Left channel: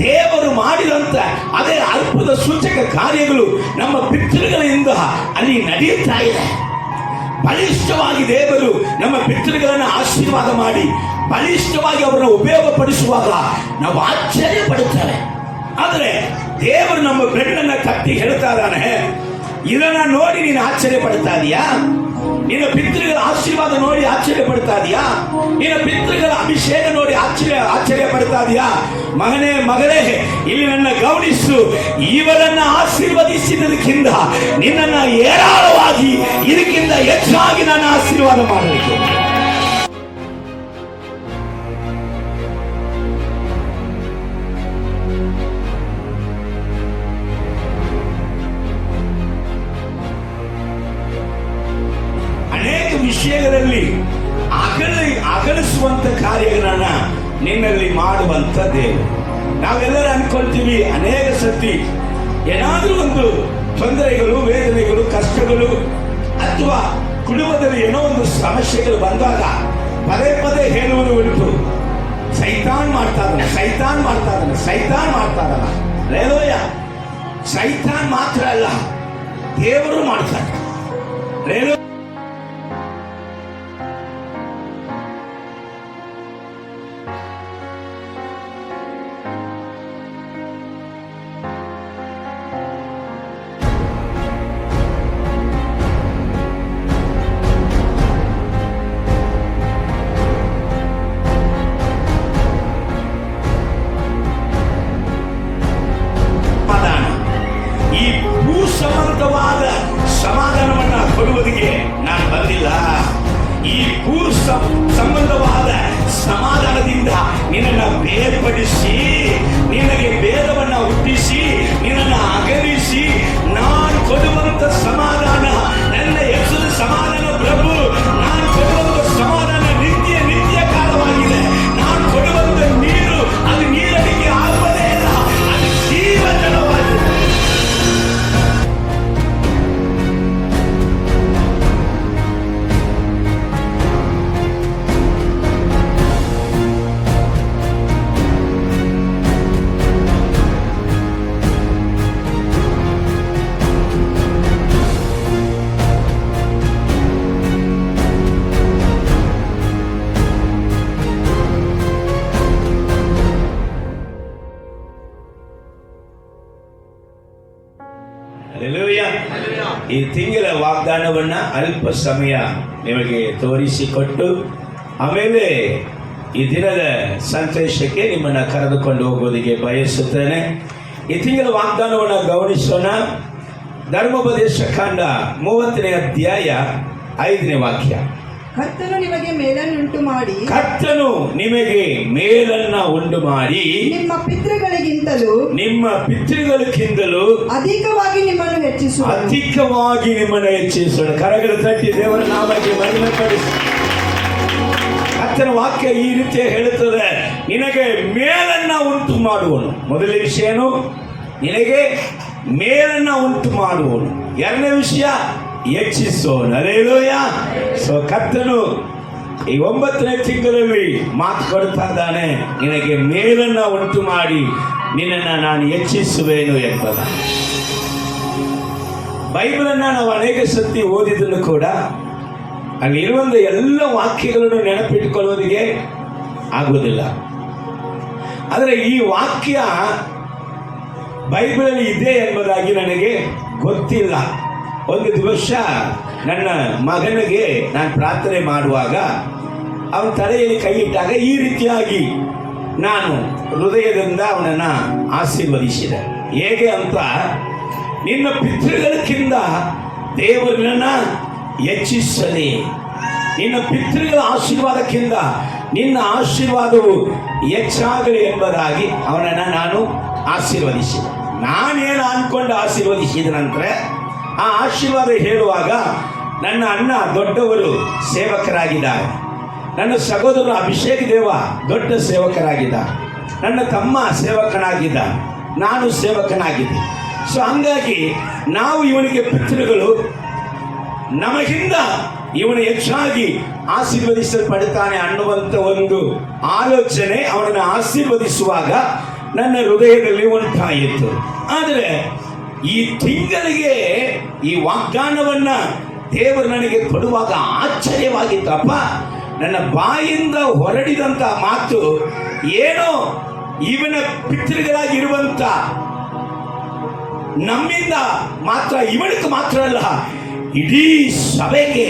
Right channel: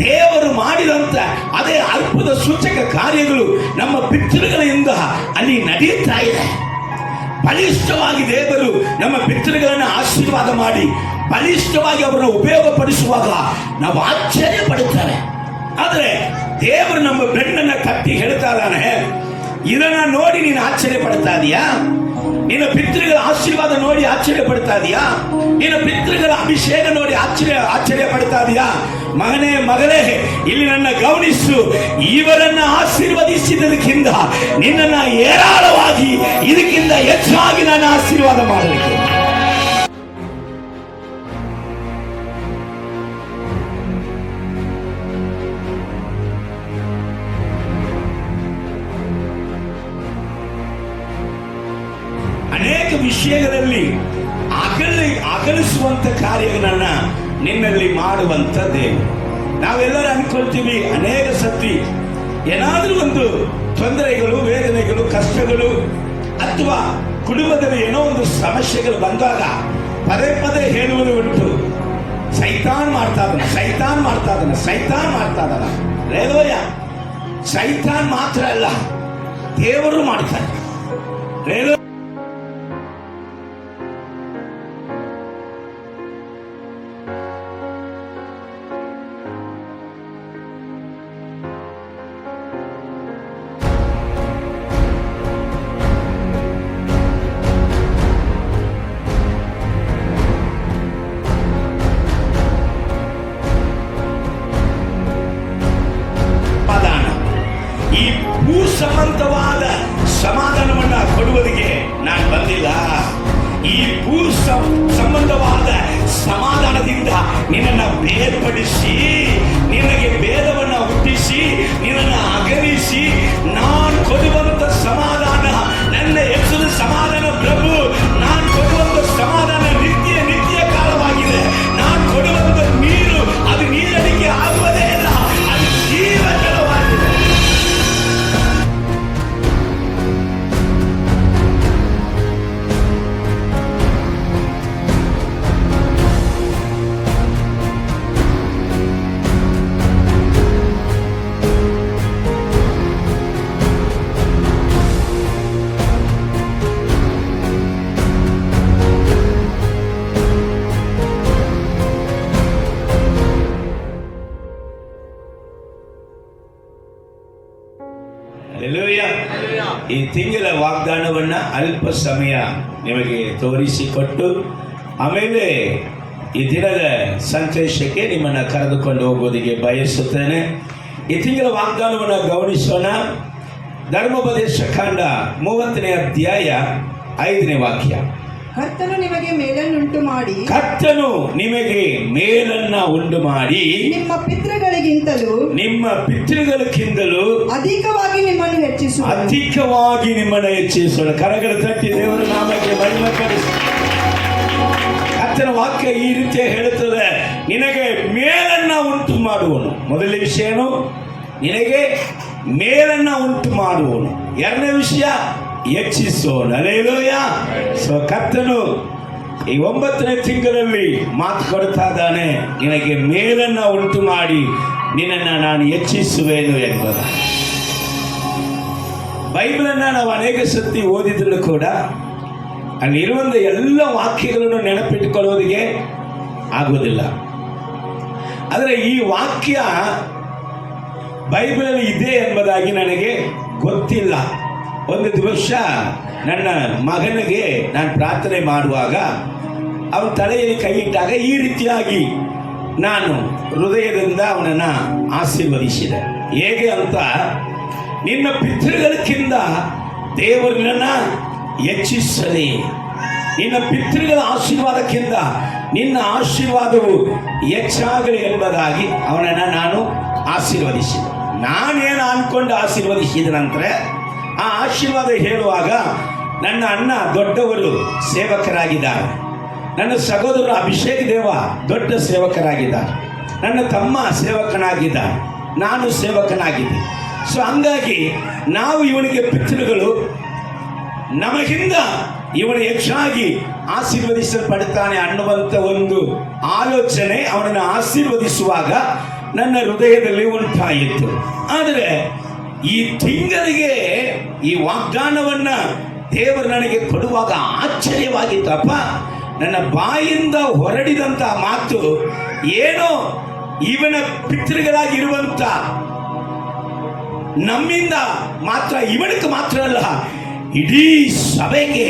ದೇವರು ಮಾಡಿದಂತ ಅದೇ ಅದ್ಭುತ ಸೂಚಕ ಕಾರ್ಯಗಳು ನಮ್ಮ ಪಿತೃಗಳಿಂದ ಅಲ್ಲಿ ನಡೆಯುತ್ತಾ ಇದೆ. ಬಲಿಷ್ಠವಾಗಿ ದೇವರು ನಮ್ಮ ಪಿತೃಗಳನ್ನು ಆಶೀರ್ವಾದ ಮಾಡಿ ಬಲಿಷ್ಠವಾಗಿ ಅವರನ್ನು ಉಪಯೋಗಪಡಿಸುವಾಗ ನಾವು ಆಶ್ಚರ್ಯ ಪಡುತ್ತೇವೆ. ಆದರೆ ದೇವರು ನಮ್ಮ ಬೆನ್ನನ್ನು ತಟ್ಟಿ ಹೇಳ್ತಾ ಇದ್ದಾನೆ, ಇದನ್ನ ನೋಡಿ ನೀನು ಆಶ್ಚರ್ಯ ಪಡ್ತಾ ಇದೀಯಾ? ನಿನ್ನ ಪಿತೃಗಳ ಆಶೀರ್ವಾದ ನೋಡಿ ಆಶ್ಚರ್ಯ ಪಡ್ತಾ ಇದೀಯಾ? ನಿನ್ನ ಪಿತೃಗಳ ಅಭಿಷೇಕ ನೋಡಿ ಆಶ್ಚರ್ಯ ಪಡ್ತಾ ಇದೀಯಾ? ಮಗನೇ ಮಗಳೇ, ಇಲ್ಲಿ ನನ್ನ ಗಮನಿಸು, ಇವರನ್ನ ಆಶೀರ್ವದಿಸಿದ್ದಕ್ಕಿಂತ ನಿನ್ನನ್ನ ಏರಾಳವಾಗಿ ಇದಕ್ಕಿಂತ ಹೆಚ್ಚಾಗಿ ನಾನು ಆಶೀರ್ವಾದ ಮಾಡಬೇಕು. ಅನೇಕ ವಿಷಯಗಳಲ್ಲಿ ಅಗಲಿಸುವಂತ ಕಾರ್ಯಗಳನ್ನ ನಿನ್ನಲ್ಲಿ ಮಾಡುವಂತ ದೇವರು. ನಾವೆಲ್ಲರೂ ಅನ್ಕೊಳ್ತೀವಿ, ಅನೇಕ ಸತಿ ಏನಾದ್ರೂ ಒಂದು ತೊಂದರೆಗಳು, ವೇದನೆಗಳು, ಕಷ್ಟಗಳು ಅಥವಾ ಕುಟುಂಬದಲ್ಲಿ ಏನೋ ಒಂದು ಸಮಸ್ಯೆಗಳು ಬಂದಾಗ ಪದೇ ಪದೇ ಹೇಳುವುದು ಉಂಟು, ಸೈತಾನ್ ಮಾಡ್ತಾ ಇದ್ದಾನೆ, ಸೈತಾನ್ ಮಾಡ್ತಾ ಇದ್ದಾನೆ, ಸೈತಾನ್ ಮಾಡ್ತಾ ಇದ್ದಾನ. ರೇಲೋಯ, ಸೈತಾನ್ ಮಾತ್ರ ಅಲ್ಲ, ದೇವರು ಮಾಡ್ತಾರೆ. ರೇಲೋ ಸಂಬಂಧವಾದ ಸಮಾಧಾನವನ್ನ ಕೊಡುವುದಕ್ಕೆ ನಾನು ಬಂದಿಲ್ಲ. ಈ ಭೂ ಸಂಬಂಧವಾದ ಸಮಾಧಾನದಿಂದ ನಿನ್ನನ್ನು ಬೇರ್ಪಡಿಸಿ, ನಿನಗೆ ಭೇದವನ್ನ ಹುಟ್ಟಿಸಿ, ನಿನ್ನನ್ನು ಅಗಲಿಸಿ ನಾನು ಕೊಡುವಂತ ಸಮಾಧಾನ ನನ್ನ ಹೆಸರು ಸಮಾಧಾನ ಪ್ರಭು. ನಾನು ಕೊಡುವಂತ ಸಮಾಧಾನ ನಿತ್ಯ ನಿತ್ಯ ಕಾಲವಾಗಿದೆ. ನಾನು ಕೊಡುವಂತ ನೀರು ಅದು ನೀರಡಿಕೆ ಆಗುವುದೇ ಇಲ್ಲ, ಅದು ಜೀವಜಲವಾಗಿದೆ. ಈ ತಿಂಗಳ ವಾಗ್ದಾನವನ್ನ ಅಲ್ಪ ಸಮಯ ನಿಮಗೆ ತೋರಿಸಿಕೊಟ್ಟು ಆಮೇಲೆ ಈ ದಿನದ ಸಂದೇಶಕ್ಕೆ ನಿಮ್ಮನ್ನು ಕರೆದುಕೊಂಡು ಹೋಗೋದಿಗೆ ಬಯಸುತ್ತೇನೆ. ಈ ತಿಂಗಳ ವಾಗ್ದಾನವನ್ನು ಗಮನಿಸೋಣ. ಧರ್ಮೋಪದೇಶ ಕಾಂಡ 30ನೇ ಅಧ್ಯಾಯ 5ನೇ ವಾಕ್ಯ. ಕರ್ತನು ನಿಮಗೆ ಮೇಲನ್ನುಂಟು ಮಾಡಿ, ಕರ್ತನು ನಿಮಗೆ ಮೇಲನ್ನ ಉಂಟು ಮಾಡಿ ನಿಮ್ಮ ಪಿತೃಗಳಿಗಿಂತಲೂ ಅಧಿಕವಾಗಿ ನಿಮ್ಮನ್ನು ಹೆಚ್ಚಿಸೋಣ. ಕರಗಳ ತಟ್ಟಿ ದೇವರ ನಾಮಕ್ಕೆ ಮಹಿಮೆ ಪಡಿಸಿ. ಕರ್ತನ ವಾಕ್ಯ ಈ ರೀತಿ ಹೇಳುತ್ತದೆ, ನಿನಗೆ ಮೇಲನ್ನ ಉಂಟು ಮಾಡುವನು. ಮೊದಲನೇ ವಿಷಯನು ನಿನಗೆ ಮೇಲನ್ನ ಉಂಟು ಮಾಡುವನು. ಎರಡನೇ ವಿಷಯ ಹೆಚ್ಚಿಸೋಣ. ಹಲ್ಲೆಲೂಯಾ. ಸೊ ಕರ್ತನು ಈ 9ನೇ ತಿಂಗಳಲ್ಲಿ ಮಾತು ಕೊಡ್ತಾ ಇದ್ದಾನೆ, ನಿನಗೆ ಮೇಲನ್ನ ಉಂಟು ಮಾಡಿ ನಿನ್ನನ್ನು ನಾನು ಹೆಚ್ಚಿಸುವೆನು ಎಂಬುದ. ಬೈಬಲನ್ನು ನಾವು ಅನೇಕ ಸತಿ ಓದಿದ್ರು ಕೂಡ ಅಲ್ಲಿರುವಂಥ ಎಲ್ಲ ವಾಕ್ಯಗಳನ್ನು ನೆನಪಿಟ್ಟುಕೊಳ್ಳೋದಿಗೆ ಆಗುವುದಿಲ್ಲ. ಆದರೆ ಈ ವಾಕ್ಯ ಬೈಬಲಲ್ಲಿ ಇದೆ ಎಂಬುದಾಗಿ ನನಗೆ ಗೊತ್ತಿಲ್ಲ. ಒಂದು ದಿವಸ ನನ್ನ ಮಗನಿಗೆ ನಾನು ಪ್ರಾರ್ಥನೆ ಮಾಡುವಾಗ ಅವನ ತಲೆಯಲ್ಲಿ ಕೈ ಇಟ್ಟಾಗ ಈ ರೀತಿಯಾಗಿ ನಾನು ಹೃದಯದಿಂದ ಅವನನ್ನು ಆಶೀರ್ವದಿಸಿದೆ. ಹೇಗೆ ಅಂತ, ನಿನ್ನ ಪಿತೃಗಳಿಗಿಂತ ದೇವರನ್ನ ಹೆಚ್ಚಿಸಲಿ. ನಿನ್ನ ಪಿತೃಗಳ ಆಶೀರ್ವಾದಕ್ಕಿಂತ ನಿನ್ನ ಆಶೀರ್ವಾದವು ಹೆಚ್ಚಾಗಲಿ ಎಂಬುದಾಗಿ ಅವನನ್ನು ನಾನು ಆಶೀರ್ವದಿಸಿದೆ. ನಾನೇನು ಅಂದ್ಕೊಂಡು ಆಶೀರ್ವದಿಸಿದ ನಂತರ ಆ ಆಶೀರ್ವಾದ ಹೇಳುವಾಗ ನನ್ನ ಅಣ್ಣ ದೊಡ್ಡವರು ಸೇವಕರಾಗಿದ್ದಾರೆ, ನನ್ನ ಸಹೋದರ ಅಭಿಷೇಕ ದೇವ ದೊಡ್ಡ ಸೇವಕರಾಗಿದ್ದಾರೆ, ನನ್ನ ತಮ್ಮ ಸೇವಕನಾಗಿದ್ದ, ನಾನು ಸೇವಕನಾಗಿದ್ದೆ. ಸೊ ಹಂಗಾಗಿ ನಾವು ಇವನಿಗೆ ಪಿತೃಗಳು, ನಮಗಿಂತ ಇವನು ಹೆಚ್ಚಾಗಿ ಆಶೀರ್ವದಿಸಲ್ಪಡುತ್ತಾನೆ ಅನ್ನುವಂಥ ಒಂದು ಆಲೋಚನೆ ಅವನನ್ನು ಆಶೀರ್ವದಿಸುವಾಗ ನನ್ನ ಹೃದಯದಲ್ಲಿ ಉಂಟಾಯಿತು. ಆದರೆ ಈ ತಿಂಗಳಿಗೆ ಈ ವಾಗ್ದಾನವನ್ನ ದೇವರು ನನಗೆ ಕೊಡುವಾಗ ಆಶ್ಚರ್ಯವಾಗಿತ್ತಪ್ಪ. ನನ್ನ ಬಾಯಿಂದ ಹೊರಡಿದಂತ ಮಾತು ಏನೋ ಇವನ ಪಿತೃಗಳಾಗಿರುವಂತ ನಮ್ಮಿಂದ ಮಾತ್ರ, ಇವನಿಗೆ ಮಾತ್ರ ಅಲ್ಲ, ಇಡೀ ಸಭೆಗೆ,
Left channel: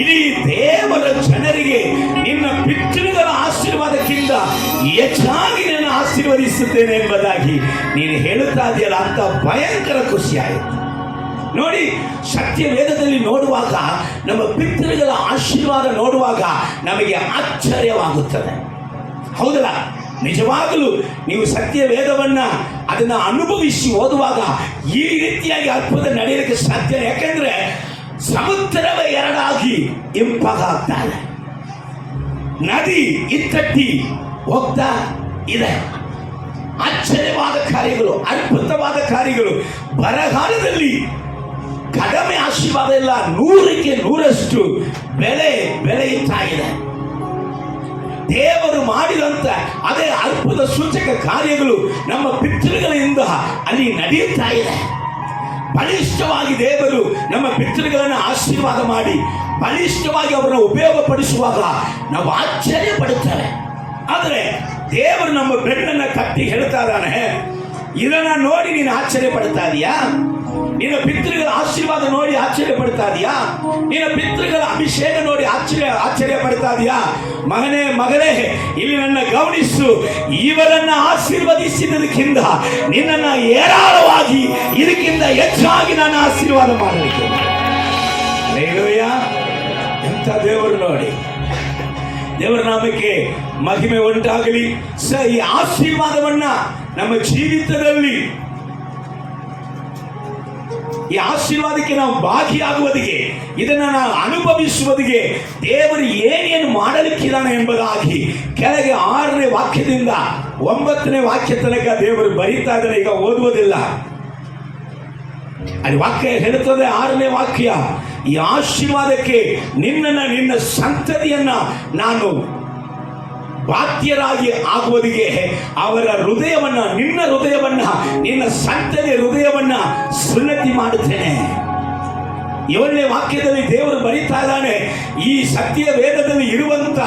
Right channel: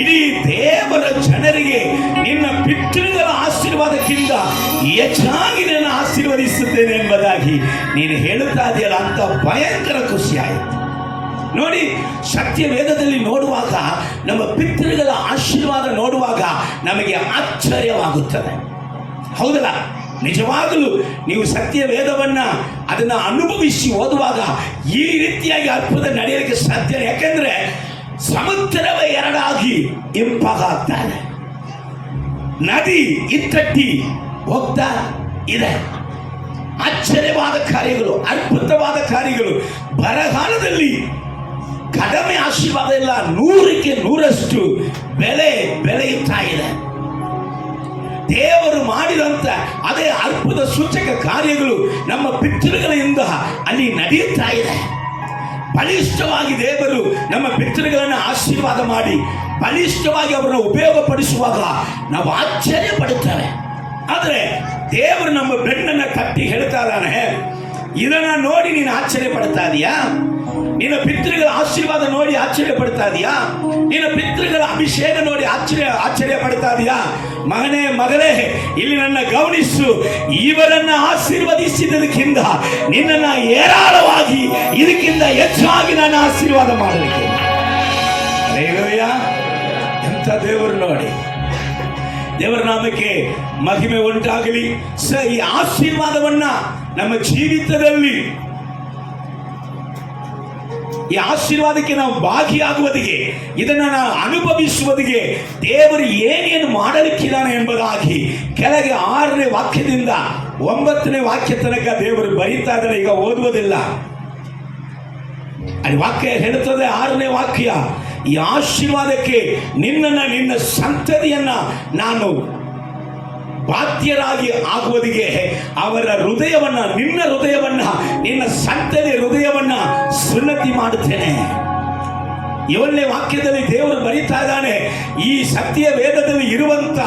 ಇಡೀ ದೇವರ ಜನರಿಗೆ ನಿನ್ನ ಪಿತೃಗಳ ಆಶೀರ್ವಾದಕ್ಕಿಂತ ಹೆಚ್ಚಾಗಿ ನಾನು ಆಶೀರ್ವದಿಸುತ್ತೇನೆ ಎಂಬುದಾಗಿ ನೀನು ಹೇಳುತ್ತಾ ಇದೆಯಲ್ಲ ಅಂತ ಭಯಂಕರ ಖುಷಿ ಆಯಿತು. ನೋಡಿ, ಸತ್ಯ ವೇದದಲ್ಲಿ ನೋಡುವಾಗ, ನಮ್ಮ ಪಿತೃಗಳ ಆಶೀರ್ವಾದ ನೋಡುವಾಗ ನಮಗೆ ಆಶ್ಚರ್ಯವಾಗುತ್ತದೆ. ಹೌದಲ್ಲ? ನಿಜವಾಗಲೂ ನೀವು ಸತ್ಯ ವೇದವನ್ನ ಅದನ್ನ ಅನುಭವಿಸಿ ಓದುವಾಗ ಈ ರೀತಿಯಾಗಿ ಅದ್ಭುತ ನಡೆಯಲಿಕ್ಕೆ ಸಾಧ್ಯ. ಯಾಕೆಂದ್ರೆ ಸಮುದ್ರವೇ ಎರಡಾಗಿ ಇಂಪಾಗ್ತಾ ಇದೆ, ನದಿ ಇತ್ತಟ್ಟಿ ಹೋಗ್ತಾ ಇದೆ. ಆಶ್ಚರ್ಯವಾದ ಕಾರ್ಯಗಳು, ಅದ್ಭುತವಾದ ಕಾರ್ಯಗಳು. ಬರಗಾಲದಲ್ಲಿ ಕಡಿಮೆ ಆಶೀರ್ವಾದ ಇಲ್ಲ, 100ಕ್ಕೆ 100ರಷ್ಟು ಬೆಳೆಯುತ್ತಾ ಇದೆ. ದೇವರು ಮಾಡಿದಂತ ಅದೇ ಅದ್ಭುತ ಸೂಚಕ ಕಾರ್ಯಗಳು ನಮ್ಮ ಪಿತೃಗಳಿಂದ ಅಲ್ಲಿ ನಡೆಯುತ್ತಾ ಇದೆ. ಬಲಿಷ್ಠವಾಗಿ ದೇವರು ನಮ್ಮ ಪಿತೃಗಳನ್ನು ಆಶೀರ್ವಾದ ಮಾಡಿ ಬಲಿಷ್ಠವಾಗಿ ಅವರನ್ನು ಉಪಯೋಗಪಡಿಸುವಾಗ ನಾವು ಆಶ್ಚರ್ಯ ಪಡುತ್ತೇವೆ. ಆದರೆ ದೇವರು ನಮ್ಮ ಬೆನ್ನನ್ನು ತಟ್ಟಿ ಹೇಳ್ತಾ ಇದ್ದಾನೆ, ಇದನ್ನ ನೋಡಿ ನೀನು ಆಶ್ಚರ್ಯ ಪಡ್ತಾ ಇದೀಯಾ? ನಿನ್ನ ಪಿತೃಗಳ ಆಶೀರ್ವಾದ ನೋಡಿ ಆಶ್ಚರ್ಯ ಪಡ್ತಾ ಇದೀಯಾ? ನಿನ್ನ ಪಿತೃಗಳ ಅಭಿಷೇಕ ನೋಡಿ ಆಶ್ಚರ್ಯ ಪಡ್ತಾ ಇದೀಯಾ? ಮಗನೇ, ಮಗಳೇ, ಇಲ್ಲಿ ನನ್ನ ಗಮನಿಸು. ಇವರನ್ನ ಆಶೀರ್ವದಿಸಿದ್ದಕ್ಕಿಂತ ನಿನ್ನನ್ನು ಏರಾಳವಾಗಿ ಇದಕ್ಕಿಂತ ಹೆಚ್ಚಾಗಿ ನಾನು ಆಶೀರ್ವಾದ ಮಾಡಲಿಕ್ಕೆ. ಹಲ್ಲೆಲೂಯಾ! ಎಂತ ದೇವರು ನೋಡಿ. ದೇವರ ನಾಮಕ್ಕೆ ಮಹಿಮೆ ಉಂಟಾಗಲಿ. ಈ ಆಶೀರ್ವಾದವನ್ನ ನಮ್ಮ ಜೀವಿತದಲ್ಲಿ, ಈ ಆಶೀರ್ವಾದಕ್ಕೆ ನಾವು ಭಾಗಿಯಾಗುವುದಿಗೆ, ಇದನ್ನ ನಾವು ಅನುಭವಿಸುವುದಿಗೆ ದೇವರು ಏನೇನು ಮಾಡಲಿಕ್ಕಿದ್ದಾನೆ ಎಂಬುದಾಗಿ ಕೆಳಗೆ 6ನೇ ವಾಕ್ಯದಿಂದ 9ನೇ ವಾಕ್ಯ ತನಕ ದೇವರು ಬರೀತಾ ಇದ್ದಾನೆ. ಈಗ ಓದುವುದಿಲ್ಲ, ಅಲ್ಲಿ ವಾಕ್ಯ ಹೇಳುತ್ತದೆ. 6ನೇ ವಾಕ್ಯ, ಈ ಆಶೀರ್ವಾದಕ್ಕೆ ನಿನ್ನ ಸಂತತಿಯನ್ನ ನಾನು ಬಾಧ್ಯರಾಗಿ ಆಗುವುದಿಗೆ ಅವರ ಹೃದಯವನ್ನ, ನಿನ್ನ ಸಂತತಿಯ ಹೃದಯವನ್ನ ಸುನ್ನತಿ ಮಾಡುತ್ತೇನೆ. 7ನೇ ವಾಕ್ಯದಲ್ಲಿ ದೇವರು ಬರೀತಾ ಇದ್ದಾನೆ, ಈ ಸತ್ಯ ವೇದದಲ್ಲಿ ಇರುವಂತ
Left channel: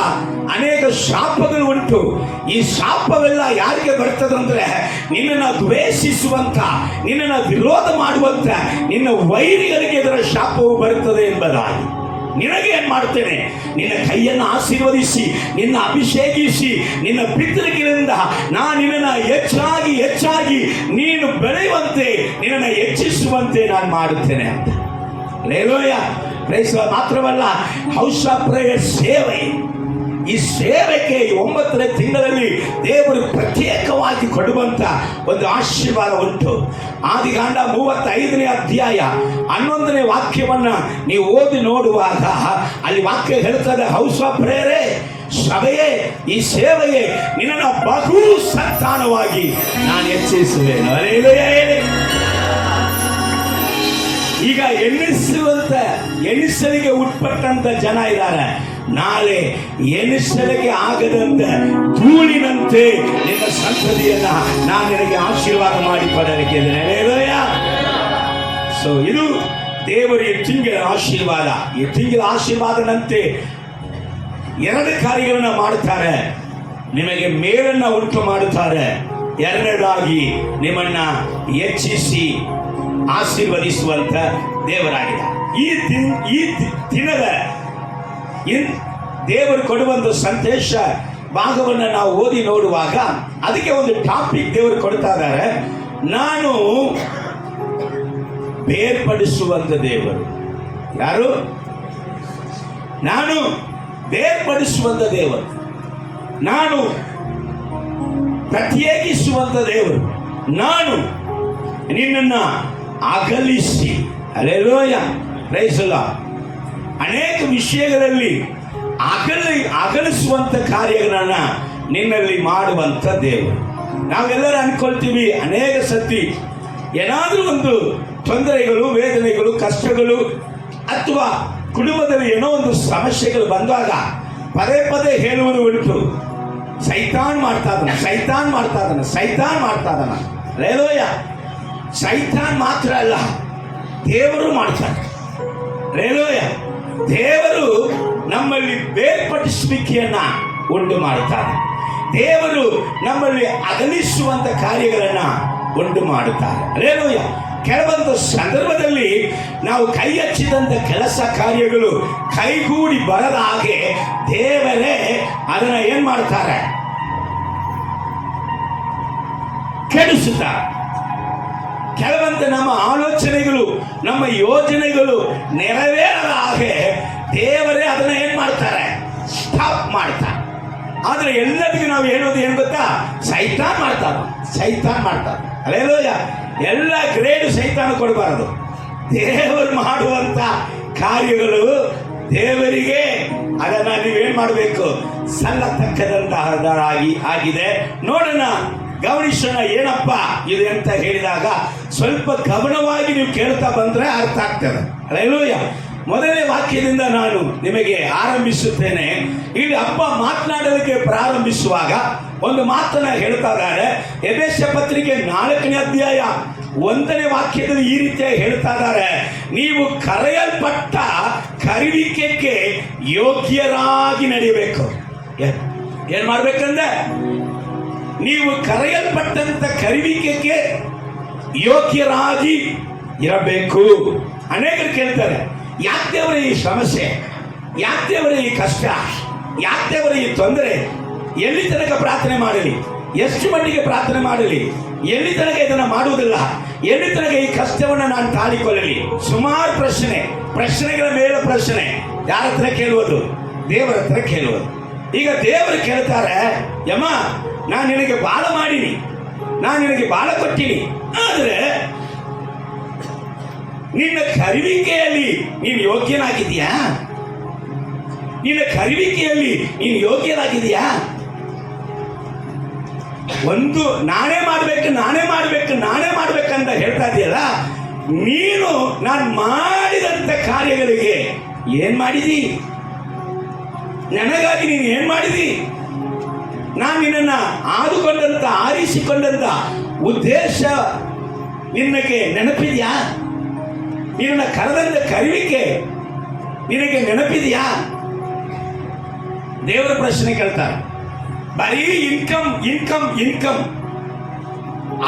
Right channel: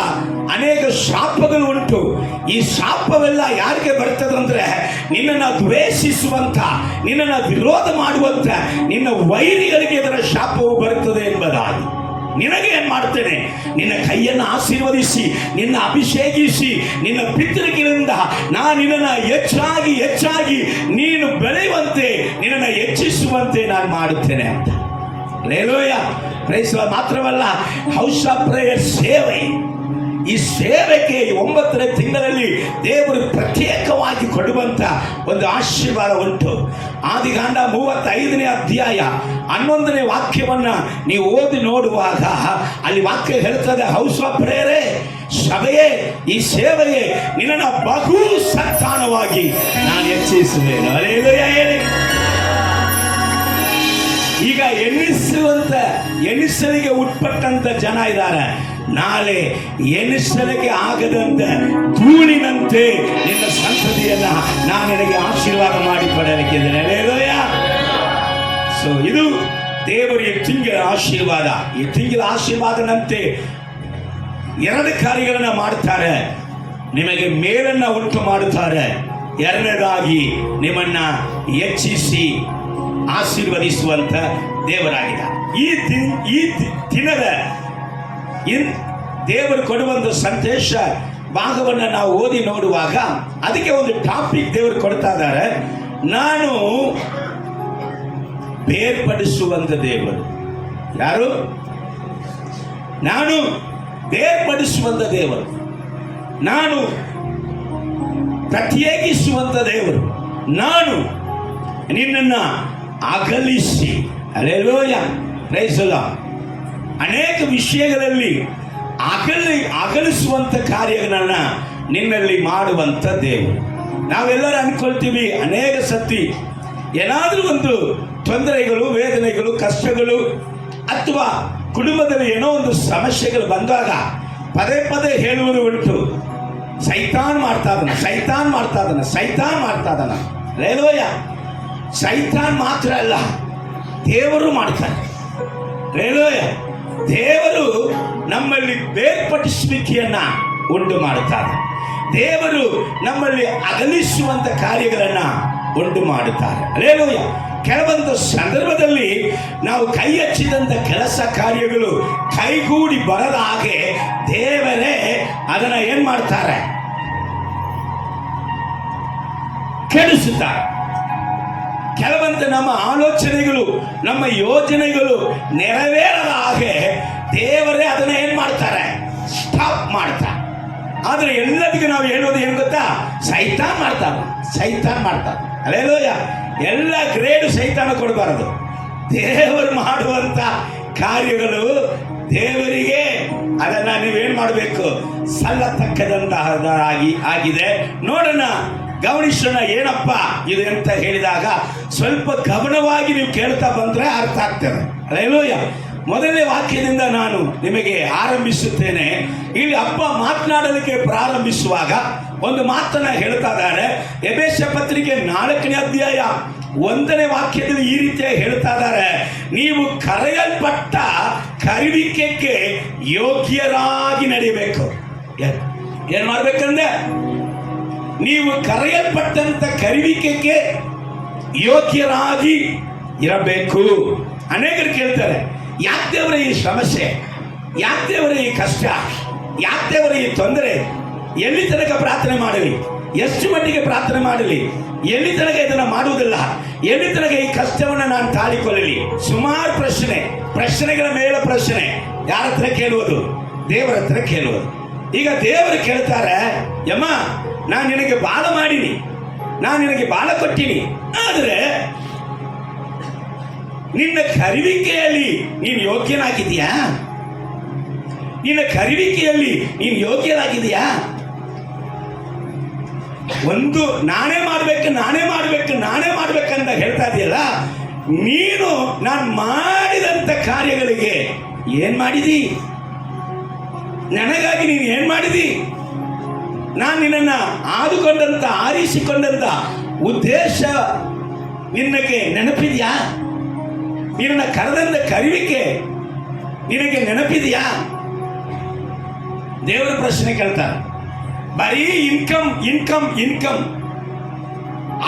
ಅನೇಕ ಶಾಪಗಳು ಉಂಟು. ಈ ಶಾಪವೆಲ್ಲ ಯಾರಿಗೆ ಬರ್ತದಂದ್ರೆ ನಿನ್ನನ್ನು ದ್ವೇಷಿಸುವಂತ, ನಿನ್ನನ್ನು ವಿರೋಧ ಮಾಡುವಂತ ನಿನ್ನ ವೈರಿಗಳಿಗೆ ಇದರ ಶಾಪವು ಬರುತ್ತದೆ ಎಂಬುದಾಗಿ. ನಿನಗೆ ಏನ್ ಮಾಡ್ತೇನೆ? ನಿನ್ನ ಕೈಯನ್ನು ಆಶೀರ್ವದಿಸಿ, ನಿನ್ನ ಅಭಿಷೇಕಿಸಿ, ನಿನ್ನ ಪಿತೃಗಳಿಂದ ನಾನು ನಿನ್ನನ್ನು ಹೆಚ್ಚಾಗಿ ನೀನು ಬೆಳೆಯುವಂತೆ, ನಿನ್ನನ್ನು ಹೆಚ್ಚಿಸುವಂತೆ ನಾನು ಮಾಡುತ್ತೇನೆ ಅಂತ. ಹಲ್ಲೆಲೂಯಾ! Praise Lord. ಮಾತ್ರವಲ್ಲ, ಹೌಸ್ ಆಫ್ ಪ್ರೇಯರ್ ಸೇವೆ, ಈ ಸೇವೆಗೆ 9ನೇ ತಿಂಗಳಲ್ಲಿ ದೇವರು ಪ್ರತ್ಯೇಕವಾಗಿ ಕೊಡುವಂತ ಒಂದು ಆಶೀರ್ವಾದ ಉಂಟು. ಆದಿಕಾಂಡ 35ನೇ ಅಧ್ಯಾಯ 11ನೇ ವಾಕ್ಯವನ್ನ ನೀವು ಓದಿ ನೋಡುವಾಗ ಅಲ್ಲಿ ವಾಕ್ಯ ಹೇಳ್ತದೆ, ಹೌಸ್ ಆಫ್ ಪ್ರೇಯರೇ, ಸಭೆಯೇ, ಈ ಸೇವೆಯೇ ನಿನ್ನನ್ನು ಬಹು ಸಂತಾನವಾಗಿ ನಾನು ಹೆಚ್ಚಿಸುವೆನು. ಹಲ್ಲೆಲೂಯಾ ಹೇಳಿ. ಈಗ ಎಣಿಸಲಿಗೆ ಉಟ್ಪಟ್ಟಂತ ಜನ ಇದ್ದಾರೆ. ನಾಳೆ ಎಣಿಸಲಿಗೆ ಆಗದಂತೆ ಧೂಳಿನಂತೆ ನಿನ್ನ ಸಂತತಿಯನ್ನ ನಾನು ನಿನಗೆ ಆಶೀರ್ವಾದ ಮಾಡಿ ಪಡೆಯಲಿಕ್ಕಿದ್ದೇನೆ. ಹಲ್ಲೆಲೂಯಾ! ಸೊ ಇದು ದೇವರ ಈ ತಿಂಗಳ ಆಶೀರ್ವಾದ. ಈ ತಿಂಗಳ ಆಶೀರ್ವಾದನಂತೆ 2 ಕಾರ್ಯಗಳನ್ನ ಮಾಡುತ್ತಾರೆ. ನಿಮಗೆ ಮೇಲನ್ನ ಉಂಟು ಮಾಡುತ್ತಾರೆ. 2ನೇದಾಗಿ ನಿಮ್ಮನ್ನ ಹೆಚ್ಚಿಸಿ ಆಶೀರ್ವದಿಸುವಂತ ದೇವರಾಗಿದೆ. ಈ ದಿನದ ದೇವರು ಕೊಡುವಂತ ಸಂದೇಶ ಭಾಗವನ್ನು ನಾವು ಓದಿ ನೋಡುವಾಗ ಅದಕ್ಕೆ ಒಂದು ಟಾಪಿಕ್ ದೇವರು ಕೊಡ್ತಾ ಇದ್ದಾರೆ. ನಾನು ಬೇರ್ಪಡಿಸುವಂತ ದೇವರು. ಯಾರು? ನಾನು ಬೇರ್ಪಡಿಸುವಂತ ದೇವರು, ನಾನು ಪ್ರತ್ಯೇಕಿಸುವಂತ ದೇವರು, ನಾನು ನಿನ್ನನ್ನ ಅಗಲಿಸಿ. ಹಲ್ಲೆಲೂಯಾ! Praise the Lord. ಅನೇಕ ವಿಷಯಗಳಲ್ಲಿ ಅಗಲಿಸುವಂತ ಕಾರ್ಯಗಳನ್ನ ನಿನ್ನಲ್ಲಿ ಮಾಡುವಂತ ದೇವರು. ನಾವೆಲ್ಲರೂ ಅನ್ಕೊಳ್ತೀವಿ, ಅನೇಕ ಸತಿ ಏನಾದರೂ ಒಂದು ತೊಂದರೆಗಳು, ವೇದನೆಗಳು, ಕಷ್ಟಗಳು ಅಥವಾ ಕುಟುಂಬದಲ್ಲಿ ಏನೋ ಒಂದು ಸಮಸ್ಯೆಗಳು ಬಂದಾಗ ಪದೇ ಹೇಳುವುದು ಉಂಟು, ಸೈತಾನ್ ಮಾಡ್ತಾ ಇದ್ದಾನ. ರೇಲೋಯ, ಸೈತಾನ್ ಮಾತ್ರ ಅಲ್ಲ, ದೇವರು ಮಾಡ್ತಾರೆ. ರೇಲೋಯ, ದೇವರು ನಮ್ಮಲ್ಲಿ ಬೇರ್ಪಡಿಸುವಿಕೆಯನ್ನ ಉಂಟು ಮಾಡುತ್ತಾರೆ. ದೇವರು ನಮ್ಮಲ್ಲಿ ಅಗಲಿಸುವಂತ ಕಾರ್ಯಗಳನ್ನ ಉಂಟು ಮಾಡುತ್ತಾರೆ. ರೇಲೋಯ, ಕೆಲವೊಂದು ಸಂದರ್ಭದಲ್ಲಿ ನಾವು ಕೈ ಹಚ್ಚಿದಂತ ಕೆಲಸ ಕಾರ್ಯಗಳು ಕೈಗೂಡಿ ಬರದ ಹಾಗೆ ದೇವರೇ ಅದನ್ನ ಏನ್ ಮಾಡ್ತಾರೆ? ಕೆಡಿಸುತ್ತಾರೆ. ಕೆಲವೊಂದು ನಮ್ಮ ಆಲೋಚನೆಗಳು, ನಮ್ಮ ಯೋಜನೆಗಳು ನೆರವೇರದ ಹಾಗೆ ದೇವರೇ ಅದನ್ನ ಏನ್ ಮಾಡ್ತಾರೆ? ಸ್ಟಾಪ್ ಮಾಡ್ತಾರೆ. ಆದ್ರೆ ಎಲ್ಲದಕ್ಕೂ ನಾವು ಹೇಳೋದು ಏನು ಗೊತ್ತಾ? ಸೈತಾನ್ ಮಾಡ್ತಾರೆ. ಅಲ್ಲೇಲೋಯ, ಎಲ್ಲ ಗ್ರೇಡ್ ಸೈತಾನ ಕೊಡಬಾರದು. ದೇವರು ಮಾಡುವಂತ ಕಾರ್ಯಗಳು ದೇವರಿಗೆ ಅದನ್ನ ನೀವೇನ್ ಮಾಡಬೇಕು? ಸಲ್ಲತಕ್ಕದಂತಹದಾಗಿ ಆಗಿದೆ. ನೋಡೋಣ, ಗಮನಿಸೋಣ ಏನಪ್ಪ ಇದು ಅಂತ ಹೇಳಿದಾಗ ಸ್ವಲ್ಪ ಗಮನವಾಗಿ ನೀವು ಕೇಳ್ತಾ ಬಂದ್ರೆ ಅರ್ಥ ಆಗ್ತದೆ. ಅಲ್ಲೇಲೂಯ. ಮೊದಲನೇ ವಾಕ್ಯದಿಂದ ನಾನು ನಿಮಗೆ ಆರಂಭಿಸುತ್ತೇನೆ. ಇಲ್ಲಿ ಅಪ್ಪ ಮಾತನಾಡಲಿಕ್ಕೆ ಪ್ರಾರಂಭಿಸುವಾಗ ಒಂದು ಮಾತನ್ನ ಹೇಳ್ತಾ ಇದ್ದಾರೆ. ಎಫೆಸ ಪತ್ರಿಕೆ 4ನೇ ಅಧ್ಯಾಯ 1ನೇ ವಾಕ್ಯದಲ್ಲಿ ಈ ರೀತಿಯಾಗಿ ಹೇಳ್ತಾ ಇದ್ದಾರೆ, ನೀವು ಕರೆಯಲ್ಪಟ್ಟ ಕರೆಯುವಿಕೆಗೆ ಯೋಗ್ಯರಾಗಿ ನಡೆಯಬೇಕು. ಏನ್ ಮಾಡ್ಬೇಕಂದ್ರೆ, ನೀವು ಕರೆಯಲ್ಪಟ್ಟಂತ ಕರೆಯುವಿಕೆಗೆ ಯೋಗ್ಯರಾಗಿ ಇರಬೇಕು. ಅನೇಕರು ಕೇಳ್ತಾರೆ, ಯಾಕೆ ದೇವರ ಈ ಸಮಸ್ಯೆ, ಯಾಕೆ ದೇವರ ಈ ಕಷ್ಟ, ಯಾಕೆ ದೇವರ ಈ ತೊಂದರೆ, ಎಲ್ಲಿ ತನಕ ಪ್ರಾರ್ಥನೆ ಮಾಡಲಿ, ಎಷ್ಟು ಮಟ್ಟಿಗೆ ಪ್ರಾರ್ಥನೆ ಮಾಡಲಿ, ಎಲ್ಲಿ ತನಕ ಇದನ್ನ ಮಾಡುವುದಿಲ್ಲ, ಎಲ್ಲಿ ತನಕ ಈ ಕಷ್ಟವನ್ನು ನಾನು ತಾಳಿಕೊಳ್ಳಲಿ? ಸುಮಾರು ಪ್ರಶ್ನೆಗಳ ಮೇಲೆ ಪ್ರಶ್ನೆ. ಯಾರ ಹತ್ರ ಕೇಳುವುದು? ದೇವರ ಹತ್ರ ಕೇಳುವುದು. ಈಗ ದೇವರು ಕೇಳ್ತಾರೆ, ಯಮ್ಮ, ನಾನು ನಿನಗೆ ಬಾಳ ಮಾಡೀನಿ, ನಾನು ನಿನಗೆ ಬಾಳ ಕೊಟ್ಟಿನಿ, ಆದ್ರೆ ನಿನ್ನ ಕರೆಯುವಿಕೆಯಲ್ಲಿ ನೀನು ಯೋಗ್ಯನಾಗಿದೆಯಾ? ಒಂದು ನಾನೇ ಮಾಡ್ಬೇಕಂತ ಹೇಳ್ತಾ ಇದೆಯಲ್ಲ, ನೀನು ನಾನು ಮಾಡಿದಂತ ಕಾರ್ಯಗಳಿಗೆ ಏನ್ ಮಾಡಿದಿ? ನನಗಾಗಿ ನೀನು ಏನ್ ಮಾಡಿದಿ? ನಾನು ನಿನ್ನನ್ನ ಆದುಕೊಂಡಂತ, ಆರಿಸಿಕೊಂಡಂತ ಉದ್ದೇಶ ನಿನಗೆ ನೆನಪಿದೆಯಾ? ನಿನ್ನ ಕರೆದಂತ ಕರೆಯುವಿಕೆ ನಿನಗೆ ನೆನಪಿದೆಯಾ? ದೇವರ ಪ್ರಶ್ನೆ ಕೇಳ್ತಾರೆ. ಬರೀ ಇನ್ಕಮ್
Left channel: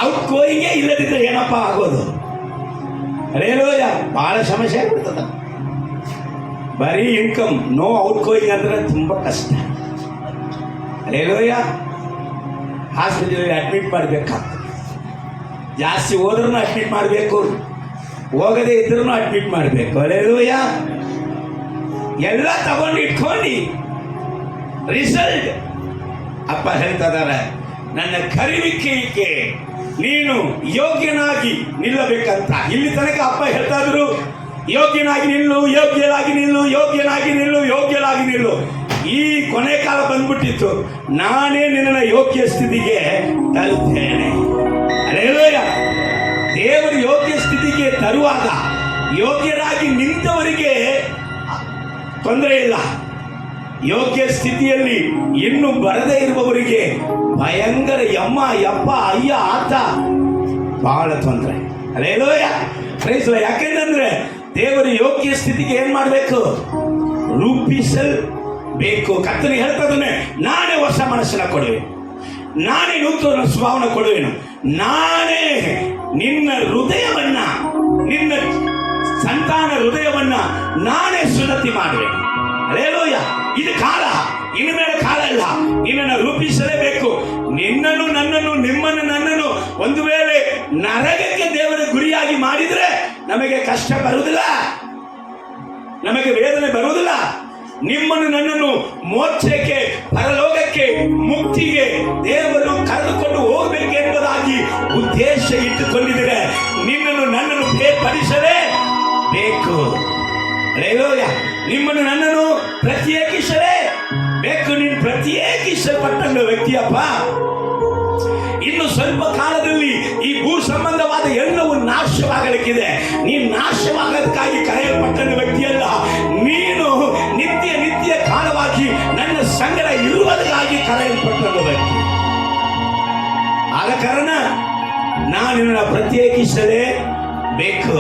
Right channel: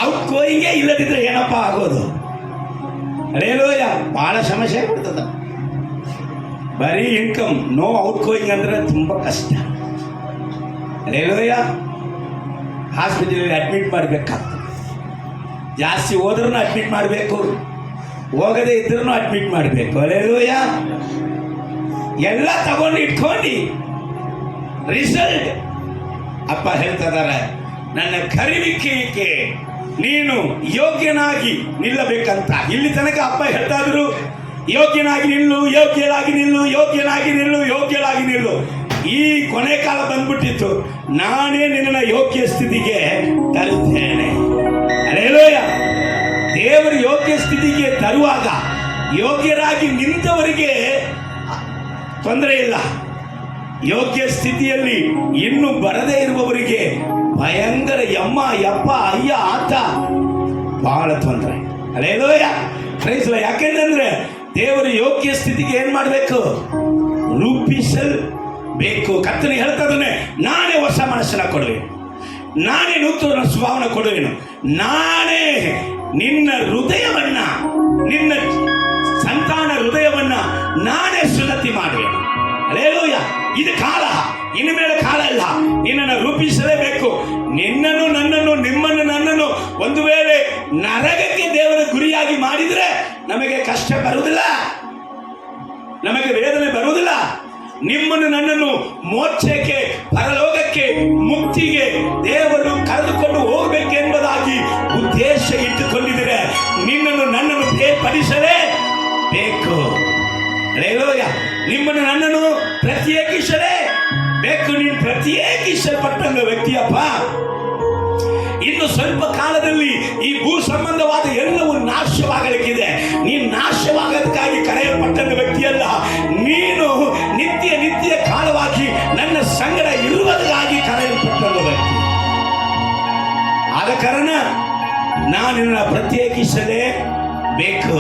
ಔಟ್ ಗೋಯಿಂಗೇ ಇಲ್ಲದಿದ್ರೆ ಏನಪ್ಪ ಆಗೋದು? ಅರೇಲೋಯ, ಬಹಳ ಸಮಸ್ಯೆ ಆಗ್ಬಿಡ್ತದ. ಬರೀ ಇನ್ಕಮ್, ನೋ ಔಟ್ ಗೋಯಿಂಗ್ ಅಂದ್ರೆ ತುಂಬಾ ಕಷ್ಟ. ಅರೇಲೋಯ, ಹಾಸ್ಪಿಟಲ್ ಅಡ್ಮಿಟ್ ಮಾಡಬೇಕಾಗ್ತದೆ. ಜಾಸ್ತಿ ಹೋದ್ರೂ ಅಡ್ಮಿಟ್ ಮಾಡಬೇಕು, ಹೋಗದೆ ಇದ್ರೂ ಅಡ್ಮಿಟ್ ಮಾಡಬೇಕು. ಅರೇಲೋಯ, ಎಲ್ಲ ತಗೊಂಡು ಇಟ್ಕೊಂಡು ರಿಸಲ್ಟ್ ಅಪ್ಪ ಹೇಳ್ತಾ ಇದ್ದಾರೆ, ನನ್ನ ಕರೆಯುವಿಕೆಗೆ ನೀನು ಯೋಗ್ಯನಾಗಿ ನಿಲ್ಲಬೇಕಂತ. ಇಲ್ಲಿ ತನಕ ಅಪ್ಪ ಹೇಳ್ತಾ ಇದ್ರು, ಯೋಗ್ಯನಾಗಿ ನಿಲ್ಲು. ಈ ಕೊನೆ ಕಾಲ ಬಂದ್ಬಿಟ್ಟಿತ್ತು, ನಾನೇ ನಿನ್ನ ಯೋಗ್ಯ ಸ್ಥಿತಿಗೆ ತರುತ್ತೇನೆ. ಅರೇಲೋಯ, ದೇವರು ಯೋಗ್ಯ ಸ್ಥಿತಿಗೆ ತರುವಾಗ ಯೋಗ್ಯರಾಗಿ ನಿಂತವರಿಗೆ ತೊಂದರೆ ಇಲ್ಲ. ಯೋಗ್ಯ ಸ್ಥಿತಿಯಲ್ಲಿ ಇನ್ನು ಬರದೇ ಇರುವವರಿಗೆ ಭಯಂಕರ ಯಪ್ಪ ಅಯ್ಯ ಆತ ಬಹಳ ತೊಂದರೆ. ಅಲ್ಲೇಲೋಯ, ಯಾಕೆಂದ್ರೆ ದೇವರು ಯೋಗ್ಯ ಸ್ಥಿತಿಗೆ ಏನ್ ಮಾಡಬೇಕು? ರೂಪಿಸಬೇಕು. ಕರ್ತನೆ ಹೇಳ್ತದನ್ನೇ, ನಾನೇ ಹೊಸ ಮನಸ್ಸನ್ನ ಕೊಡುವೆನು, ನಾನೇ ನೂತನ ಸ್ವಭಾವನ ಕೊಡುವೆನು, ನಾನೇ ನಿನ್ನ ಹೃದಯವನ್ನ, ನಿನ್ನ ಸಂತಾನ ಹೃದಯವನ್ನ ನಾನೇ ಸುನ್ನತಿ ಮಾಡುವೆನು. ಅಲ್ಲೇಲೂಯ, ಇದು ಕಾಲ, ಇನ್ನು ಮೇಲೆ ಕಾಲ ಇಲ್ಲ. ನಿನ್ನನ್ನು ರೂಪಿಸಲೇಬೇಕು. ನಿನ್ನನ್ನು, ನನ್ನನ್ನು, ನಿಮ್ಮನ್ನು, ನನ್ನನ್ನು ಒಂದು ವೇಳೆ ನರಕಕ್ಕೆ ದೇವರ ಗುರಿಯಾಗಿ ಮಾಡಿದ್ರೆ ನಮಗೆ ಕಷ್ಟ ಬರುವುದಿಲ್ಲ, ನಮಗೆ ವೇದನೆ ಬರುವುದಿಲ್ಲ. ನಿಮ್ಮನ್ನು, ನನ್ನನ್ನು ಮೋಕ್ಷಕ್ಕೆ, ಪರಲೋಕಕ್ಕೆ, ಮುಕ್ತಿಗೆ ದೇವರು ಕರೆದುಕೊಂಡು ಹೋಗಬೇಕೆಂಬುದಾಗಿ ಉದ್ದೇಶ ಇಟ್ಟುಕೊಂಡಿದ್ದರೆ ನಿನ್ನನ್ನು, ನನ್ನನ್ನು ಬೇರ್ಪಡಿಸಲೇ ಬೇಕು. ಅಲ್ಲೇಲೂಯ, ನಿಮ್ಮನ್ನು, ನನ್ನನ್ನು ಪ್ರತ್ಯೇಕಿಸಲೇ ಬೇಕು. ನೀನು ಪ್ರತ್ಯೇಕಿಸಲ್ಪಟ್ಟಂಗ ವ್ಯಕ್ತಿಯಪ್ಪ. ಇನ್ನು ಸ್ವಲ್ಪ ಕಾಲದಲ್ಲಿ ಈ ಭೂ ಸಂಬಂಧವಾದ ಎಲ್ಲವೂ ನಾಶವಾಗಲಿಕ್ಕಿದೆ. ನೀನು ನಾಶವಾಗೋದಕ್ಕಾಗಿ ಕರೆಯಲ್ಪಟ್ಟಂಗ ವ್ಯಕ್ತಿಯಲ್ಲ. ನೀನು ನಿತ್ಯ ಕಾಲವಾಗಿ ನನ್ನ ಸಂಗಡ ಇರುವುದಕ್ಕಾಗಿ ಕರೆಯಲ್ಪಟ್ಟಂಗ ಬೇಕು.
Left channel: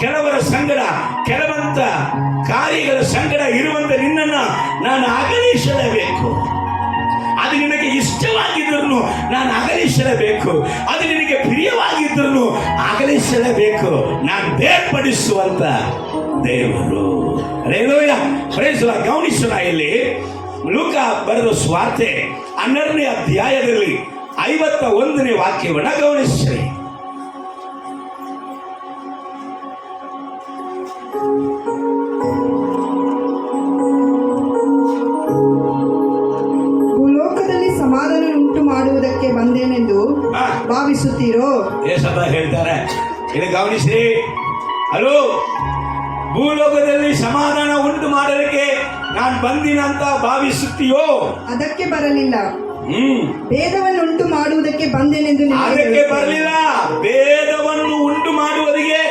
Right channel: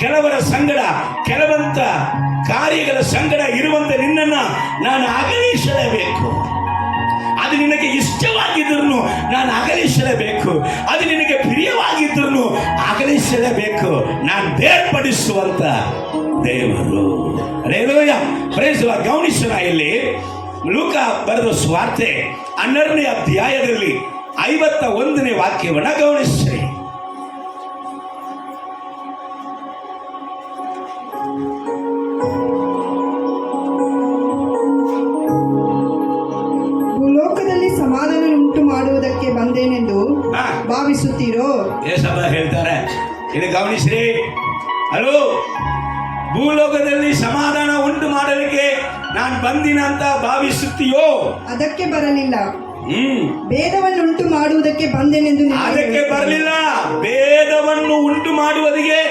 ಕೆಲವರ ಸಂಗಡ ಕೆಲವಂತ ಕಾರ್ಯಗಳ ಸಂಗಡ ಇರುವಂತ ನಿನ್ನನ್ನ ನಾನು ಅಗಲಿಸಲೇಬೇಕು. ಅದು ನಿನಗೆ ಇಷ್ಟವಾಗಿದ್ರೂ ನಾನು ಅಗಲಿಸಲೇಬೇಕು. ಅದು ನಿನಗೆ ಪ್ರಿಯವಾಗಿದ್ರೂ ಅಗಲಿಸಲೇಬೇಕು. ನಾನು ಬೇರ್ಪಡಿಸುವಂತ ದೇವರು. Hallelujah, praise Lord. ಗಮನಿಸೋಣ, ಇಲ್ಲಿ ಲೂಕ ಬರೆದ ಸುವಾರ್ತೆ 12ನೇ ಅಧ್ಯಾಯದಲ್ಲಿ 51ನೇ ವಾಕ್ಯವನ್ನ ಗಮನಿಸ್ರಿ. ಭೂಲೋಕದಲ್ಲಿ ಸಮಾಧಾನ ಉಂಟು ಮಾಡುವುದಕ್ಕೆ ಬಂದೇನೆಂದು ಭಾವಿಸುತ್ತೀರೋ? ಯೇಸಪ್ಪ ಹೇಳ್ತಾರೆ, ಇಲ್ಲಿ ಗಮನಿಸ್ರಿ. ಹಲೋ, ಭೂಲೋಕದಲ್ಲಿ ಸಮಾಧಾನ ಉಂಟು ಮಾಡಲಿಕ್ಕೆ ನಾನು ಬಂದಿನ ಅಂತ ಭಾವಿಸುತ್ತೀಯೋ? ಅದಕ್ಕೆ ಬರಲಿಲ್ಲ, ಭೇದವನ್ನು ಉಂಟು ಮಾಡುವುದಕ್ಕೆ ಬಂದೇನೆಂದು ನಿನಗೆ ಅದಕ್ಕೆ ಹೇಳುತ್ತೇನೆ. ಬರಲಿಲ್ಲ, ಭೇದವನ್ನು ಉಂಟು ಮಾಡುವುದಕ್ಕೆ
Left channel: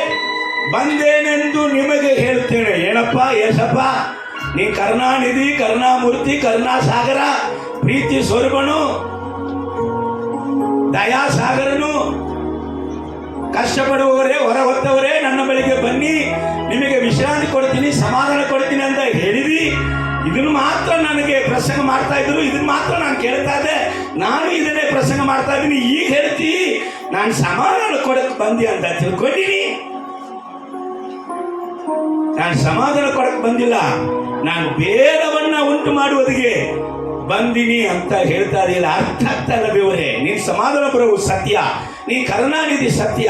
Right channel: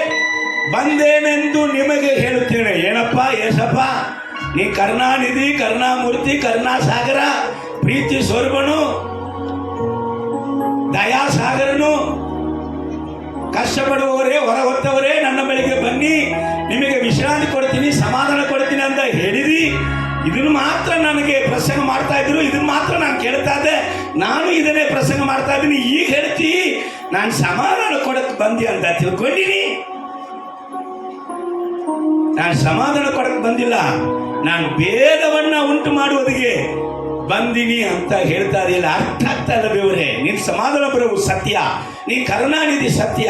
ಬಂದೇನೆಂದು ನಿಮಗೆ ಹೇಳುತ್ತೇನೆ. ಏನಪ್ಪ ಯೇಸಪ್ಪ, ನೀ ಕರುಣಾನಿಧಿ, ಕರುಣಾಮೂರ್ತಿ, ಕರುಣಾಸಾಗರ, ಪ್ರೀತಿ ಸ್ವರೂಪನು, ದಯಾಸಾಗರನು, ಕಷ್ಟಪಡುವವರೇ, ಹೊರ ಹೊತ್ತವರೇ ನನ್ನ ಬಳಿಗೆ ಬನ್ನಿ, ನಿಮಗೆ ವಿಶ್ರಾಂತಿ ಕೊಡ್ತೀನಿ, ಸಮಾಧಾನ ಕೊಡ್ತೀನಿ ಅಂತ ಹೇಳಿದಿ. ಇದನ್ನು ಮಾತ್ರ ನನಗೆ ಪ್ರಸಂಗ ಮಾಡ್ತಾ ಇದ್ರು, ಇದನ್ನು ಮಾತ್ರ ನಾನು ಕೇಳ್ತಾ ಇದ್ದೆ. ನಾನು ಇದನ್ನೇ ಪ್ರಸಂಗ ಮಾಡ್ತಾ ಇದ್ದೀನಿ. ಈಗ ಹೇಳ್ತಿ ನಾನು ಸಮಾಧಾನ ಕೊಡಕ್ ಬಂದಿ ಅಂತ ತಿಳ್ಕೊಂಡಿನಿ. ನಾನು ಸಮಾಧಾನ ಕೊಡಕ್ ಬಂದಿಲ್ಲ, ನಾನು ಭೇದವನ್ನ ಉಂಟು ಮಾಡುವುದಕ್ಕೆ ಬಂದಿನಿ ಅಂತ ಹೇಳ್ತಾ ಇದೆಯಲ್ಲ. ಅರ್ಥ ಆಗ್ತಾ ಇಲ್ಲ ದೇವರೇ. ನೀನ್ ಸಮಾಧಾನ ಬರುವುದು ಸತ್ಯ, ನೀನ್ ಕರುಣಾನಿಧಿ ಸತ್ಯ,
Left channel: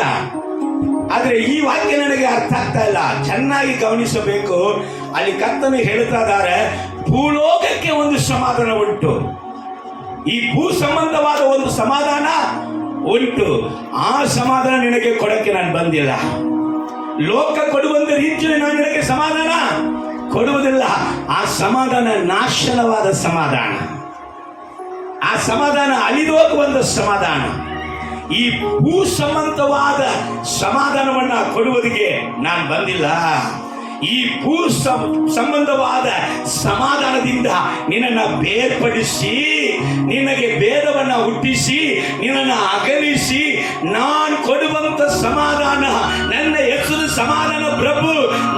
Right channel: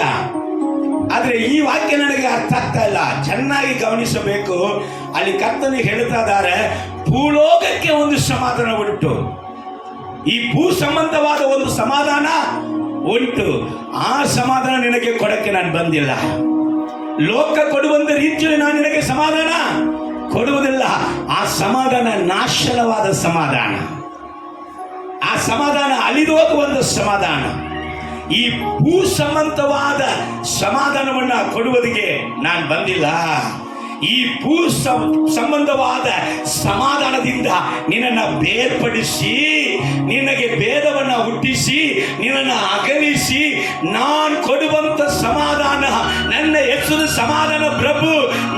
ಆದ್ರೆ ಈ ವಾಕ್ಯ ನನಗೆ ಅರ್ಥ ಆಗ್ತಾ ಇಲ್ಲ. ಚೆನ್ನಾಗಿ ಗಮನಿಸಬೇಕು. ಅಲ್ಲಿ ಕರ್ತನು ಹೇಳ್ತಾ ಇದ್ದಾರೆ, ಭೂಲೋಕಕ್ಕೆ ಒಂದು ಸಮಾಧಾನ ಉಂಟು, ಈ ಭೂ ಸಂಬಂಧವಾದ ಒಂದು ಸಮಾಧಾನ ಉಂಟು. ಆ ಸಮಾಧಾನ ನಿನಗೆ ಕೊಡಕ್ಕೆ ನಾನು ಬಂದಿಲ್ಲ. ಲೋಕ ಕೊಡುವಂತ ರೀತಿಯಲ್ಲಿ ನಾನು ನಿನಗೆ ಸಮಾಧಾನ ಕೊಡುವುದಿಲ್ಲ. ಆ ಸಮಾಧಾನ ನಾಶನವಾದ ಸಮಾಧಾನ, ಆ ಸಮಾಧಾನ ಅಳಿದು ಹೋಗುವಂತ ಸಮಾಧಾನ. ಈ ಭೂ ಸಂಬಂಧವಾದ ಸಮಾಧಾನವನ್ನ ಕೊಡುವುದಕ್ಕೆ ನಾನು ಬಂದಿಲ್ಲ. ಈ ಭೂ ಸಂಬಂಧವಾದ ಸಮಾಧಾನದಿಂದ ನಿನ್ನನ್ನು ಬೇರ್ಪಡಿಸಿ, ನಿನಗೆ ಭೇದವನ್ನ ಹುಟ್ಟಿಸಿ, ನಿನ್ನನ್ನು ಅಗಲಿಸಿ, ನಾನು ಕೊಡುವಂತ ಸಮಾಧಾನ, ನನ್ನ ಹೆಸರು ಸಮಾಧಾನ ಪ್ರಭು,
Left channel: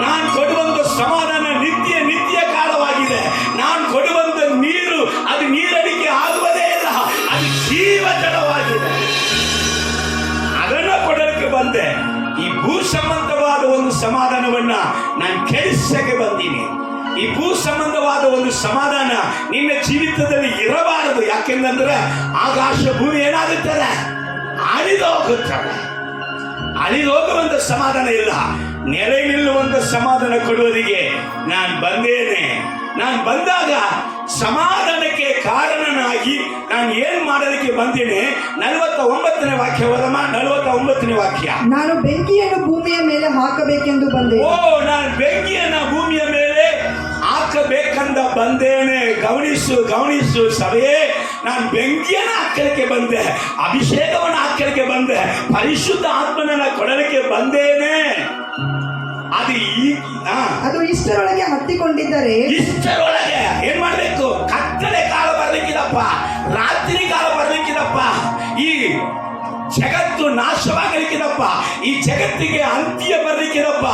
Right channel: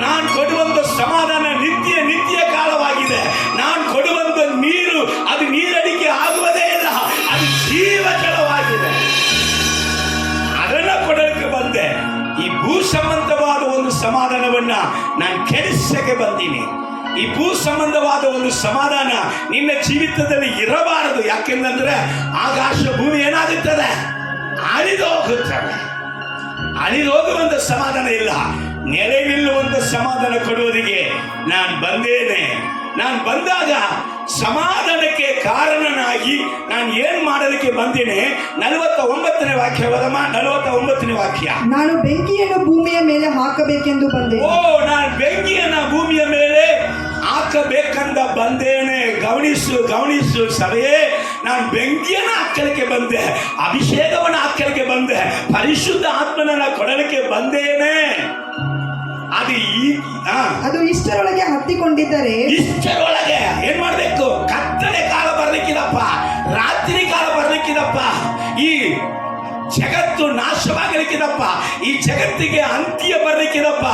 ನಾನು ಕೊಡುವಂತ ಸಮಾಧಾನ ನಿತ್ಯ ನಿತ್ಯ ಕಾಲವಾಗಿದೆ. ನಾನು ಕೊಡುವಂತ ನೀರು ಅದು ನೀರಡಿಕೆ ಆಗುವುದೇ ಇಲ್ಲ, ಅದು ಜೀವಜಲವಾಗಿದೆ. ಅದನ್ನ ಕೊಡಲಿಕ್ಕೆ ಬಂದೆ. ಈ ಭೂ ಸಂಬಂಧವಾದ ಒಂದು ಸಮಾಧಾನವನ್ನ ನಾನು ಕೆಡಿಸಕ್ಕೆ ಬಂದೀನಿ. ಈ ಭೂ ಸಂಬಂಧವಾದ ಒಂದು ಸಮಾಧಾನ ನಿನ್ನ ಜೀವಿತದಲ್ಲಿ ಇರಬಾರದು. ಯಾಕೆಂದ್ರೆ ಆಕಾಶ ಭೂಮಿ ಏನಾಗುತ್ತದೆ, ಅಳಿದು ಹೋಗುತ್ತದೆ. ಅಳಿದು ಹೋಗುವಂತ ಸಮಾಧಾನ ಇಲ್ಲ, ನೆಲೆ ನಿಲ್ಲುವಂತ ಸಮಾಧಾನ ಕೊಡುವುದಕ್ಕೆ ನಾನು ಬಂದೇನೆ. ನಾನು ಬಂದಾಗ ಸಮಾಧಾನಕ್ಕೆ ಕಾರಣನಾಗಿ ನಾನು ಏನ್ ಮಾಡಲಿಕ್ಕೆ ಬಂದೇನೆ. 49ನೇ ವಾಕ್ಯ ಓದಮ್ಮ. 49ನೇ ವಾಕ್ಯ. ನಾನು ಬೆಂಕಿಯನ್ನು ಭೂಮಿಯ ಮೇಲೆ ಹಾಕಬೇಕೆಂದು ಬಂದೆ. ಓ, ನಾನು ಬೆಂಕಿಯನ್ನು ಭೂಮಿಯ ಮೇಲೆ ಹಾಕಬೇಕಂದ ಬಂದೇನೆ. ಗಮನಿಸು ಗಮನಿಸು ಸಭೆಯೇ, ನಾನು ಬೆಂಕಿಯನ್ನು ಹಾಕಲಿಕ್ಕೆ ಬಂದೆ, ಅಭಿಷೇಕವನ್ನು ಹಾಕಲಿಕ್ಕೆ ಬಂದೆ, ಪರಿಶುದ್ಧ ಆತ್ಮನನ್ನ ಕೊಡಲಿಕ್ಕೆ ಬಂದೇನೆ. ಅದು ಇಷ್ಟರೊಳಗೆ ಹತ್ತಿಕೊಂಡಿದ್ದರೆ, ಇಷ್ಟರೊಳಗೆ ಏನ್ ಮಾಡ್ಬೇಕು? ಕತ್ತಲೆ ಕಾಲ ಬರ್ಲಿಕ್ಕಿದಪ್ಪ, ರಾತ್ರಿ ಕಾಲ ಬರ್ಲಿಕ್ಕಿದಪ್ಪ, ಈ ಜಗತ್ತು ನಾಶವಾಗಲಿಕ್ಕಿದಪ್ಪ, ಈ ಜಗತ್ತಿಗೆ ಅಂತ್ಯ ಬರ್ಲಿಕ್ಕಿದಪ್ಪ.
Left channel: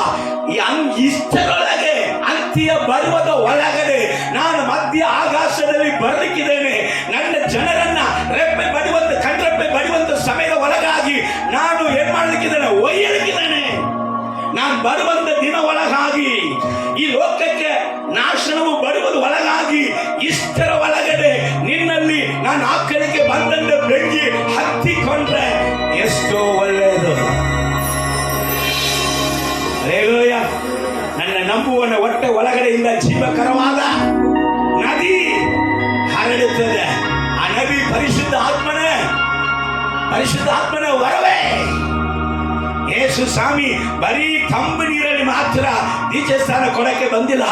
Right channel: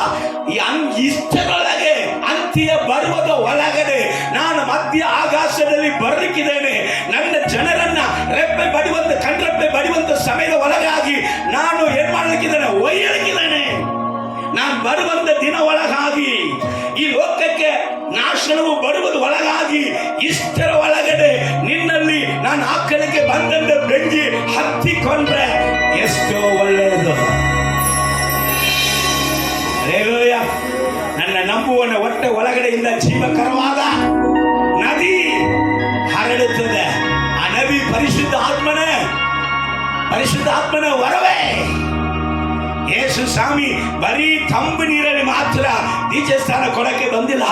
ಇಷ್ಟರೊಳಗೆ ಅಂತ್ಯ ಬರುವುದ ಒಳಗಡೆ ನಾನು ಮಧ್ಯ ಆಕಾಶದಲ್ಲಿ ಬರ್ಲಿಕ್ಕಿದ್ದೇನೆ. ನನ್ನ ಜನರನ್ನ ರೆಪ್ಪೆ ಬಡಿಯುವಂತ, ಕಣ್ರೆಪ್ಪೆ ಬಡಿಯುವಂತ ಸಮಯದ ಒಳಗಾಗಿ ನಾನು ಏನ್ ಮಾಡ್ಲಿಕ್ಕಿದ್ದೇನೆ? ಒಯ್ಯಲಿಕ್ಕಿದ್ದೇನೆ. ನಾನು ಬರುವಂತ ದಿನ ಒಳಗಾಗಿ, ಈ ಲೋಕಕ್ಕೆ ನಾಶನವು ಬರುವುದು ಒಳಗಾಗಿ, ಇಷ್ಟರ ಒಳಗಡೆ ನಿನ್ನಲ್ಲಿ ನಾನು ಹಾಕಲಿಕ್ಕೆ ಬಂದಂತ ಬೆಂಕಿ ಹತ್ತಿಕೊಂಡ್ರೆ ಎಷ್ಟೋ ಒಳ್ಳೆಯದು. ಹಲ್ಲೆಲೂಯ. ನನ್ನ ನಂಬುವನ ಹೊಟ್ಟೆ ಒಳಗಡೆಯಿಂದ ಜೀವಕರವಾದ ನದಿ ಹರಡುತ್ತದೆ. ಆ ನದಿ ಪರಿಶುದ್ಧ ಆತ್ಮನೇ, ಪರಿಶುದ್ಧ ಆತ್ಮನ ವರವೇ. ಯೇಸು ಸ್ವಾಮಿ ಬರೀ ತಂಬು ನೀರಲ್ಲಿ ಮಾತ್ರ ದೀಕ್ಷೆ ಸ್ಥಾನ ಕೊಡಕ್ಕೆ ಬಂದಿಲ್ಲ.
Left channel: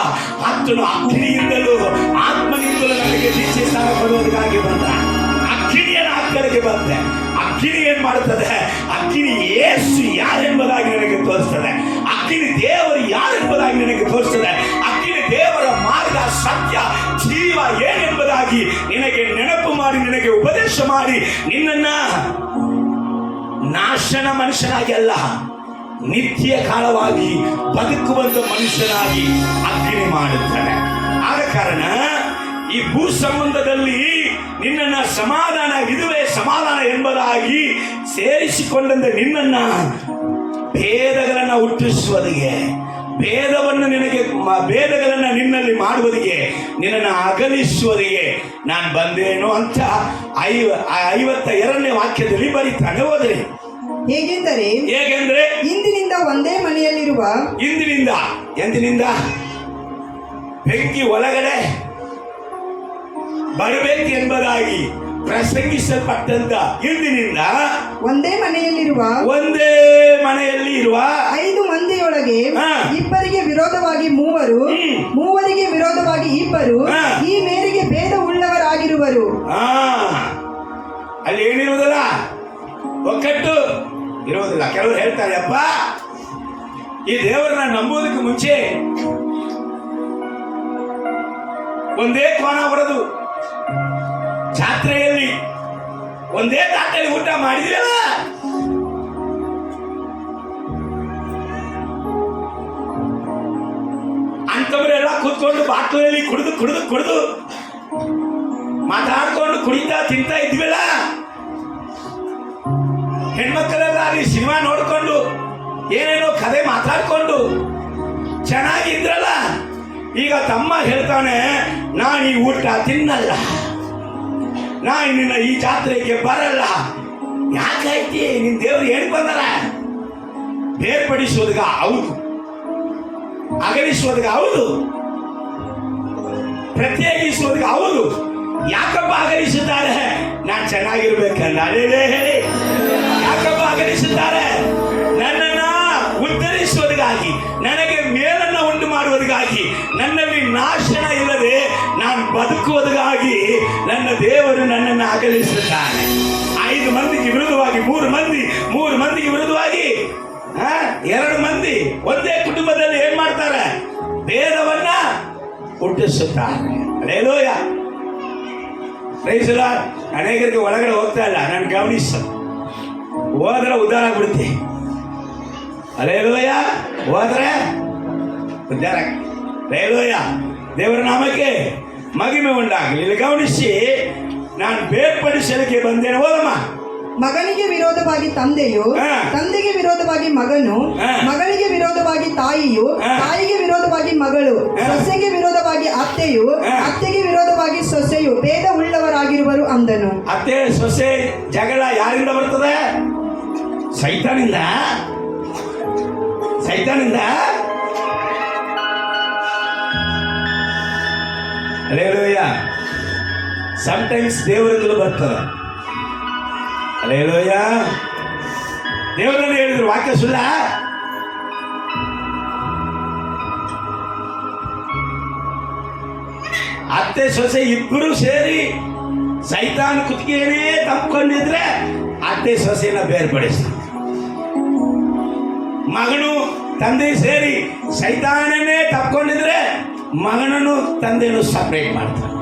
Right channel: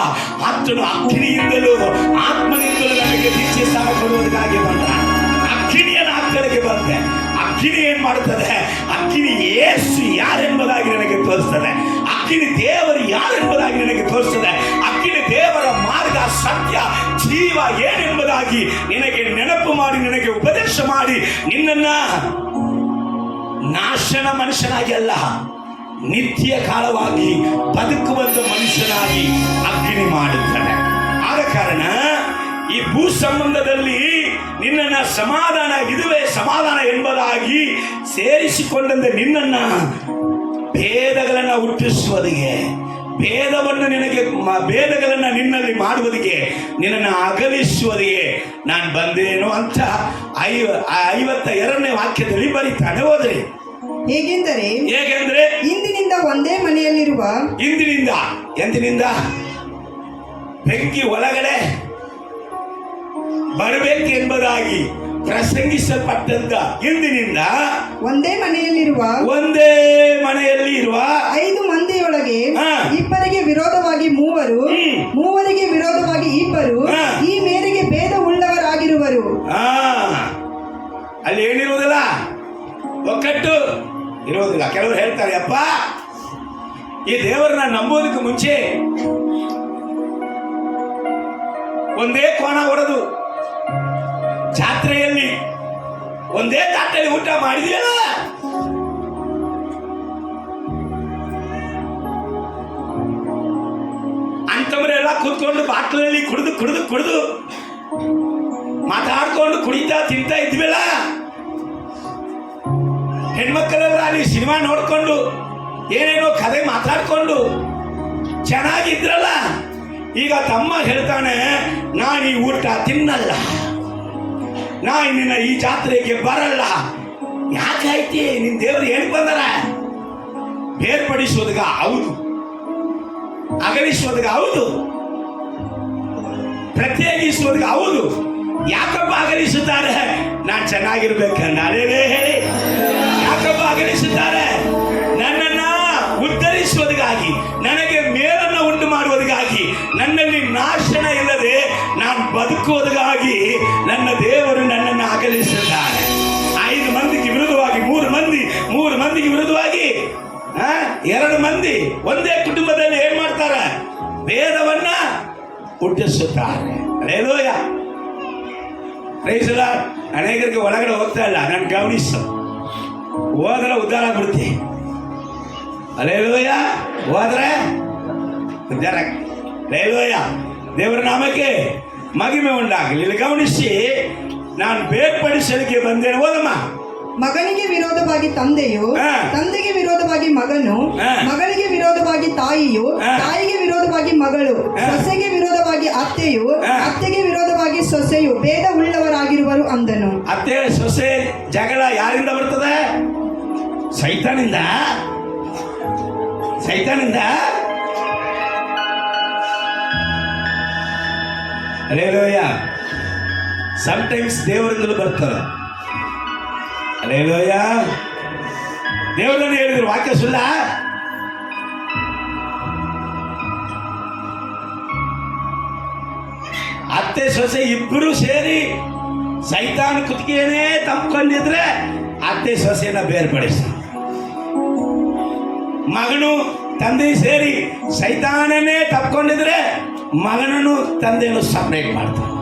ಆತನು ಅಗ್ನಿಯಿಂದಲೂ ಆತ್ಮನಿಂದಲೂ ನಮಗೆ ದೀಕ್ಷೆ ಸ್ಥಾನ ಕೊಡುವುದಕ್ಕಾಗಿ ಬಂದ. ಅಗ್ನಿಯನ್ನು ಹಾಕಲಿಕ್ಕೆ ಬಂದೆ. ಅಗ್ನಿ ಏನ್ ಮಾಡುತ್ತದೆ? ಅಗ್ನಿ ಯೇಸು ಯಾರೆಂಬುದಾಗಿ ನನಗೆ ತೋರಿಸ್ತದೆ. ಅಗ್ನಿ ದೇವರು ಯಾರೆಂಬುದಾಗಿ ನನಗೆ ತೋರಿಸ್ತದೆ. ಅಗ್ನಿ ದೇವರ ಮಾರ್ಗ, ಸತ್ಯ, ಜೀವ ಏನೆಂಬುದಾಗಿ ನಿನಗೆ ನೆನಪು ಮಾಡಿ, ನಿನಗೆ ಉಪದೇಶ ಮಾಡಿ, ನಿನ್ನನ್ನ ನಾಶನ ಮನುಷ್ಯನಾಗಿ ಅಲ್ಲ, ನಿತ್ಯ ಕಾಲವಾಗಿ ಬದುಕುವಂತ ಮನುಷ್ಯನಾಗಿ ಅಗ್ನಿ ಮಾಡುತ್ತಾನೆ. ಆದ ಕಾರಣ ಈ ಭೂ ಸಂಬಂಧದಲ್ಲಿ ನಿನ್ನನ್ನ ಸಮಾಧಾನ, ಇದುವೇ ಸಮಾಧಾನ ಎಂಬುದಾಗಿ ಸೇರಿಸಿಕೊಂಡಂತ ನಿನ್ನನ್ನ ಭೇದಗಳನ್ನ ಹುಟ್ಟಿಸುವುದಿಗೆ, ಭೇದವನ್ನು ನಿನಗೆ ಭೇದಗಳನ್ನ ನಿನ್ನಲ್ಲಿ ಮಾಡುವುದಿಗೆ, ನಿನ್ನನ್ನು ಅಗಲಿಸುವುದಿಗೆ ನಾನು ಬಂದೇನು ಅಂತ 52ನೇ ವಾಕ್ಯದಲ್ಲಿ ಬರೀತಾನೆ. ಹೋದ್ರಿ ಹೇಗೆಂದರೆ ಇಂದಿನಿಂದ ಒಂದೇ ಮನೆಯಲ್ಲಿರುವ, ಇಂದಿನಿಂದ ಎಂದಿನಿಂದ ಬೆಂಕಿ ಒಳಗಡೆ ಬರಬೇಕು ಎಂಬುದಾಗಿ ಪ್ರಸಂಗಿಸಲ್ಪಟ್ಟಂತ ಇಂದಿನಿಂದ ಒಂದೇ ಮನೆಯಲ್ಲಿ ಇರುವ 5 ಮಂದಿಯೊಳಗೆ ಇಬ್ಬರಿಗೆ ವಿರೋಧವಾಗಿ ಮೂವರು, ಮೂವರಿಗೆ ವಿರೋಧವಾಗಿ ಇಬ್ಬರು, ಈ ಮೇರೆಗೆ ಭೇದ ಉಳ್ಳವರಾಗಿರುವರು. ಅಲ್ಲಿ ಏನಿರುವುದಿಲ್ಲ, ಒಕ್ಕಟ್ಟು ಇರುವುದಿಲ್ಲ. ಕೆಲವರು ಹೇಳ್ತಾರೆ, ಅಪ್ಪ ಈ ದೇವರನ್ನ ನಂಬೋದಕ್ಕೆ ಮುಂಚೆ ಒಂದೇ ಕೋಣ ಹೊಡೆದು ಜಾತ್ರೆಯಲ್ಲಿ ಒಂದೇ ತಾಟಲ್ಲಿ ಊಟ ಮಾಡಿದ್ರಲ್ಲ, ಅಂತವರೆಲ್ಲ ಕೂತ್ಕೊಂಡು ಬಾಟ್ಲಲ್ಲಿ ಕುಡಿದು ಮಾತಾಡ್ಕೊಂಡು ಕುಡಿತಾ ತಿಂತಾ ಇದ್ವಲ್ಲ, ಹೆಣ್ಮಕ್ಕಳೆಲ್ಲ ಅಲ್ಲಿ ಸಿನಿಮಾ ನೋಡ್ಕೊಂಡು ಏನೇನೋ ಕಥೆ ಮಾತಾಡ್ಕೊಂಡು ಚೆನ್ನಾಗಿದ್ರಲ್ಲ. ಈಗ ತಮ್ಮ ಹೇಳ್ತಾನೆ, ನಾನು ಈ ಊಟ ತಿನ್ನಲ್ಲ, ನಾನು ನಿನ್ನ ಈ ಜಾತ್ರೆಗೆ ಬರಲ್ಲ. ಯಾಕಾಯ್ತಿ? ನಿನ್ ದೇವ್ರು ಹೇಳಿ ಬಂದಾರ, ಬೇರ್ಪಡಿಸೋದ್ಗ ಹೌದು, ಅಗಲಿಸೋದ್ಗ ಹೌದು, ಪ್ರತ್ಯೇಕಿಸೋದ್ಗ ಹೌದು. ಯಾಕಪ್ಪ ಅಗಲಿಸುತ್ತಾರೆ? ನಾನು ಚೆನ್ನಾಗಿರ್ಬೇಕಂಡ ಅದೇ ಹೇಳಿ ಯಾಕಪ್ಪ ಅಗಲಿಸುತ್ತಾರೆ? ನನ್ನನ್ನ ಉದ್ಧರಿಸುವುದಕ್ಕಾಗಿ, ನನಗೆ ಮೇಲನ್ನು ಉಂಟು ಮಾಡುವುದಕ್ಕಾಗಿ, ನನ್ನಲ್ಲಿ ನಾಶನ ಇಲ್ಲದೆ ನಾನು ಬದುಕುವುದಕ್ಕಾಗಿ ನನ್ನ ದೇವರು ನನ್ನನ್ನು ಅಗಲಿಸುತ್ತಾನೆ. 5 ಮಂದಿಗೆ ವಿರುದ್ಧವಾಗಿ 3 ಮಂದಿಗೆ ವಿರುದ್ಧವಾಗಿ 2 ಮಂದಿ ಒಂದೇ ಕುಟುಂಬದಲ್ಲಿ ಏನ್ ಮಾಡ್ತಾರೆ? ಭೇದವನ್ನ ಹುಟ್ಟಿಸುತ್ತಾರೆ. Hallelujah, praise the lord. ಅನೇಕರಿಗೆ ಒಳಗಡೆ ಹೋಗ್ತಾ ಇಲ್ಲ, ನಾನು ಗಮನಿಸು, ಹೋದ್ರೆ ಉದ್ಧಾರ ಆಗ್ಬಿಡುತ್ತೆ. ಹಲ್ಲೆಲೂಯಾ, ಹೋದ್ರೆ ಉದ್ಧಾರ. ಹಲ್ಲೆಲೂಯಾ, ದೇವರ ನಾಮಕ್ಕೆ ಮಹಿಮೆ ಉಂಟಾಗಲಿ. ಇಲ್ಲಿ ಗಮನಿಸಿ, ನಾನು ಬೇರ್ಪಡಿಸಲಿಕ್ಕೆ ಬಂದೇನೆ. ಓದಮ್ಮ. ಮಗನಿಗೆ ವಿರೋಧವಾಗಿ ತಂದೆಯು, ತಂದೆಗೆ ವಿರೋಧವಾಗಿ ಮಗನು, ಮಗಳಿಗೆ ವಿರೋಧವಾಗಿ ತಾಯಿಯು, ತಾಯಿಗೆ ವಿರೋಧವಾಗಿ ಮಗಳು, ಸೊಸೆಗೆ ವಿರೋಧವಾಗಿ ಅತ್ತೆಯು, ಅತ್ತೆಗೆ ವಿರೋಧವಾಗಿ ಸೊಸೆಯು ಭೇದ ಉಳ್ಳವರಾಗಿರುವರು ಅಂದನು. ಅತ್ತೆ ಸೊಸೆ ಜಗಳ ಯಾರಿಂದ ಬರ್ತದೆ? ಸೈತಾನಿಂದ. ಹಲ್ಲೆಲೂಯಾ. ಸಮ್ಟೈಮ್ಸ್ ದೇವರಿಂದಲೂ ಬರ್ತದೆ. ಹಲ್ಲೆಲೂಯಾ. ದೇವರನ್ನು ಹೇಳಿದ್ರು, ವಾಕ್ಯ ಸುಳ್ಳ? ಅತ್ತೆ ಸೊಸೆ ಇಬ್ಬರು ಸೇರಿ ಸೈತಾನ ಕುತ್ತಿಗೆನೇ ತಂದ್ಕೊಂಡಿದ್ರೆ ಅತ್ತೆ ಸೊಸೆಯನ್ನ ಬೇರ್ಪಡಿಸಿ, ಮಗನು ತಂದೆ ಸೇರಿ ಸೈತಾನನೇ ತಪ್ಕೊಂಡಿದ್ರೆ ಮಗನನ್ನು ತಂದೆಯನ್ನು ಸಪರೇಟ್ ಮಾಡ್ತಾರೆ.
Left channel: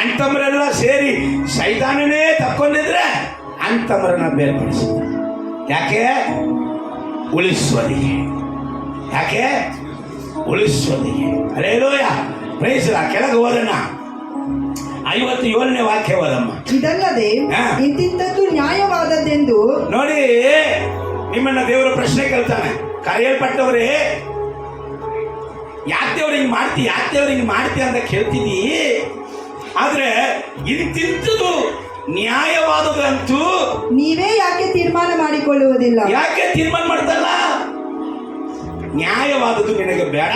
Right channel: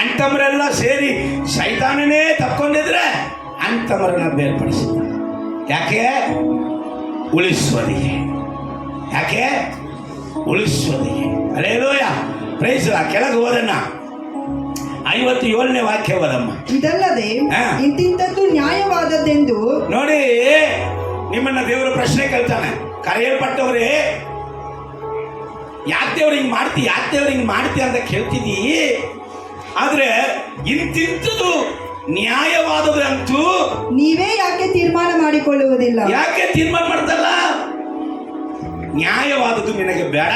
ಅಂತಮರೆಲ್ಲ ಸೇರಿ ಸೈತಾನನೇ ತಪ್ಕೊಂಡಿದ್ರೆ ಅಂತಮರನ್ನ ಬೇರ್ಪಡಿಸ್ತಾರೆ. ಯಾಕೆ? ಉಳಿಸೋದಿಗೆ. ಯಾಕೆ? ಉಳಿಸೋದಿಗೆ. Hallelujah, praise the lord. ಕೆಳಗೆ ಹೋದನ್ನ 57ನೇ ವಾಕ್ಯ ಓದಮ್ಮ. ಇದಲ್ಲದೆ ಇಂತಿಂತದ್ದು ನ್ಯಾಯವಾದದ್ದೆಂದು ನೋಡಿ, ನಿಮ್ಮನ್ನ ದೇವರ ಪ್ರಶ್ನೆ ಕೇಳ್ತಾನೆ. ಕರೆಯಲ್ಪಟ್ಟವರೇ, ಯಾಕೆ ದೇವ್ರು ಹಿಂಗ್ ಮಾಡ್ತಿ ಅಂತ ಕೇಳ್ತಿದ್ದೀ. ಆದ್ರೆ ಇಂತಿಂತದ್ದು ನ್ಯಾಯವಾದದ್ದು ಅಂತೂ ನೀವೇ ಯಾಕೆ ತೀರ್ಮಾನ ಮಾಡಿಕೊಳ್ಳುವುದಿಲ್ಲ? ಯಾಕೆ ತೀರ್ಮಾನ ಮಾಡ್ತಲ್ಲ? ನ್ಯಾಯವಾದದ್ದು ನಿನಗೆ ಬೇಡ,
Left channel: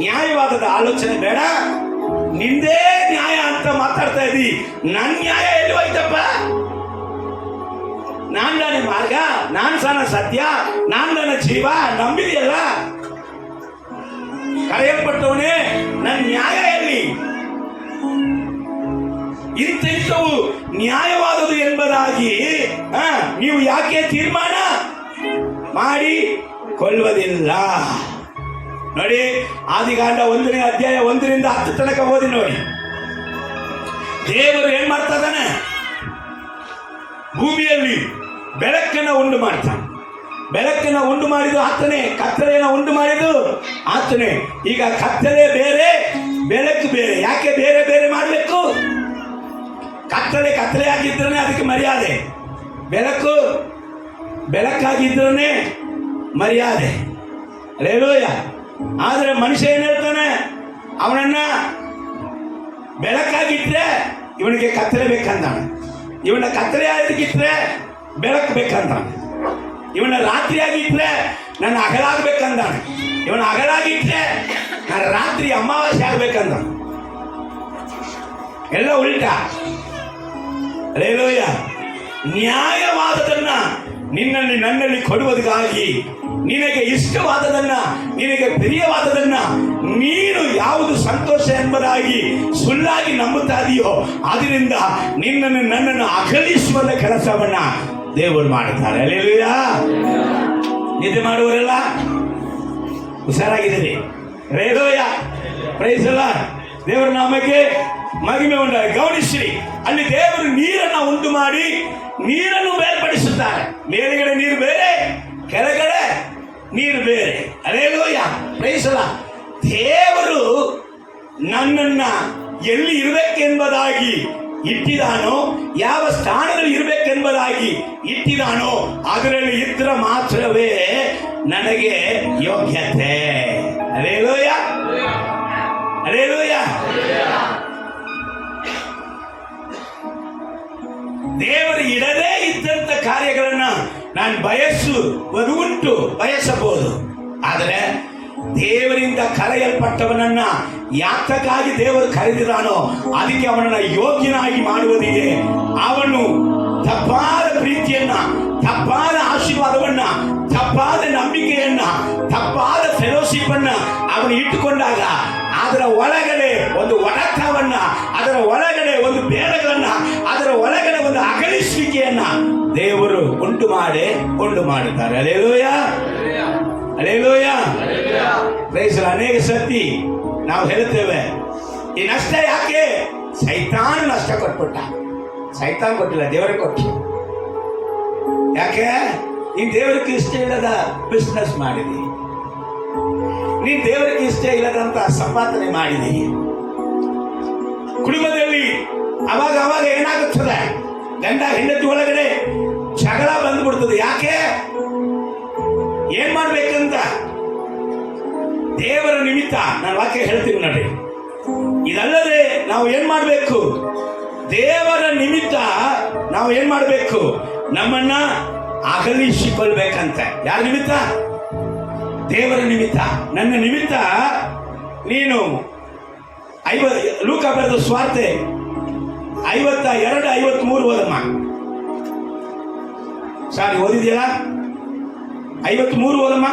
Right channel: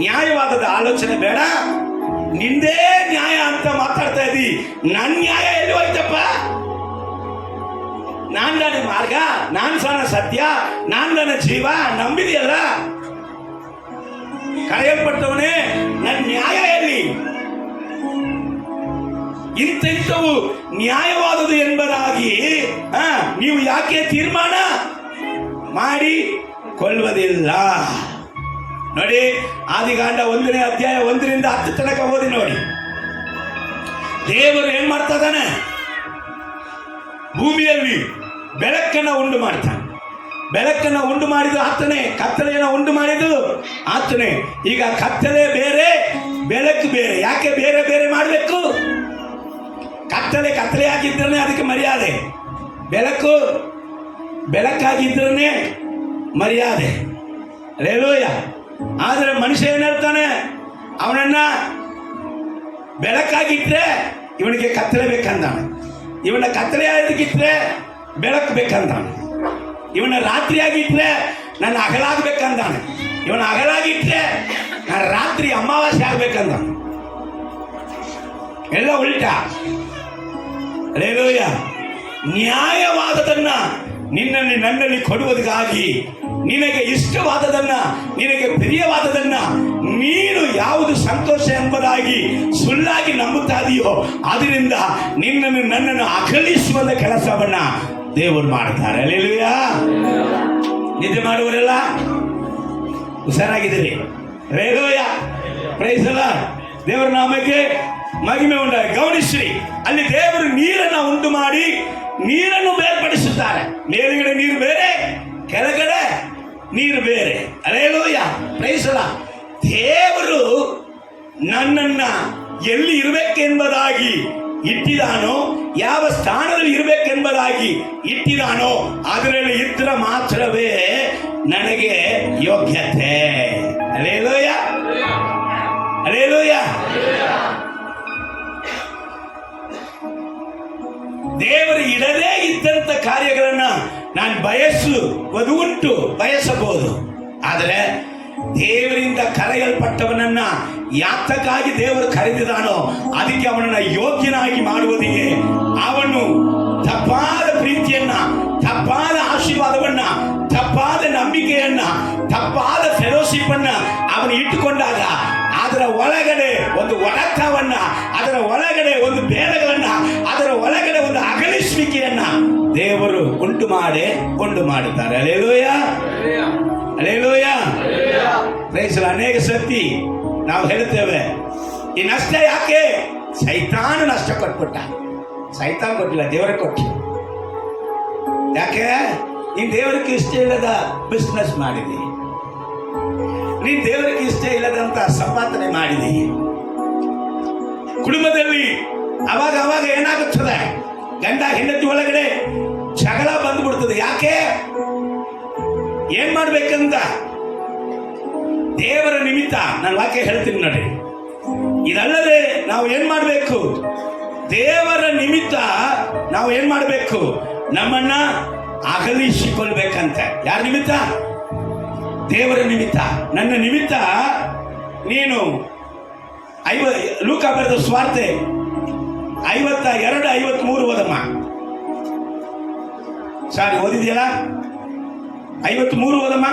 ನ್ಯಾಯವಾದದ ಆಲೋಚನೆ ಬೇಡ, ನಿಂದೇ ನ್ಯಾಯ ಅಂತ ಮಾತಾಡ್ತಾ ಇದ್ದಿ. ನನ್ನ ನ್ಯಾಯ ಎಲ್ಲಿ ಹೋಯ್ತಪ್ಪ? ನಾನ್ ನನ್ನ ಮಾರ್ಗ, ನಾನ್ ಸಣ್ಣ ಸತ್ಯ, ನಾನ್ ನನ್ನ ಜೀವ ನಂಬಿದೆಯಲ್ಲ. ಕರೆಯಲ್ಪಟ್ಟವನೇ, ನನ್ನ ನ್ಯಾಯ ಎಲ್ಲಿ? ಇಂಥವು ನ್ಯಾಯವಾದುದು ಎಂಬುದಾಗಿ ನೀವು ಯಾಕೆ ತೀರ್ಮಾನ ಮಾಡಿಕೊಳ್ಳುವುದಿಲ್ಲ? ನೋಡಿ, ಆದಿಕಾಂಡ 1ನೇ ಅಧ್ಯಾಯ 1ರಿಂದ 10 ತನಕ ಓದಿ ನೋಡಿ. ದೇವರು ಏನ್ ಮಾಡ್ತಾ ಇದ್ದಾನೆ? ಭೂಮಿಯಲ್ಲಿ ಬೆಳಕನ್ನು ಉಂಟು ಮಾಡ್ತಾನೆ. ಬೆಳಕನ್ನು ಉಂಟು ಮಾಡಿದ್ದು ಆತನೇ, ಕತ್ತಲೆಯನ್ನು ಉಂಟು ಮಾಡಿದ್ದು ಆತನೇ. ಈಗ ಕತ್ತಲೆ ಬೇರೆ, ಬೆಳಕು ಬೇರೆ. ಯಾಕೆ ಬೇರೆ ಬೇರೆ ಮಾಡಬೇಕು? ಕತ್ತಲೆ ಕತ್ತಲೆಯಾಗಿದ್ದರೆ ಅದಕ್ಕೆ ಮರ್ಯಾದೆ, ಬೆಳಕು ಬೆಳಕಾಗಿದ್ದರೆ ಮರ್ಯಾದೆ. ಅಲ್ಲೇಲೂಯ. ಆದರೆ ಮನುಷ್ಯ ಏನ್ ಹೇಳ್ತಾನೆ? ಅವನನ್ನ ಬೆಳಕಾಗಿಟ್ರೆ ಇವನಿಗೆ ಕತ್ತಲೆ ಬೇಕಂತಾನೆ, ಇವನ ಕತ್ತಲೆ ಆಗಿದ್ರೆ ಬೆಳಕು ಬೇಕಂತಾನೆ, ಇವನ ರಾತ್ರಿಯಾಗಿಟ್ರೆ ನನ್ನ ಹಗಲಾಗಬೇಕಂತಾನೆ, ಇವನ ಹಗಲಾಗಿಟ್ರೆ ನನ್ನ ರಾತ್ರಿ ಅಮಾವಾಸ್ಯೆ ಆಗ್ಬೇಕಂತಾನೆ. ಎಲ್ಲ ಉಲ್ಟಾ. ಅಲ್ಲೇಲೂಯ. ನ್ಯಾಯವಾದದನ್ನ ನಿನ್ನಲ್ಲಿ ನನ್ನಲ್ಲಿ ಕೊಡುವುದಕ್ಕಾಗಿ ನಿನಗೆ ಇಷ್ಟವಾದದನ್ನ, ನಿನಗೆ ಪ್ರಿಯವಾದದನ್ನ ನೀನು ಯಾವುದು ಸಂತೋಷ ಎಂಬುದಾಗಿ ಸುಳ್ಳಾಗಿ ನಂಬುತ್ತಾ ಇದೆಯೋ ಅದರಿಂದ ನಿನ್ನನ್ನು ನನ್ನನ್ನು ಅಗಲಿಸುವ ಕೆಲಸವನ್ನ ದೇವರು ಮಾಡುತ್ತಾರೆ. ಅಲ್ಲೇಲೂಯ. ನಿದ್ದೆ ಮಾಡುವರೆಲ್ಲ ಹುಷಾರಾಗಿದ್ದೀರಿ. ಅಲ್ಲೇಲೂಯ. Praise the Lord. ದೇವರ ನಾಮಕ್ಕೆ ಮಹಿಮೆ ಉಂಟಾಗಿ. ಗಮನಿಸ್ರಿ, ಅಲ್ಲಿ ದೇವರು ನೀರನ್ನು ಉಂಟು ಮಾಡಿ ನೀರನ್ನು ಬೇರ್ಪಡಿಸುತ್ತಾರೆ. ಮೇಲ್ಗಡೆ ನೀರು ಬೇರೆ, ಕೆಳಗಡೆ ನೀರು ಬೇರೆ. ಅಲ್ಲೇಲೂಯ. Praise the Lord. ದೇವರು ನನ್ನನ್ನ ಎಲ್ಲಿ ಇರಬೇಕೆಂಬುದಾಗಿ ಇಟ್ಟಿದಾನೋ, ಯಾವ ಸ್ಥಾನದಲ್ಲಿ ಇರಬೇಕೆಂಬುದಾಗಿ ಇಟ್ಟಿದಾನೋ ಅದರಲ್ಲಿ ಇದ್ರೆ ಮಾತ್ರವೇ ನನಗೆ ಯೋಗ್ಯತೆ. ಅಲ್ಲೇಲೂಯ. ಅಲ್ಲೇಲೂಯ. ದೇವರು ಇಡದೇ ಇದ್ದಂತ ಕಾರ್ಯಗಳನ್ನ ನಾನು ಬಯಸುವುದು ಉಂಟು, ಬಯಸಬಹುದು. ಆದರೆ ದೇವರಿಂದ ಕರೆಯಲ್ಪಟ್ಟವನನ್ನ ಯಾತಕ್ಕಾಗಿ ದೇವರು ಕರೆದಿದ್ದಾನೋ ಅದಕ್ಕೆ ಅವನನ್ನ ಯೋಗ್ಯನಾಗಿ ಮಾಡುವುದಿಗೆ ಅವನು ತಪ್ಪಾದ ಪ್ರೀತಿಯನ್ನ, ತಪ್ಪಾದ ಆಶೀರ್ವಾದವನ್ನ, ತಪ್ಪಾದ ನಂಬಿಕೆಯನ್ನ, ತಪ್ಪಾದ ಫೆಲೋಶಿಪ್ ಅನ್ನ ಅವನು ಇಟ್ಟುಕೊಂಡಾಗ ಅದರ ಒಳಗಡೆ ಒಂದು ಒಡತವನ್ನ, ಅದರ ಒಳಗಡೆ ಒಂದು ಭೇದಗಳನ್ನ, ಅದರ ಒಳಗಡೆ ಒಂದು ಅಗಲಿಸುವಿಕೆಯನ್ನ ದೇವರು ಉಂಟು ಮಾಡುತ್ತಾರೆ. ಅಲ್ಲೇಲೂಯ. ಅಲ್ಲೇಲೂಯ. ಪ್ರೈಸ್. ಅನೇಕ ಸತಿ ನಾವು ಹೇಳುತ್ತೇವೆ, ಈ ನಷ್ಟ ಯಾಕೆ? ಸೈತಾನ ನಷ್ಟ ಕೊಟ್ಬಿಟ್ಟ. ಸೈತಾನ್ ಕೊಟ್ಟಿಲ್ಲ, ದೇವರೇ ಕೊಟ್ಟು. ಯಾಕೆ? ನೀನ್ ದೇವರಿಗೆ ಇಷ್ಟ ಇಲ್ಲದ ಬಿಸ್ನೆಸ್ ಮಾಡಿದಿ, ನೀನ್ ದೇವರಿಗೆ ಇಷ್ಟ ಇಲ್ಲದಂತ ಸಂಪಾದನೆ ಮಾಡಿದಿ. ಕುಟುಂಬದಲ್ಲಿ ಅವಾಗ ಏನಾಗುತ್ತದೆ? ಗಂಡ ಹೆಂಡತಿ ಒಳಗಡೆ ಜಗಳ ಬಂದ್ಬಿಡ್ತದೆ. ಯಾಕೆ? ಏನ್ ಮಾಡ್ಬೇಕಂತ ದೇವರ ನಿಮಿತ್ತ ನಾನು ವಾಕ್ಯ ಹೇಳ್ತೀನಿ ನೋಡ್ರಿ. ಇದಲ್ಲದೆ ನಾವು ಏನ್ ಮಾಡ್ಬೇಕು? ದೇವರ ನಿಮಿತ್ತ ನಾವು ಏನ್ ಮಾಡ್ಬೇಕು? ನಮ್ಮನ್ನ ಅಗಲಿಸಿಕೊಳ್ಬೇಕಂತೆ. ಯಾರ ನಿಮಿತ್ತ? ದೇವರ ನಿಮಿತ್ತ. ನನ್ನ ನಿಮಿತ್ತ ನೀನು ಲೂಕ ಬರೆದ ಸ್ವಾರ್ತೆ 52:53 ಓದಮ್ಮ. ಸಾರಿ, ಓದಿದ್ಯಲ್ಲ? 53 ಓದಮ್ಮ.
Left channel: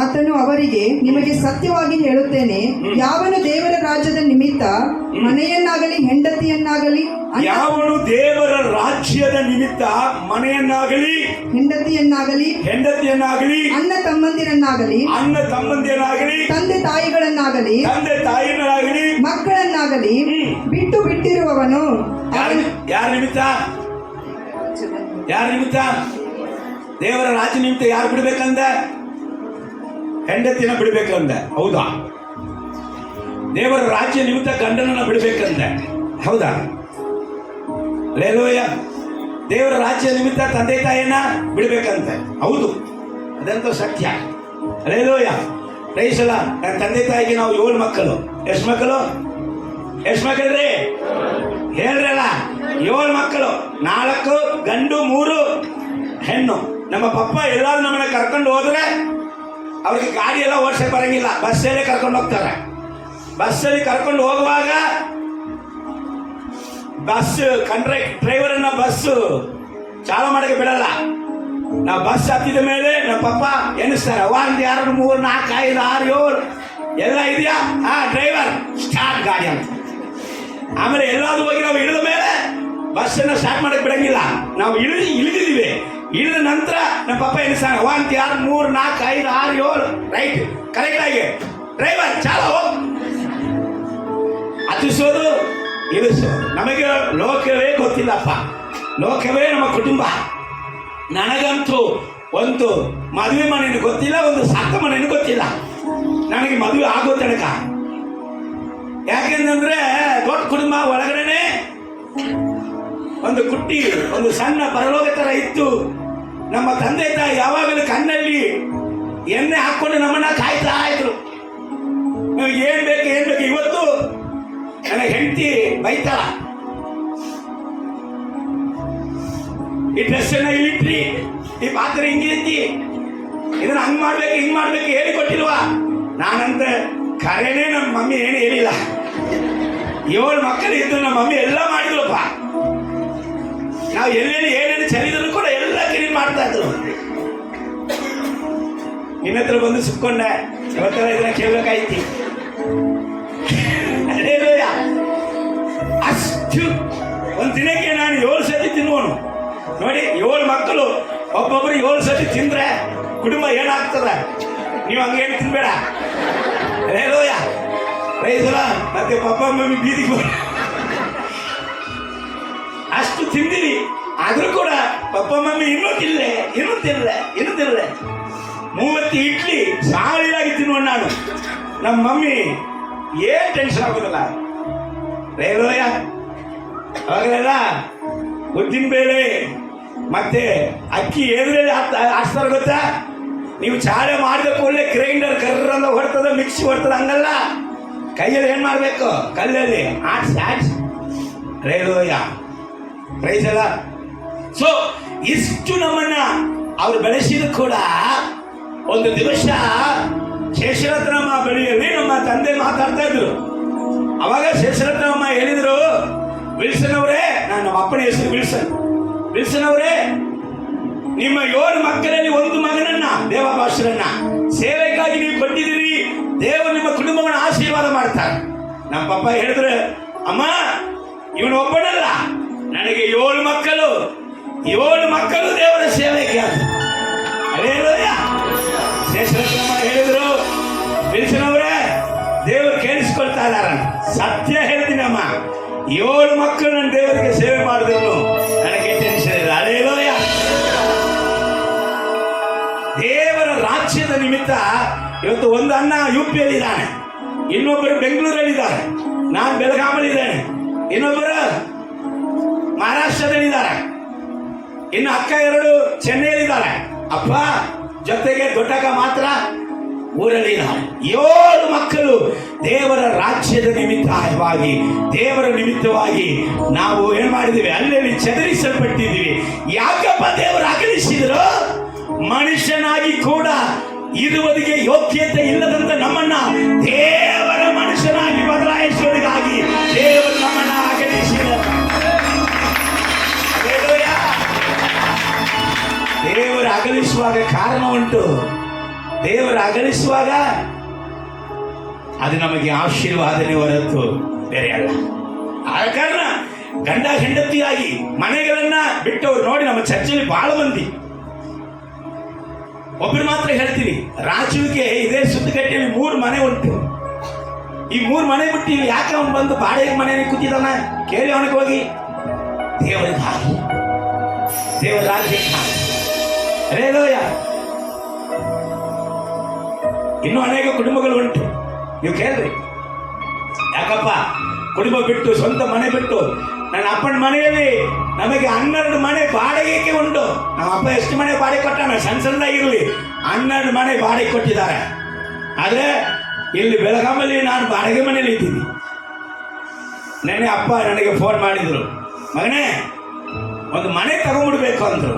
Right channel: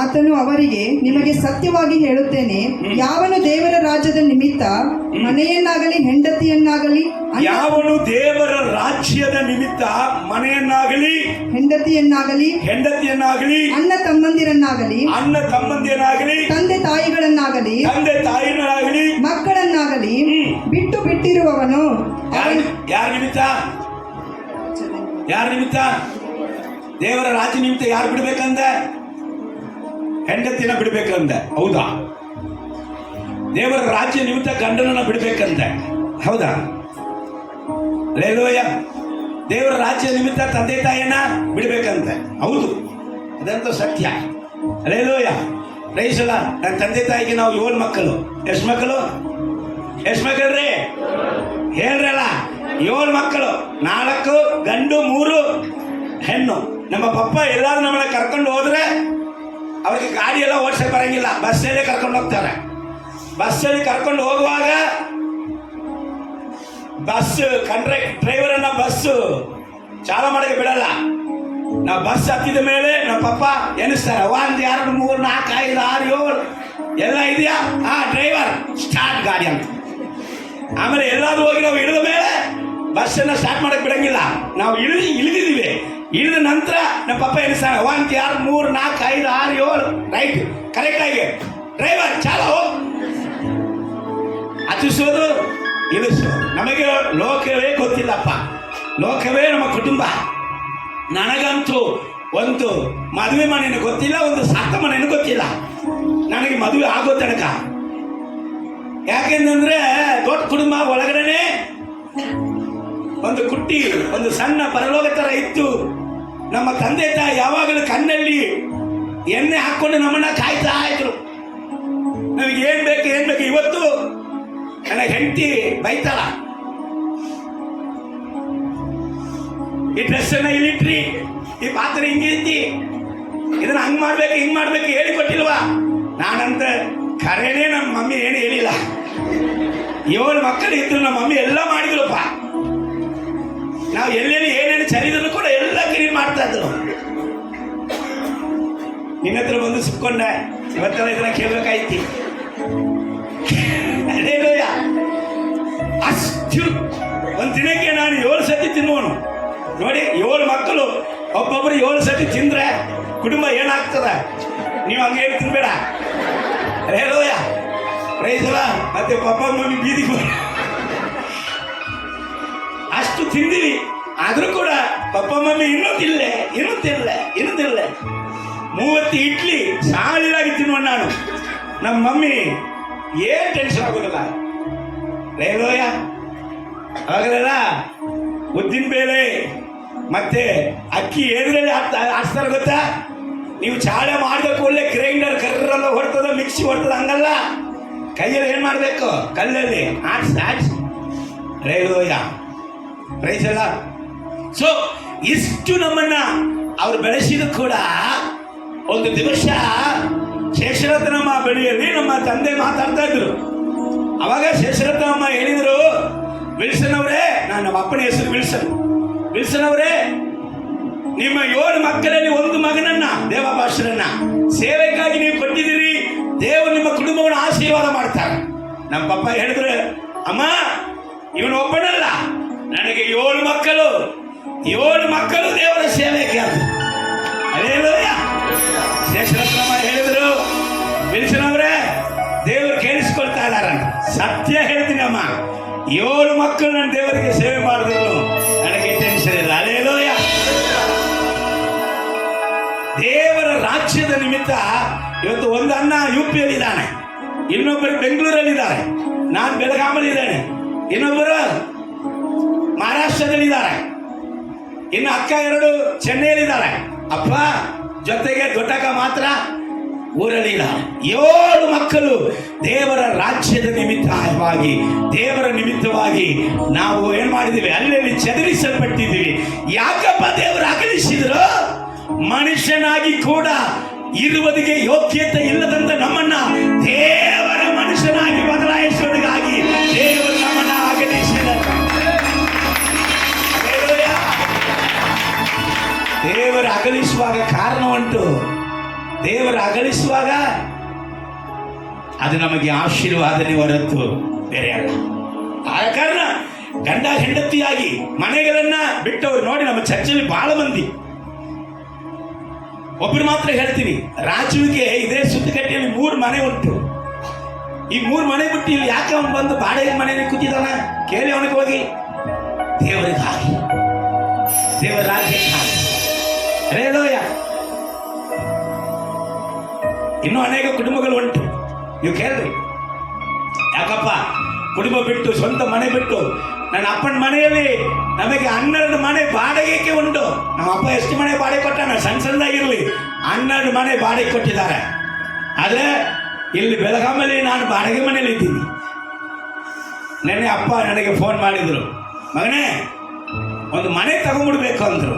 ಆತನು ಅವರಿಗೆ, ನಿಮಗೆ ಸತ್ಯವಾಗಿ ಹೇಳುತ್ತೇನೆ, ಯಾವನು ದೇವರ ರಾಜ್ಯದ ನಿಮಿತ್ತ ಮನೆಯನ್ನಾಗಲಿ ಹೆಂಡತಿಯನ್ನಾಗಲಿ, ಯಾವನು ದೇವರ ರಾಜ್ಯದ ನಿಮಿತ್ತ ಮನೆಯನ್ನಾಗಲಿ ಹೆಂಡತಿಯನ್ನಾಗಲಿ ಅಣ್ಣ ತಮ್ಮಂದಿರನ್ನಾಗಲಿ ತಂದೆ ತಾಯಿಗಳನ್ನಾಗಲಿ ಮಕ್ಕಳನ್ನಾಗಲಿ ಬಿಟ್ಟಿರುವವನು ಯಾರ ನಿಮಿತ್ತ? ದೇವರ ರಾಜ್ಯ ನಿಮಿತ್ತ ಯಾರು ಬಿಡ್ಬೇಕಂದ? ಹೆಂಡತಿನ ಬಿಡ್ಬೇಕಂದ. ಹೌದಾ? ದೇವರ ರಾಜ್ಯ ನಿಮಿತ್ತ ಗಂಡನನ್ನ ಬಿಡ್ಬೇಕಂದ. ಹೌದಾ? ಅಲ್ಲೇಲೂಯ. ದೇವರ ರಾಜ್ಯ ನಿಮಿತ್ತ ತಂದೆ ತಾಯಿಯನ್ನ ಬಿಡ್ಬೇಕಂತೆ. ಹೌದು, ಅದಂತ ಸತ್ಯ. ಅಲ್ಲೇಲೂಯ. Praise the Lord. ನನ್ನ ತಂದೆ ತಾಯಿಗೆ ನಾವು 7 ಮಕ್ಕಳು. ಎಷ್ಟು ಮಕ್ಕಳ್ರಿ? ಹೇಳ್ರಲ್ಲ, 7 ಮಕ್ಕಳು. 4 ಗಂಡು 3 ಹೆಣ್ಣು. ನಮ್ಮ ಪಪ್ಪ ಎಲ್ಲಾರು ನಮ್ಮನ್ನ ಕರ್ಕೊಂಡು ಹೋದ್ರೆ ಅವ್ರಿಗೆ ಗಾಡಿ ಎಲ್ಲ ಓಡಿಸಕ್ಕೆ ಬರಂಗಿಲ್ಲ, ಬಸ್ಸಲ್ಲಿ ಕರ್ಕೊಂಡು ಹೋಗ್ತಾರೆ. ಬಸ್ಸಲ್ಲಿ ಕರ್ಕೊಂಡು ಹೋಗುವಾಗ ಡ್ರೈವರ್ ಅನ್ನ ಬಸ್ಸು ಚಾಲು ಮಾಡಕ್ಕೆ ಬಿಡಲ್ಲ. ನಾವು ಬಸ್ ಹತ್ತಿದ ಮೇಲೆ ನಮ್ಮ ಪಪ್ಪ ಎನಿಸ್ತಾರೆ, 1 2 3 4 5 6 7 ಎಲ್ಲ ಇದೆಯಾ? ಡ್ರೈವರ್ ಸ್ಟಾರ್ಟ್ ಗಾಡಿ ಅಂತ. ಆಮೇಲೆ ಎಲ್ಲಾದ್ರೂ ಹೋಗಿ ನಾವು ಇಳಿದ ಮೇಲೆ ಬಸ್ಸನ್ನ ಸ್ಟಾರ್ಟ್ ಮಾಡಕ್ಕೆ ಬಿಡಂಗಿಲ್ಲ. ನಾವು ಇಳಿದಿದ್ದೀವಿ. ಇಳಿದ ನಂತರ ನಮ್ಮ ಪಪ್ಪ ಎನಿಸ್ತಾನೆ, 1 2 3 4 5 6 7 ರೈಟ್ ಕರೆಕ್ಟ್ ಆಗಿ ಡ್ರೈವರ್ ಚಾಲೋ ಹತ್ತಿಸೋದು ಇಳಿಸೋದು. ನಮಗೆ ಲೋಕವೇ ಗೊತ್ತಿಲ್ಲಪ್ಪ, ಲೋಕವೇ ನಮ್ಮ ಕುಟುಂಬ. ನನಗಂತೂ ಒಂದು ಮದುವೆ ಮನೆಯೂ ಗೊತ್ತಿಲ್ಲ, ಒಂದು ಸತ್ತ ಮನೆಯೂ ಗೊತ್ತಿಲ್ಲ. ನನಗೆ ಮದುವೆ ಆಗೋ ತನಕ, ಯಾಕೆಂದ್ರೆ ದೊಡ್ಡ ಕುಟುಂಬ ಒಳಗಡೆ ಒಂದು ಕುಟ್ಟಿ, ಒಂದು ಸಣ್ಣ ಪರಲೋಕ ತರ ಇತ್ತು. ನಮ್ಮ ತಂದೆ ತಾಯಿ ಯಾವಾಗಲೂ ಕಣ್ಣಲ್ಲಿ ಎಣ್ಣೆ ಹಾಕೊಂಡು ನಮ್ಮನ್ನ ಕಾಯ್ತಾ ಇದ್ರು. ನಮಗೆ ಏನ್ ಬೇಕು ಇವತ್ತು ನನ್ನ ಹೆಂಡತಿ ಬೈತಾಳ, ಈ ಡ್ರೆಸ್ ಅನ್ನ ಇಲ್ಲಿಟ್ರಿ, ಈ ಪಾತ್ರೆ ಹಿಂಗಿರ್ತಿ, ಇದನ್ನ ಹಂಗ್ ಮಾಡ್ಬೇಕು ಹೇಳಿಕೊಟ್ಟಿಲ್ವಾ? ನಾನಂತ ಖರೇನೆ ನಮ್ಮ ಮಮ್ಮಿ ಏನು ಹೇಳಿಲ್ಲ. 7 ಮಕ್ಕಳು ಇದ್ರು, ನಮ್ಮ ಮಮ್ಮಿ ಎಲ್ಲ ಮಾಡಿದ್ರಪ್ಪ. ನಾವು ಎಲ್ಲೆಲ್ಲಿ ಏನೇನು ಚರಿದ್ರು ಕೂಡ ಎಲ್ಲ ಕ್ಲೀನ್ ಮಾಡ್ತಾ ಇದ್ರು. ನಿನ್ನ ಹತ್ರ ಬಂದು ಸುಕ್ಕೊಂಡೆ, ಇವತ್ತೆಲ್ಲ ಇದನ್ನ ಕೇಳ್ಬೇಕಾಯ್ತಿ. ಅಷ್ಟು ಒಂದು ದಿನಕ್ಕೆ ನಾನು 7 ಸತಿ ತಿನ್ನುವನು. ನೋಡಿ, 7 ಮಕ್ಕಳು ಒಬ್ಬೊಬ್ಬರು 7 ಸತಿ ತಿಂದ್ರೆ ಕುಟುಂಬ ಏನಾಗ್ತದ? ನೀವು ಹಂಗೇನು ತಿನ್ಬೇಡ. ರೇಲೋಯ ರೈಸಲ ಮತ್ತೆ ಪಪ್ಪ ಮಮ್ಮಿ ಬೀದಿಗೆ ಅಷ್ಟು ತಿಂದಿವಿ. ಆದ್ರೂ ಕೂಡ ಪಪ್ಪ ಮಮ್ಮಿ ಇನ್ನೂ ತಿನ್ನಲೆ 30 ಇಡ್ಲಿ ಸಾಲಿಲಾಗಿ ತಿನ್ನುವ ನಾನು. ನಮ್ಮ ಮಮ್ಮಿ ಏನ್ ಟೆನ್ಷನ್ ಆಗೋದಿಲ್ಲ. ರೇಲೋಯ ಆಗಲಿಲ್ಲ, ಉದ್ದಿನ ಬೇಳೆ ಮತ್ತೆ ಅಕ್ಕಿ ಎದುರಲ್ಲಿ ಆಡ್ಸ್ತಾರ ಗೊತ್ತಾ? ನೀವು ಚಾಳೆ ಮಾಡಿದ ಕೂಡಲೇ ಗ್ರೈಂಡರ್ ಕರ್ರಂದ ಹೊಡ್ತದ, ಮಿಕ್ಸಿ ಹೊಡ್ತದ, ಹಂಗಲ್ಲ. ಕೈಯಲ್ಲಿ ಏನ್ ಮಾಡ್ಬೇಕು? ಕಲ್ಲಲ್ಲಿ ಆಡ್ಸ್ ರೇಲೋಯ ಪ್ರೈಸ್ ಅಲ್ಲ. ಸೊ ಇಷ್ಟು ನಮ್ಮನ್ನ ಅವ್ರು ಬೆಳೆಸಿದ ಕೂಡ ಒಂದು ದಿವಸ ಶೇಷರತ್ನಮ್ಮ ಬಳಿಯಲ್ಲಿ ನಮ್ಮ ತಂದೆ ಮಾತಾಡ್ತಾ ಇದ್ರು. ಅವಾಗ ಶೇಷರತ್ನಮ್ಮ ಹೇಳಿದ್ರು, ವಿಲ್ಸನ್ ಅವರೇ, ನಮ್ಮ ಅಪ್ಪನ ಹೆಸರು ವಿಲ್ಸನ್ ಅವರೇ, ನಿಮ್ಮ 7 ಮಕ್ಕಳಲ್ಲಿ ಒಂದು ಮಗನನ್ನ, ದೇವಾಭಾಷರನ್ನ ಸೇವೆಗಾಗಿ ನೀವು ಕೊಟ್ಟಿದ್ದೀರಿ. ದೇವರು ನಿಮ್ಮ ಕುಟುಂಬವನ್ನು ಆಶೀರ್ವಾದ ಮಾಡ್ತಾರೆ. ನಮ್ಮ ಪಪ್ಪ ಹೇಳಿದ್ರೆ, ಅಮ್ಮ ಇವನು ಒಬ್ಬನಲ್ಲ, ನನಗೆ 7 ಮಕ್ಕಳು ದೇವರ ಸೇವೆಗೆ ಅಂತ. ಅಲ್ಲೇಲೂಯ. ಶೇಷರತ್ನಮ್ಮ ಹೇಳಿದ್ರು, ವಿಲ್ಸನ್ ಅವರೇ, ದೇವರು ಕೇಳಿಸ್ಕೊಳ್ತಾ ಇದ್ದಾರ. ಸತ್ಯ ಹೇಳ್ತೀನಮ್ಮ, 7 ಮಕ್ಕಳು ನನ್ನ ದೇವರಿಗೆ ಸೇವೆ ಮಾಡಿದ್ರು, ನನಗೆ ಟೆನ್ಷನ್ ಇಲ್ಲ. ಅಲ್ಲೇಲೂಯ. ದೇವರ ರಾಜ್ಯದ ನಿಮಿತ್ತ ಇವತ್ತು ಒಂದು ಅಣ್ಣ UP ಯಲ್ಲಿದ್ದಾನೆ, ಇನ್ನೊಬ್ಬರು ಬೆಂಗಳೂರಲ್ಲಿದ್ದಾರೆ, ನಾನು ಬೆಳಗಾಮಲ್ಲಿದ್ದೇನೆ, ಇನ್ನೊಬ್ಬರು ಮಹಾರಾಷ್ಟ್ರದಲ್ಲಿದ್ದಾರೆ, ಇನ್ನು ಅಕ್ಕ 2 ಚೆನ್ನೈಯಲ್ಲಿದ್ದಾರೆ, ಅಪ್ಪ ಜೊತೆಗೆ ದೊಡ್ಡಕ್ಕ ಮಾತ್ರ ಊರಲ್ಲಿದ್ದಾರೆ. 7 ಮಕ್ಕಳು ದೇವರ ರಾಜ್ಯದ ದೇವರ ನಿಮಿತ್ತವಾಗಿ ನಾವು ಏನ್ ಮಾಡಿದ್ದೀವಿ? ಅಲ್ಲಲ್ಲಿ ಚದರಿಸಲ್ಪಟ್ಟಿದ್ದೀವಿ. ಯಾಕಪ್ಪ ದೇವರು ಅಗಲಿಸಿದ್ರು? ಮನುಷ್ಯನಾಗಿ ಕೂಡ ಇರುವುದಕ್ಕೆ ಯೋಗ್ಯತೆ ಇಲ್ಲದಂತ ನಮ್ಮನ್ನ ದೇವರ ಮನುಷ್ಯನಾಗಿ ಬದಲಾಯಿಸುವುದಕ್ಕಾಗಿ ದೇವರು ನಮ್ಮನ್ನ ಅಗಲಿಸಿದರು. ದೇವರು ಅಗಲಿಸುವಾಗ ಕಾರಣ ಉಂಟು. ದೇವರು ಅಗಲಿಸುವಾಗ ಅದು ನಮಗೆ ಆಶೀರ್ವಾದನೆ ಹೊರತು ಬೇರೆ ಅಲ್ಲ. ಆದ ಕಾರಣ ಗಂಡ ಹೆಂಡತಿಯಾಗಿ ಮನೆಗಳನ್ನ ಬಿಟ್ಟವರು ನೋಡಿ ನಮ್ಮ ಚರ್ಚೆಯಲ್ಲಿ ಬಹಳ ಮಂದಿ. ಒಬ್ಬರು ಮಾತ್ರ ಹೇಳ್ತೀನಿ, ರಾಜುವಿಗೆ ಇದೇ ಸುತ್ತಕಟ್ಟೆಯಲ್ಲಿ 3 ಮನೆ ಉಂಟು. ಈ 3 ಮನೆ ಬಿಟ್ಟು ಇಲ್ಲಿ ಯಾಕೆ ಅವನು ಬಂದು ಬಾಡಿಗೆ ಮನೆಯಲ್ಲಿ ಕೂತಿದ್ದಾನ? ಕೇಳಿ ಅವನಿಗೆ ಹೋಗಿ. ದೇವರಿಗಾಗಿ, ದೇವರ ರಾಜ್ಯಕ್ಕಾಗಿ. ರೇಲೋಯ. ಇನ್ನೂ ಅನೇಕ ಕುಟುಂಬಗಳು ಉಂಟು, ನೀವು ಕೇಳ್ರಿ. ಯಾಕಪ್ಪ ಕುಟುಂಬ ಬಿಟ್ಟು, ಸ್ವಂತ ಮನೆ ಬಿಟ್ಟು, ನನ್ನ ಅಪ್ಪನ ಮನೆಯಲ್ಲಿ ನಮಗೆ 12 ಮನೆ ಬಾಡಿಗೆಗೆ ಉಂಟು. ನಮ್ಮ ಅಪ್ಪ ಎಷ್ಟು ಮನೆ ಬಾಡಿಗೆ ಕೊಟ್ಟಾನ? ಸಣ್ಣದಾಗಿರ್ಲಿ 12 ಮನೆ ಬಾಡಿಗೆ ಕೊಟ್ಟಿದ್ದಾರೆ. ಆದ್ರೆ ಇಲ್ಲಿ ಬೆಳಗಾಮಲ್ಲಿ ನಾನು ಬಾಡಿಗೆ ಮನೆಯಲ್ಲಿ ಇದ್ದೀನಿ. ನೆನ್ನೆ ಅಪ್ಪ ನನಗೆ ಫೋನ್ ಮಾಡಿದ್ರು, ಮಗನೇ ಒಂದು ಮನೆ ತಗೊಂಡ್ಬಿಡ್ಬೇಕು ಅಂದ್ರು.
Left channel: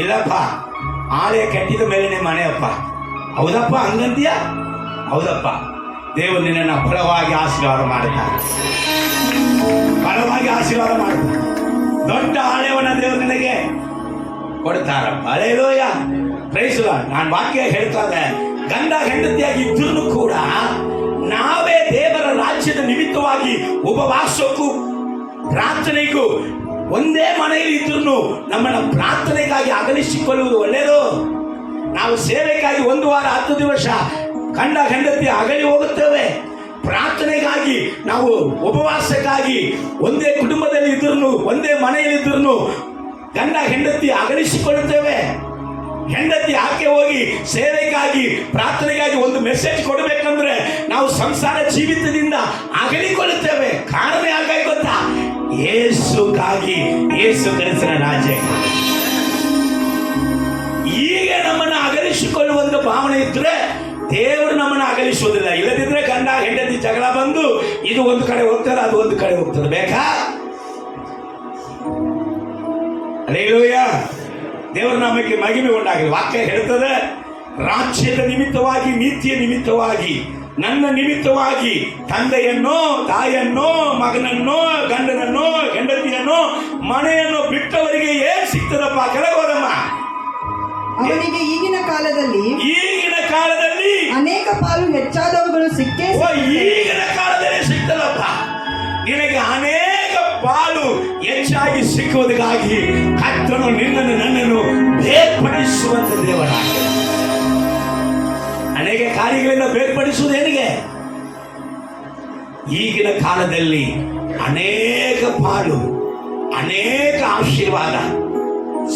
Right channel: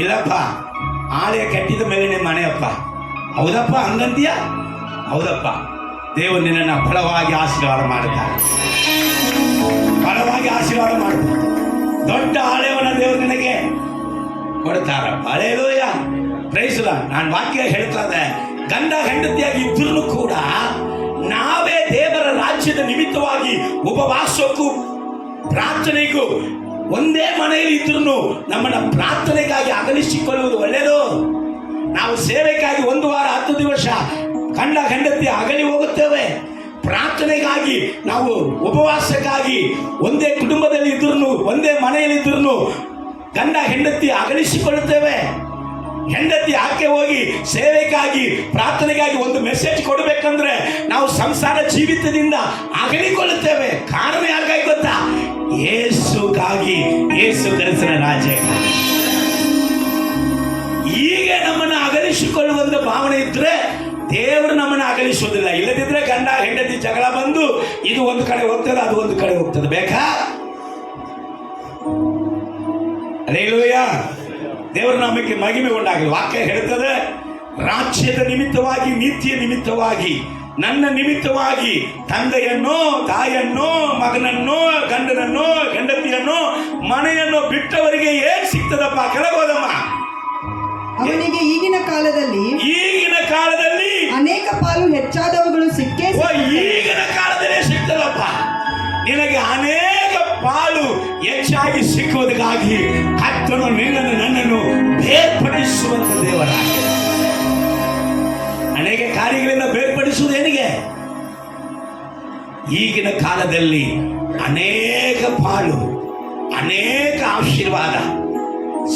ಇಲ್ಲಪ್ಪ, ಆಳೆ ಕಟ್ಟಿದ ಮೇಲೇನೆ ಮನೆ ಅಪ್ಪ. ಹೌದಪ್ಪ, ಹಂಗಂತೀಯ? ಹೌದಪ್ಪ, ದೇವರು ನಿನ್ನನ್ನು ಬಲವಾಗಿ ಆಶೀರ್ವಾದ ಮಾಡುತ್ತಾರೆ, ಬಲವಾಗಿ ಆಶೀರ್ವಾದ ಮಾಡುತ್ತಾರೆ. ದೊಡ್ಡ ಆಳೆಯವನ್ನ ದೇವರು ನಿನಗೆ ಕೊಡ್ತಾರಪ್ಪ. Hallelujah, praise the lord. ನಾನು ವಾಕ್ಯ ಹೇಳ್ತದೆ, ಗಂಡ ಹೆಂಡತಿಯಾಗಿ ಇದ್ರೂ ಕೂಡ ನಾವೇ ದೇವರ ರಾಜ್ಯದ ನಿಮಿತ್ತವಾಗಿ ಉಪವಾಸಕ್ಕೂ ಪ್ರಾರ್ಥನೆಗೂ ಒಂದೇ ಮನೆಯಲ್ಲಿ ಇದ್ರೂ ನಮ್ಮನ್ನ ಪ್ರಾರ್ಥನೆಗಾಗಿ ಅಗಲಿಸಿಕೊಳ್ಳುವುದು ಒಳ್ಳೆಯದು. ನಾವು ಸೇವೆಗಾಗಿ 1 ವಾರ 10 ದಿವಸ ಗಂಡ ಹೆಂಡತಿ ಅಗಲಿ ಹೋಗುತ್ತೇವೆ. ಪ್ರಾರ್ಥನೆಗಾಗಿ ನಾವು ಉಪವಾಸಕ್ಕಾಗಿ ಒಂದೇ ಕುಟುಂಬದಲ್ಲಿ ಇದ್ರೂ ಒಂದೇ ಮನೆಯಲ್ಲಿದ್ರೂ ಗಂಡ ಹೆಂಡತಿ ಅಗಲಿಸಿಕೊಳ್ಳುತ್ತೇವೆ. ಹೆಂಡತಿ ಆಕೆ ಹೋಗಿ ಸೇವೆಗಾಗಿ ಪ್ರಾರ್ಥನೆಗಾಗಿ ಒಂದು ಮೆಸೇಜ್ ಕೊಡಬೇಕಂದ್ರೆ ನಾವು ಸಂಸಾರ ಜೀವಿತದಿಂದ ಅಗಲಿಕೊಳ್ಳುತ್ತೇವೆ. ಕಾರಣ ಯಾಕಾಗಿ ಗೊತ್ತಾ? ಯೇಸುಗಾಗಿ, ಯೇಸು ಕ್ರಿಸ್ತನ ರಾಜ್ಯ. ಈಗ ನಮ್ಮನ್ನು ಅಗಲಿಸಿಕೊಳ್ಳುವಂತ ಭಾವನೆ ಇದ್ರೆ ದೇವರು ನಮ್ಮನ್ನು ಅಗಲಿಸುವುದಿಲ್ಲ. ಇಲ್ಲದಿದ್ರೆ ಗಂಡ ಹೆಂಡತಿ ಜಗಳ ಬಂದು ಇದು ಒಂದು ಕಡೆ ಹೋಗ್ತದೆ, ಅದು ಒಂದು ಕಡೆ ಹೋಗ್ತದೆ. ಬೇಕಾ? ಹಲ್ಲೆಲೂಯಾ. ದೇವರ ನಾಮಕ್ಕೆ ಮಹಿಮೆ ಉಂಟಾಗಲಿ. ವಾಕ್ಯ ಹೇಳ್ತದೆ, ರಾಜ್ಯದ ನಿಮಿತ್ತವಾಗಿ, ನೀತಿಯ ನಿಮಿತ್ತವಾಗಿ, ನನ್ನ ನಿಮಿತ್ತವಾಗಿ ತಂದೆಯನ್ನೋ ತಾಯಿಯನ್ನೋ ಮಗನನ್ನೋ ಗಂಡನನ್ನೋ ಹೆಂಡತಿಯನ್ನೋ ಮನೆಯನ್ನು ಬಿಟ್ಟವರಿಗೆ ಏನ್ ಸಿಗ್ತದಪ್ಪ? ಕೆಳಗೋದಮ್ಮ. ಅವನಿಗೆ ಈಗಿನ ಕಾಲದಲ್ಲಿ ಅನೇಕ ಪಾಲು ಹೆಚ್ಚಾದವುಗಳು ಸಿಕ್ಕೇ ಈಗಿನ ಕಾಲದಲ್ಲೇ ಸಿಗ್ತದಪ್ಪ. ನಿನಗೆ ಅನೇಕ ಪಾಲು ಹೆಚ್ಚಾಗಿ ಸಿಕ್ಕುವುದಕ್ಕಾಗಿ ಕರ್ತನು ನಿನ್ನನ್ನು ನನ್ನನ್ನು ಬೇರ್ಪಡಿಸುವಂತ ದೇವರಾಗಿ ಅನೇಕ ಕಾರ್ಯಗಳಿಂದ ಬೇರ್ಪಡಿಸುವುದು ಏನಿಗೆ? ಈಗಿನ ಕಾಲದಲ್ಲಿ ಅನೇಕ ಪಾಲು, ಅನೇಕ ಆಶೀರ್ವಾದ,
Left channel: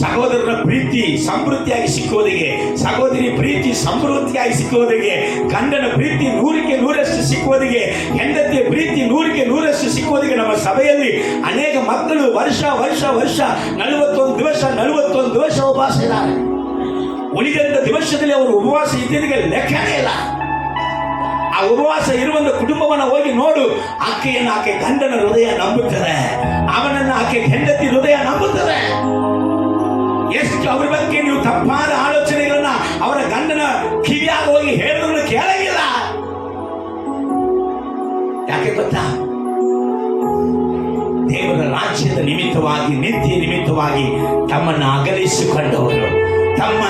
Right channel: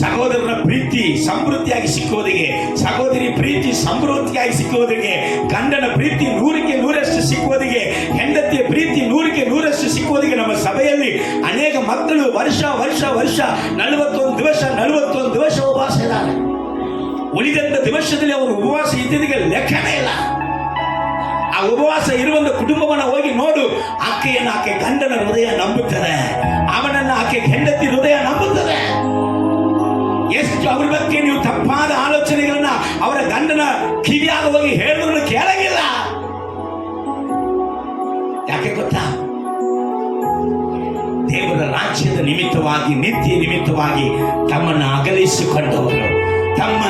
ಸಹೋದರನ ಪ್ರೀತಿ ಸಮೃದ್ಧಿಯಾಗಿ ಸಿಕ್ಕುವುದಿಗೆ, ಸಹೋದರಿ ಪ್ರೀತಿ ಸಮೃದ್ಧಿಯಾಗಿ ಸಿಕ್ಕುವುದಿಗೆ, ಗಂಡನ ಪ್ರೀತಿ 100ಕ್ಕೆ 100ರಷ್ಟು ಸಿಕ್ಕುವುದಿಗೆ, ಹೆಂಡತಿಯ ಪ್ರೀತಿ 100ಕ್ಕೆ 100ರಷ್ಟು ಸಿಕ್ಕುವುದಿಗೆ ನಮ್ಮ ಸಭೆಯಲ್ಲಿ ಅನೇಕ ಮಕ್ಕಳು ವರ್ಷ 41 ದಿವಸ ಉಪವಾಸ ಇದ್ದಾರೆ. ಉಳಿದಂತ ದಿವಸದಲ್ಲಿ ಅವರು ಉಪವಾಸ ಇದ್ದಿದ್ದಕ್ಕೆ ಲೆಕ್ಕನೇ ಇಲ್ಲ. ಆ ಉಪವಾಸ ಇರುವಂತ ಕುಟುಂಬವನ್ನು ಹೋಗಿ ನೋಡು. ಆಕೆ ಗಂಡನ ಹೃದಯ ನಂಬುತ್ತದೆ, ಅವನನ್ನು ಆಕೆ ಹೆಂಡತಿ ಹೃದಯ ನಂಬುತ್ತದೆ. ಎಷ್ಟು ಅವ್ರ ಬಗ್ಗೆ ನೀವು ತಪ್ಪಾದ ಆಲೋಚನೆಗಳನ್ನ ಅವರ ಗಂಡನ ಕಿವಿಯಾಗ ಹೋಗಿ ಹೇಳಿದ್ರು ಕೇಳಂಗಿಲ್ಲ. ಯಾಕೆ ಗೊತ್ತಾ? ದೇವರ ರಾಜ್ಯದ ನಿಮಿತ್ತವಾಗಿ, ನಿತ್ಯ ನಿಮಿತ್ತವಾಗಿ ತಮ್ಮನ್ನು ಅಗಲಿಸಿಕೊಂಡವರು ತಮ್ಮ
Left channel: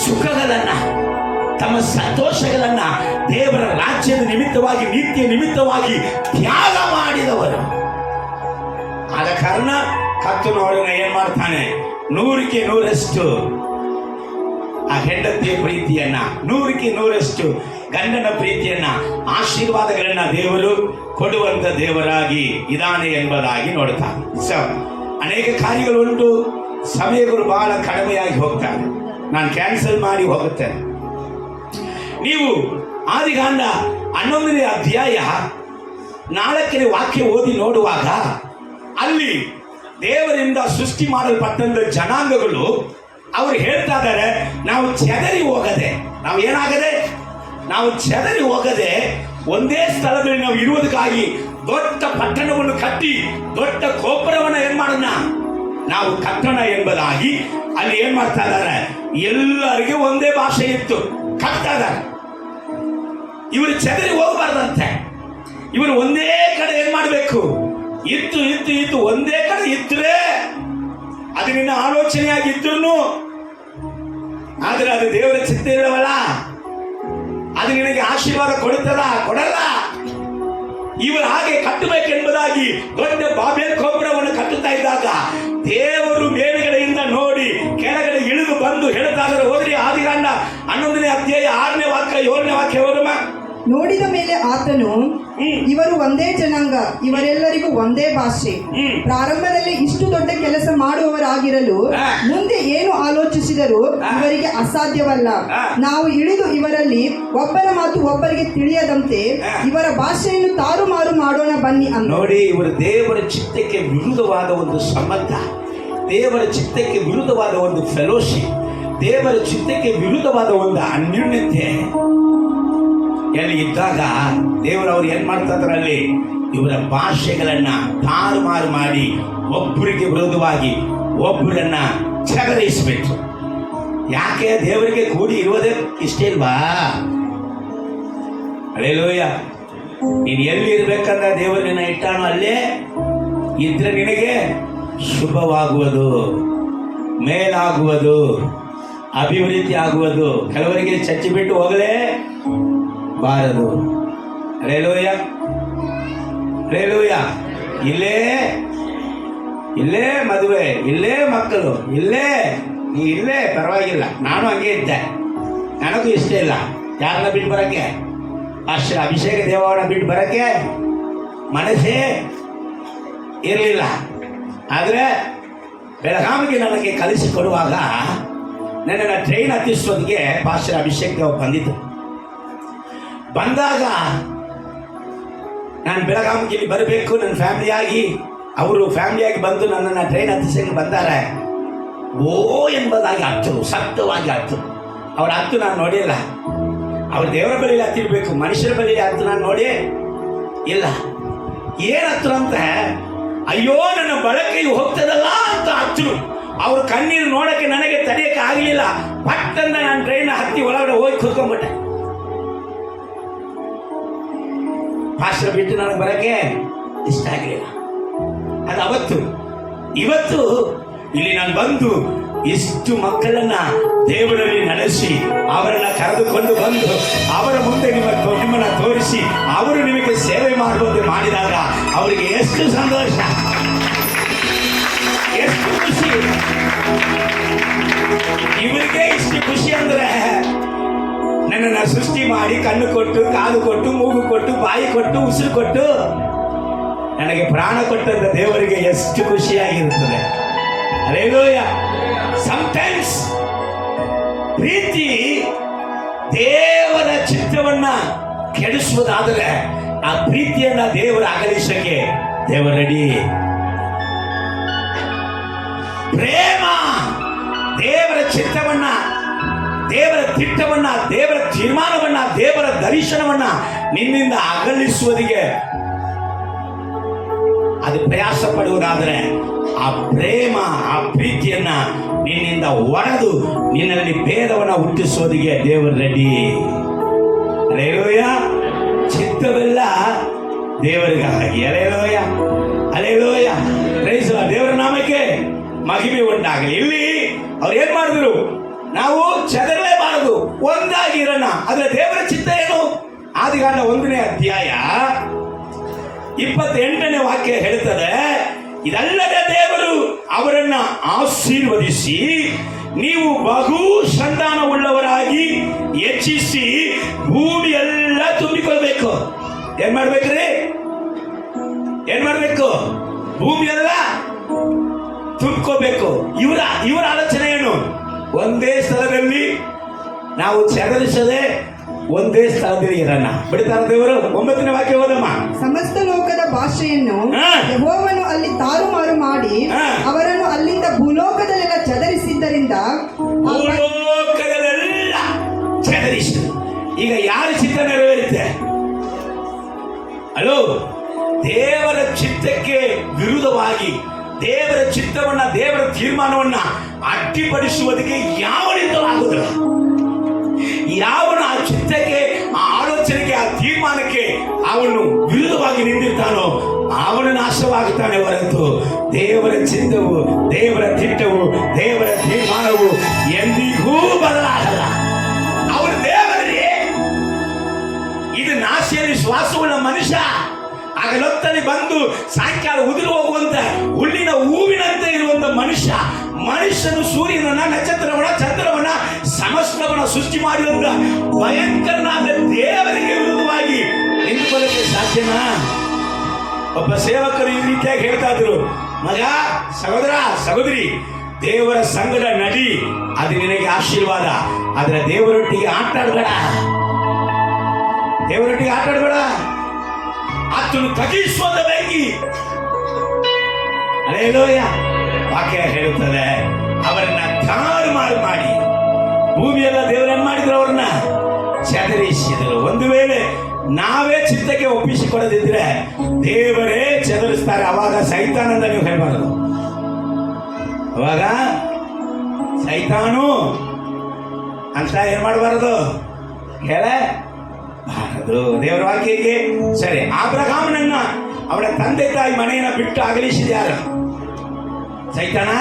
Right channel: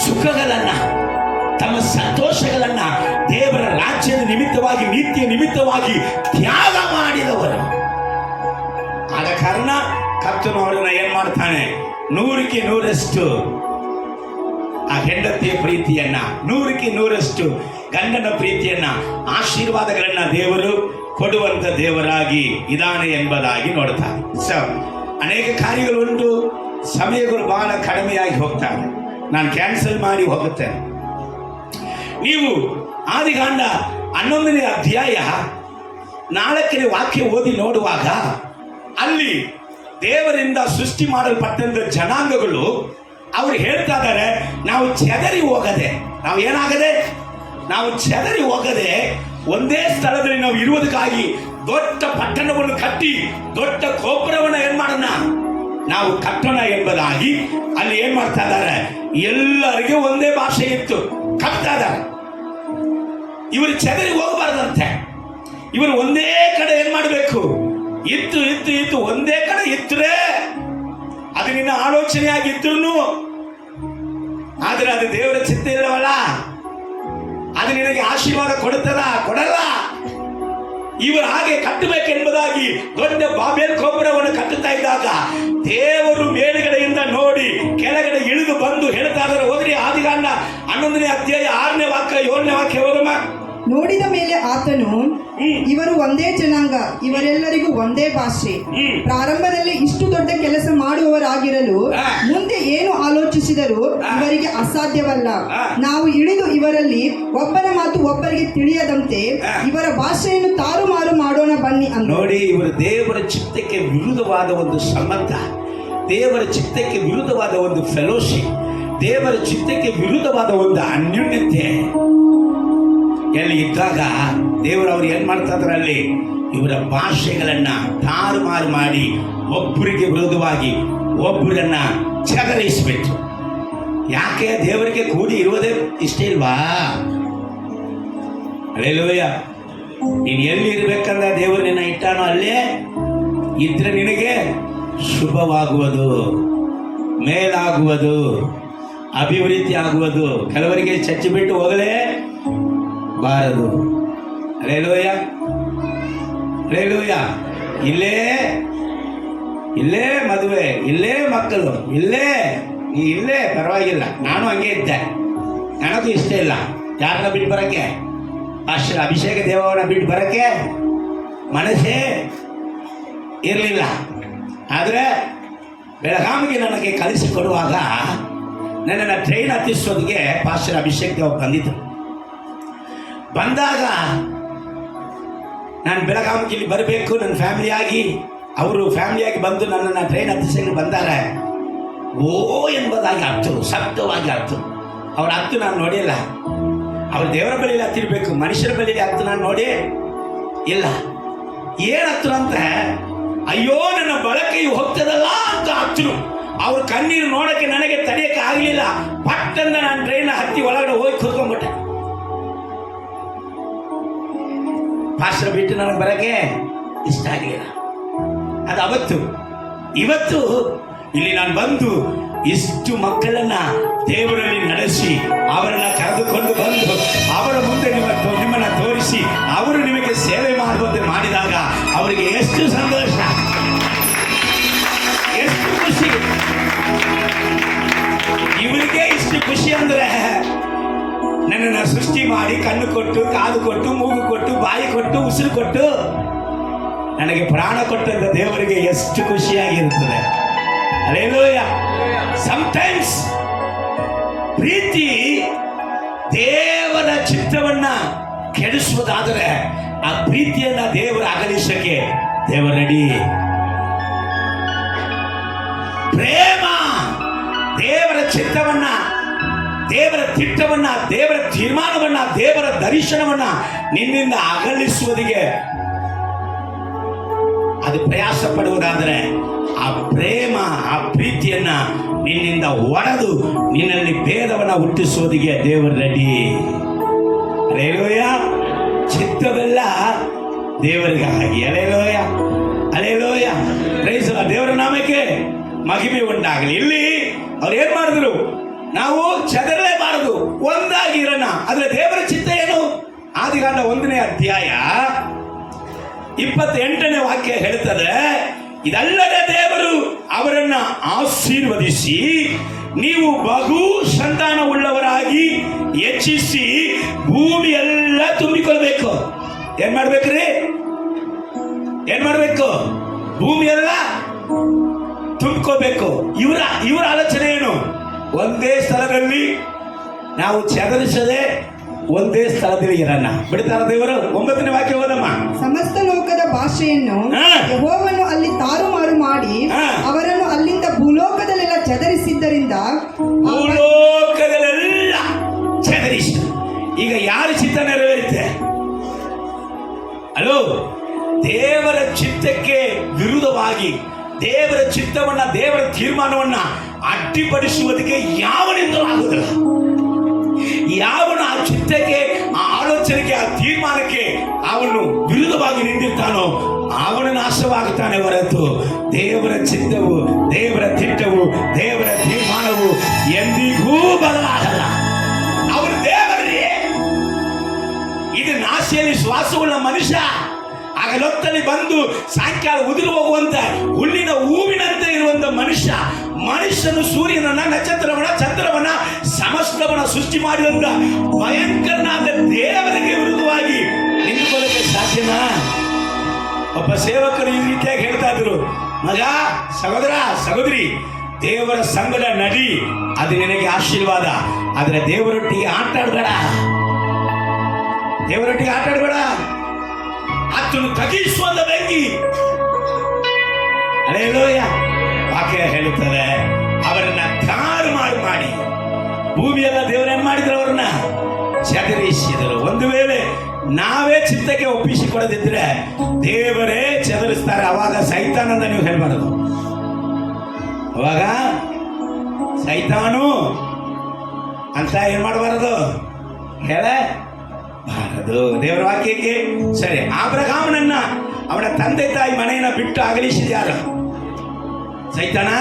ಸುಖಗಳನ್ನ, ತಮ್ಮ ಸಂತೋಷಗಳನ್ನ ದೇವರ ರಾಜ್ಯದ ನಿಮಿತ್ತವಾಗಿ, ನಿತ್ಯ ನಿಮಿತ್ತವಾಗಿ ತ್ಯಾಗ ಮಾಡಿದವರು. ಆದ ಕಾರಣ ಕರ್ತನು ಅವರನ್ನ ಏನ್ ಮಾಡ್ತಾನೆ? 100ಕ್ಕೆ 100ರಷ್ಟು ಆ ಹೆಂಡತಿಯ ಪ್ರೀತಿಯನ್ನ, 100ಕ್ಕೆ 100ರಷ್ಟು ಗಂಡನ ಪ್ರೀತಿಯನ್ನ, ಆಶೀರ್ವಾದಗಳನ್ನ ದೇವರು ಕೊಡುವಂತ ದೇವರಾಗಿ ಇದಾನೆ ಎಂಬುದಾಗಿ ನೋಡ್ತಾನೆ. ಅನೇಕ ಕಾರ್ಯಗಳು ಉಂಟು, ಸಮಯಗಳು ಬಹಳ ಕಡಿಮೆಯಾಗಿ ಹೋಗ್ತಾರೆ. ನಾನು ಕ್ಯಾನ್ಸಲ್ ಮಾಡಿ ಹೋಗುತ್ತೇನೆ. ನೀವು ಆದಿಕಾಂಡ 11ನೇ ಅಧ್ಯಾಯ 4ನೇ ವಾಕ್ಯ ಓದಿ ನೋಡುವಾಗ ಅಲ್ಲಿ ದೇವರಿಂದ ಸೃಷ್ಟಿ ಮಾಡಲ್ಪಟ್ಟಂತ ಜನಾಂಗಗಳು ಅವರು ಹೇಳ್ತಾ ಇದ್ದಾರೆ, ನಾವು ಚೆದರಿ ಹೋಗದೆ, ನಾವು ಚೆದರಿ ಹೋಗದೆ ಒಂದೇ ಸ್ಥಳದಲ್ಲಿ ನಾವು ಇರುವುದಕ್ಕಾಗಿ ದೊಡ್ಡ ಪಟ್ಟಣವನ್ನು ಕಟ್ಟಿ ದೊಡ್ಡ ಗೋಪುರವನ್ನು ಏನ್ ಮಾಡೋಣ ನಾವು ಕಟ್ಟಣ ಎಂಬುದಾಗಿ ಅಲ್ಲಿ ಏನ್ ಮಾಡ್ತಾ ಇದ್ದಾರೆ? ಎಲ್ಲರಿಗೂ ಒಂದೇ ಭಾಷೆ ಇತ್ತು, ಕಟ್ತಾ ಇದ್ದಾರೆ. ಇವರು ಚೆದರಿ ಹೋಗಬಾರ್ದಂತೆ, ಇವರು ಒಂದೇ ಕಡೆ ಏನ್ ಮಾಡಬೇಕು? ಇತ್ತು ಒಂದೇ ಕಡೆ ಇದ್ರೆ ಅದು ನಿನ್ನ ಆಲೋಚನೆಯಾಗಿದ್ರು, ಆದ್ರೆ ಅದು ದೇವರ ಚಿತ್ತ ಇಲ್ಲವಲ್ಲ, ಅದು ನಿನಗೆ ಆಶೀರ್ವಾದ ಕೊಡಲ್ಲ. ಇವರು ಹಾಗೆ ಕಟ್ಟಬೇಕೆಂಬುದಾಗಿ ದೊಡ್ಡ ಬಾಬೆಲ್ ಗೋಪುರವನ್ನು ಕಟ್ಟುತ್ತಾ ಇದ್ದಾಗ ದೇವರು ಮೇಲುಗಡೆಯಿಂದ ನೋಡಿ ಕೆಳಗಡೆ ಇಳಿದು ಬಂದು ಹೇಳ್ತಾ ಇದ್ದಾರೆ. ಹೋದ್ರಿ ಆದಿಕಾಂಡ 11ನೇ ಅಧ್ಯಾಯ 6ನೇ ವಾಕ್ಯ 7ನೇ ವಾಕ್ಯ ಓದಮ್ಮ. ನೋಡಿದ ಮೇಲೆ ಆತನು, ಇವರು ಒಂದೇ ಜನಾಂಗ, ಇವರೆಲ್ಲರಿಗೂ ಒಂದೇ ಭಾಷೆ, ಪ್ರಾರಂಭದಲ್ಲಿ ಇಷ್ಟು ದೊಡ್ಡ ಕೆಲಸ ಮಾಡುವವರಾಗಿರಲು ಮುಂದೆ ಏನು ಆಲೋಚಿಸಿದರೂ ಇವರಿಗೆ ಅಸಾಧ್ಯವಲ್ಲ. ನಾವು ಇಳಿದು ಇವರಲ್ಲಿ ಒಬ್ಬರ ಮಾತು ಒಬ್ಬರಿಗೆ ತಿಳಿಯದಂತೆ ಇವರ ಭಾಷೆಯನ್ನು ತಾರುಮಾರು ಮಾಡೋಣ ಬನ್ನಿ ಅಂತ. ನೋಡಿ, ಇವರು ದೇವರ ಚಿತ್ತಕ್ಕೆ ವಿರುದ್ಧವಾದ ಒಂದು ಸಂಬಂಧ, ದೇವರ ಚಿತ್ತಕ್ಕೆ ವಿರುದ್ಧವಾದ ಒಂದು ಫೆಲೋಶಿಪ್, ದೇವರ ಚಿತ್ತಕ್ಕೆ ವಿರುದ್ಧವಾದ ಒಂದು ಅನ್ಯೋನ್ಯತೆ ಎಲ್ಲಿ ಇದ್ದಾಗ ದೇವರು ಅವ್ರು ಏನ್ ಮಾಡ್ತಾ ಇದ್ದಾರೆ? ಅಲ್ಲಿ ಇವರ ಭಾಷೆಗಳನ್ನ ತಾರುಮಾರು ಮಾಡಿ ಒಬ್ಬರಿಗೆ ವಿರೋಧವಾಗಿ ಒಬ್ಬರನ್ನ ಚಗರಿಸಬೇಕು. ಯಾಕೆ? ದೇವರಿಗೆ ಕೂಡಿ ಇರುವುದೇ ಇಷ್ಟ ಇಲ್ವಾ? ಹಲ್ಲೆಲೂಯ. ನೀನು ಎಲ್ಲಿ ಇರ್ಬೇಕಂದ್ರೆ ದೇವರು ನಿನ್ನ ಇಟ್ಟಾನೋ ಅಲ್ಲೇ ಇದ್ರೆ ನಿನಗೆ ಶುಭವಾಗುವುದು, ಮೇಲಾಗುವುದು, ಅಭಿವೃದ್ಧಿ ಆಗುವುದು. ಕೆಲವರಿಗೆ ಚಚ್ಚಿ ಬಿಟ್ಟು ಹೋಗಲೇ ಬಾರದು. Hallelujah, hallelujah. ಇಲ್ಲೇ ಮದುವೆ, ಇಲ್ಲೇ ಮಕ್ಕಳು, ಇಲ್ಲೇ ಪರವಾಗಿಲ್ಲ. ನಾನು ಹಂಗೆ ಇದ್ದೆ, ನನಗೂ ಇಷ್ಟ ಇಲ್ಲ. ಯಾರನ್ನ ಬಿಟ್ಟು ಬರಕ್ಕೆ? ಪಾಸ್ಟರ್ ಅಭಿಷೇಕ ದೇವರನ್ನ ಬಿಟ್ಟು ಬರಕ್ಕೆ ಮನಸ್ಸೇ ಇರಲಿಲ್ಲ. ಆದರೆ ಬೆಳಗಾವಿಗೆ ನನಗೆ ಕಳಿಸಿಕೊಡುವಾಗ ನನ್ನನ್ನು ಟ್ರೈನ್ ಹತ್ತಿಸೋದಿಗೆ ಪಾಸ್ಟರ್ ಅಭಿಷೇಕ್ ದೇವ ಬಂದಿದ್ದರು. ಬಂದಾಗ ನಾನು ಬೆಳಗಾವಿಗೆ ಇಲ್ಲಿ ಬರಬೇಕು ನನ್ನ ಫ್ಯಾಮಿಲಿಯಾಗಿ, ಅವರು ಫ್ಯಾಮಿಲಿಯಾಗಿ ಬಂದು ನನ್ನನ್ನು ಟ್ರೈನ್ ಹತ್ತಿಸಲು ಬಂದಾರೆ. ಓ ಎಂಬುದಾಗಿ ಹತ್ತರು, ಸಪ್ತವಾಗಿ ಹತ್ತರು. ಅವ್ರ ಹತ್ತು ನಾನು ನೋಡಿಲ್ಲ. ಅವ್ರು ದೇವರ ಬಳಿಯಲ್ಲಿ ಹತ್ತಿರಬೇಕು, ಮನುಷ್ಯರ ಬಳಿಯಲ್ಲಿ ಹತ್ತು ನಾನು ನೋಡಿ ಇಲ್ಲ. ಏನು ಹತ್ತರು ಅಂತ, ಅಯ್ಯೋ ನನ್ನ ಬಳಕೆಯು ಹೋಗ್ತದಲ್ಲ ಅಂತ ಹತ್ತರು. ಅವ್ರ ಕಣ್ಣೀರು ನೋಡಕ್ಕೆ ನನಗೆ ತಡೆಯಕ್ಕೆ ಆಗಲಿಲ್ಲ. ಪಟ್ಟಂದ ನಾನು ಟ್ರೈನ್ ಹತ್ತಿ ಒಳಗಡೆ ಹೋಗಿ ಕೂತ್ಕೊಂಡ್ಬಿಟ್ಟೆ. ಪಾಸ್ಟರ್ ಬಿಟ್ಟು ನನಗೆ ಬರಕ್ಕೆ ಇಷ್ಟ ಆಗಲಿಲ್ಲ. ಅದು ಅವತ್ತು. ಇವತ್ತು ಇಲ್ಲಿ ನಾನು ಬಂದು ಇಷ್ಟು ಮಕ್ಕಳನ್ನ ದೇವರಲ್ಲಿ ನಡೆಸಿ ಅವರನ್ನ ಕರೆದುಕೊಂಡು ಬಂದು ಅವರ ಮುಂದೆ ನಿಮ್ಮನ್ನ ತೋರಿಸಿ ಅವರು ನಿಮಗೆ ಸೇವೆ ಮಾಡುವಂತೆ ಮಾಡಿದಾಗ ಅವರಿಗೆ ಎಷ್ಟು ಸಂತೋಷ, ಎಷ್ಟು ಖುಷಿ. ಇವರಿಗೆ ಇಷ್ಟು ಖುಷಿ ಅಂದ್ರೆ ನನ್ನನ್ನು ಸೃಷ್ಟಿ ಮಾಡಿ ಕಣ್ಣು ಕೊಟ್ಟು, ಕಾಲು ಕೊಟ್ಟು, ಮೂಗು ಕೊಟ್ಟು, ಬಾಯಿ ಕೊಟ್ಟು, ಉಸಿರು ಕೊಟ್ಟು ನನಗೆ ಪ್ರಾಣ ಕೊಟ್ಟಂತ ದೇವರಿಗೆ ಎಷ್ಟು ಖುಷಿಯಾಗಿರುತ್ತದೆ. ಹಲ್ಲೆಲೂಯಾ. ಸಮಟೈಮ್ಸ್ ಪ್ರೀತಿ ದೇವರ ಚಿತ್ತವನ್ನ ಕೆಡಿಸುವುದಾದರೆ ಆ ಪ್ರೀತಿಯನ್ನ ದೇವರ ಅಗಲಿಸಕ್ಕೆ ದೇವರ ರೆಡಿ. ಪ್ರೇಮ ದೇವರ ಚಿತ್ತವನ್ನ, ದೇವರ ತಿಟ್ಟವನ್ನ, ದೇವರ ತೀರ್ಮಾನವನ್ನ, ದೇವರ ದರ್ಶನವನ್ನ ನಿನ್ನಿಂದ ಅಗಲಿಸುವುದಿಗೆ ಅದು ಪ್ರಯಾಸ ಪಡುವುದಾದರೆ ಆ ಪ್ರೇಮ, ಆ ಪ್ರೀತಿಯನ್ನ ನಿನ್ನಿಂದ ಒಡೆದು ನಿನ್ನಲ್ಲಿ ಭೇದವನ್ನ ಹುಟ್ಟಿಸುವುದಿಗೆ ದೇವರು ರೆಡಿ. ಹಲ್ಲೆಲೂಯಾ. ಚಿತ್ತವೆಲ್ಲ ದೇವರಿಗಾಗಿ. Hallelujah, hallelujah. Praise lord. ದೇವರ ನಾಮಕ್ಕೆ ಮಹಿಮೆ ಉಂಟಾಗಲಿ. ಇಲ್ಲಿ ಅವ್ರು ಏನ್ ಮಾಡಿದ್ರು, ನಾವು ಚದರಲೇಬಾರದು, ಒಂದಾಗಿ ಇರೋಣ. ಆದ್ರೆ ದೇವರ ಚಿತ್ತ ಏನು? ಆದಿಕಾಂಡ 1ನೇ ಅಧ್ಯಾಯ 28ನೇ ವಾಕ್ಯ ಹೇಳ್ತದೆ, ಇದಲ್ಲದ ದೇವರು ಅವರನ್ನ ಆಶೀರ್ವದಿಸಿ ನೀವು ಬಹು ಸಂತಾನವುಳ್ಳವರಾಗಿ ಹೆಚ್ಚಿಸಿ ಭೂಮಿ ಎಲ್ಲ ತುಂಬಿಕೊಳ್ಬೇಕು. ಏನ್ ಮಾಡ್ಬೇಕ್ರಿ? ಏನ್ ಮಾಡ್ಬೇಕು? ಭೂಮಿ ಎಲ್ಲ ತುಂಬಿಕೋಬೇಕು. ಇವರ ಆಲೋಚನೆ ಏನು? ಒಂದೇ ಸ್ಥಳದಲ್ಲಿ ನಾವು ಚದರಿಸದೆ ಒಂದೇ ಸ್ಥಳದಲ್ಲಿ ಇರೋಣ. ಬಿಡ್ತಾರ ದೇವರು. 9ನೇ ವಾಕ್ಯ ಓದಮ್ಮ. ಸಮಸ್ತ ಲೋಕದ ಭಾಷೆಯನ್ನು ಯೆಹೋವನು ಅಲ್ಲಿ ತಾರುಮಾರು ಮಾಡಿ ಅವರನ್ನು ಅಲ್ಲಿಂದ ಭೂಲೋಕದಲ್ಲೆಲ್ಲ ಚದರಿಸಿದ್ದರಿಂದ ಭೂಲೋಕದಲ್ಲೆಲ್ಲ ಚದರಿಸಿ. ಈಗ ಯಾರ ಚಿತ್ತ ನೆರವೇರುತ್ತೆ? ಅಲೋ, ದೇವರ ಚಿತ್ತಕ್ಕೆ ವಿರುದ್ಧವಾಗಿ ದೇವರ ಚಿತ್ತವನ್ನ, ದೇವರ ತೀರ್ಮಾನವನ್ನ ಅಡ್ಡಿಪಡಿಸುವುದಕ್ಕೆ ಯಾವನಿಂದಲೂ ಆಗುವುದಿಲ್ಲ. ಯಾವನು ಆ ಚಿತ್ತಕ್ಕೆ, ಆ ಆಲೋಚನೆಗೆ, ಆ ತೀರ್ಮಾನಕ್ಕೆ ಅವನು ವಿರುದ್ಧವಾಗಿ ನಿಂತಿರ್ತಾನೋ ಅವನು ನಾಶವಾಗುತ್ತಾನೆ ಹೊರತು ದೇವರ ಚಿತ್ತವು, ದೇವರ ತಿಟ್ಟವು, ದೇವರ ತೀರ್ಮಾನವು ಎಂದಿಗೂ ಬದಲಾಗಲ್ಲ. ಅವನು ದೇವರೇ. ಇದು ನಾಶಿಯಲ್ಲಿ ಶ್ವಾಸವುಳ್ಳ ಮನುಷ್ಯ ಹಗಲೊತ್ತಲ್ಲಿ ಬಂದು ಸಾಯಂಕಾಲ ಉದುರು ಹೋಗುವಂತ ಹುಲ್ಲಿನ ಹೂವಿನಂತೆ ಇರುವಂತ ಮನುಷ್ಯ. ಮನುಷ್ಯನು ಸೂರ್ಯನನ್ನ, ನಕ್ಷತ್ರವನ್ನ, ಚಂದ್ರವನ್ನ, ಸಮಸ್ತವನ್ನ ಸೃಷ್ಟಿ ಮಾಡಿದಂತ ಭಯಂಕರನಾದ ದೇವರಿಗೆ ವಿರುದ್ಧವಾಗಿ ನಿಂತುಕೊಳ್ಳಕ್ಕೆ ಸಾಧ್ಯನಾ? ಒಬ್ಬ ಸೇವಕರು ಈ ರೀತಿಯಾಗಿ ಹೇಳ್ತಾ ಇದ್ರು, ಮಗ, ಸಹೋದರ, ಸಹೋದರಿ, ದೇವರ ಸಂಗಡ ನಡಿ, ಅದು ನಿನಗೆ ಆಶೀರ್ವಾದ. ಆದ್ರೆ ದೇವರೊಟ್ಟಿಗೆ ಆಟಾಡಬೇಡ, ದೇವರೊಟ್ಟಿಗೆ ಆಟಾಡಬೇಡ. ಆತನು ತಗ್ಗಿಸುವಂತ ಬೆಂಕಿ. ಹಲ್ಲೆಲೂಯಾ. ವಾಕ್ಯ ಹೇಳುತ್ತದೆ, ಅವರನ್ನ ತಾರುಮಾರು ಮಾಡಿ ಭೂಮಿಯೆಲ್ಲ ದೇವರನ್ನು ಮಾಡಿದ್ರು, ಅವರನ್ನ ಚದರಿಸಿದರು. ಒಂದು ವೇಳೆ ನಾವೇ ಚಿತ್ತಕ್ಕೆ ಒಪ್ಪಿಸಿಕೊಡದಿದ್ರೆ ದೇವರೇ ಚದರಿಸ್ತಾರೆ. ಅವಾಗ ಸೈತಾನಂದ ನೀವು ಹೇಳ್ಬಾರದು. ಅವಾಗ ಸೈತಾನು ಅಂತ ಏನ್ ಮಾಡಬಾರದು, ಹೇಳಬಾರದು. ದೇವರ ವಾಕ್ಯಕ್ಕೆ ಸರಿ. ಅಬ್ರಹಾಮನನ್ನ ಅವನ ತಂದೆ ತಾಯಿ ಮನೆಯನ್ನ ಬಿಟ್ಟು ಅಗಲಿಸಿದ್ಯಾರ? ಸೈತಾನ.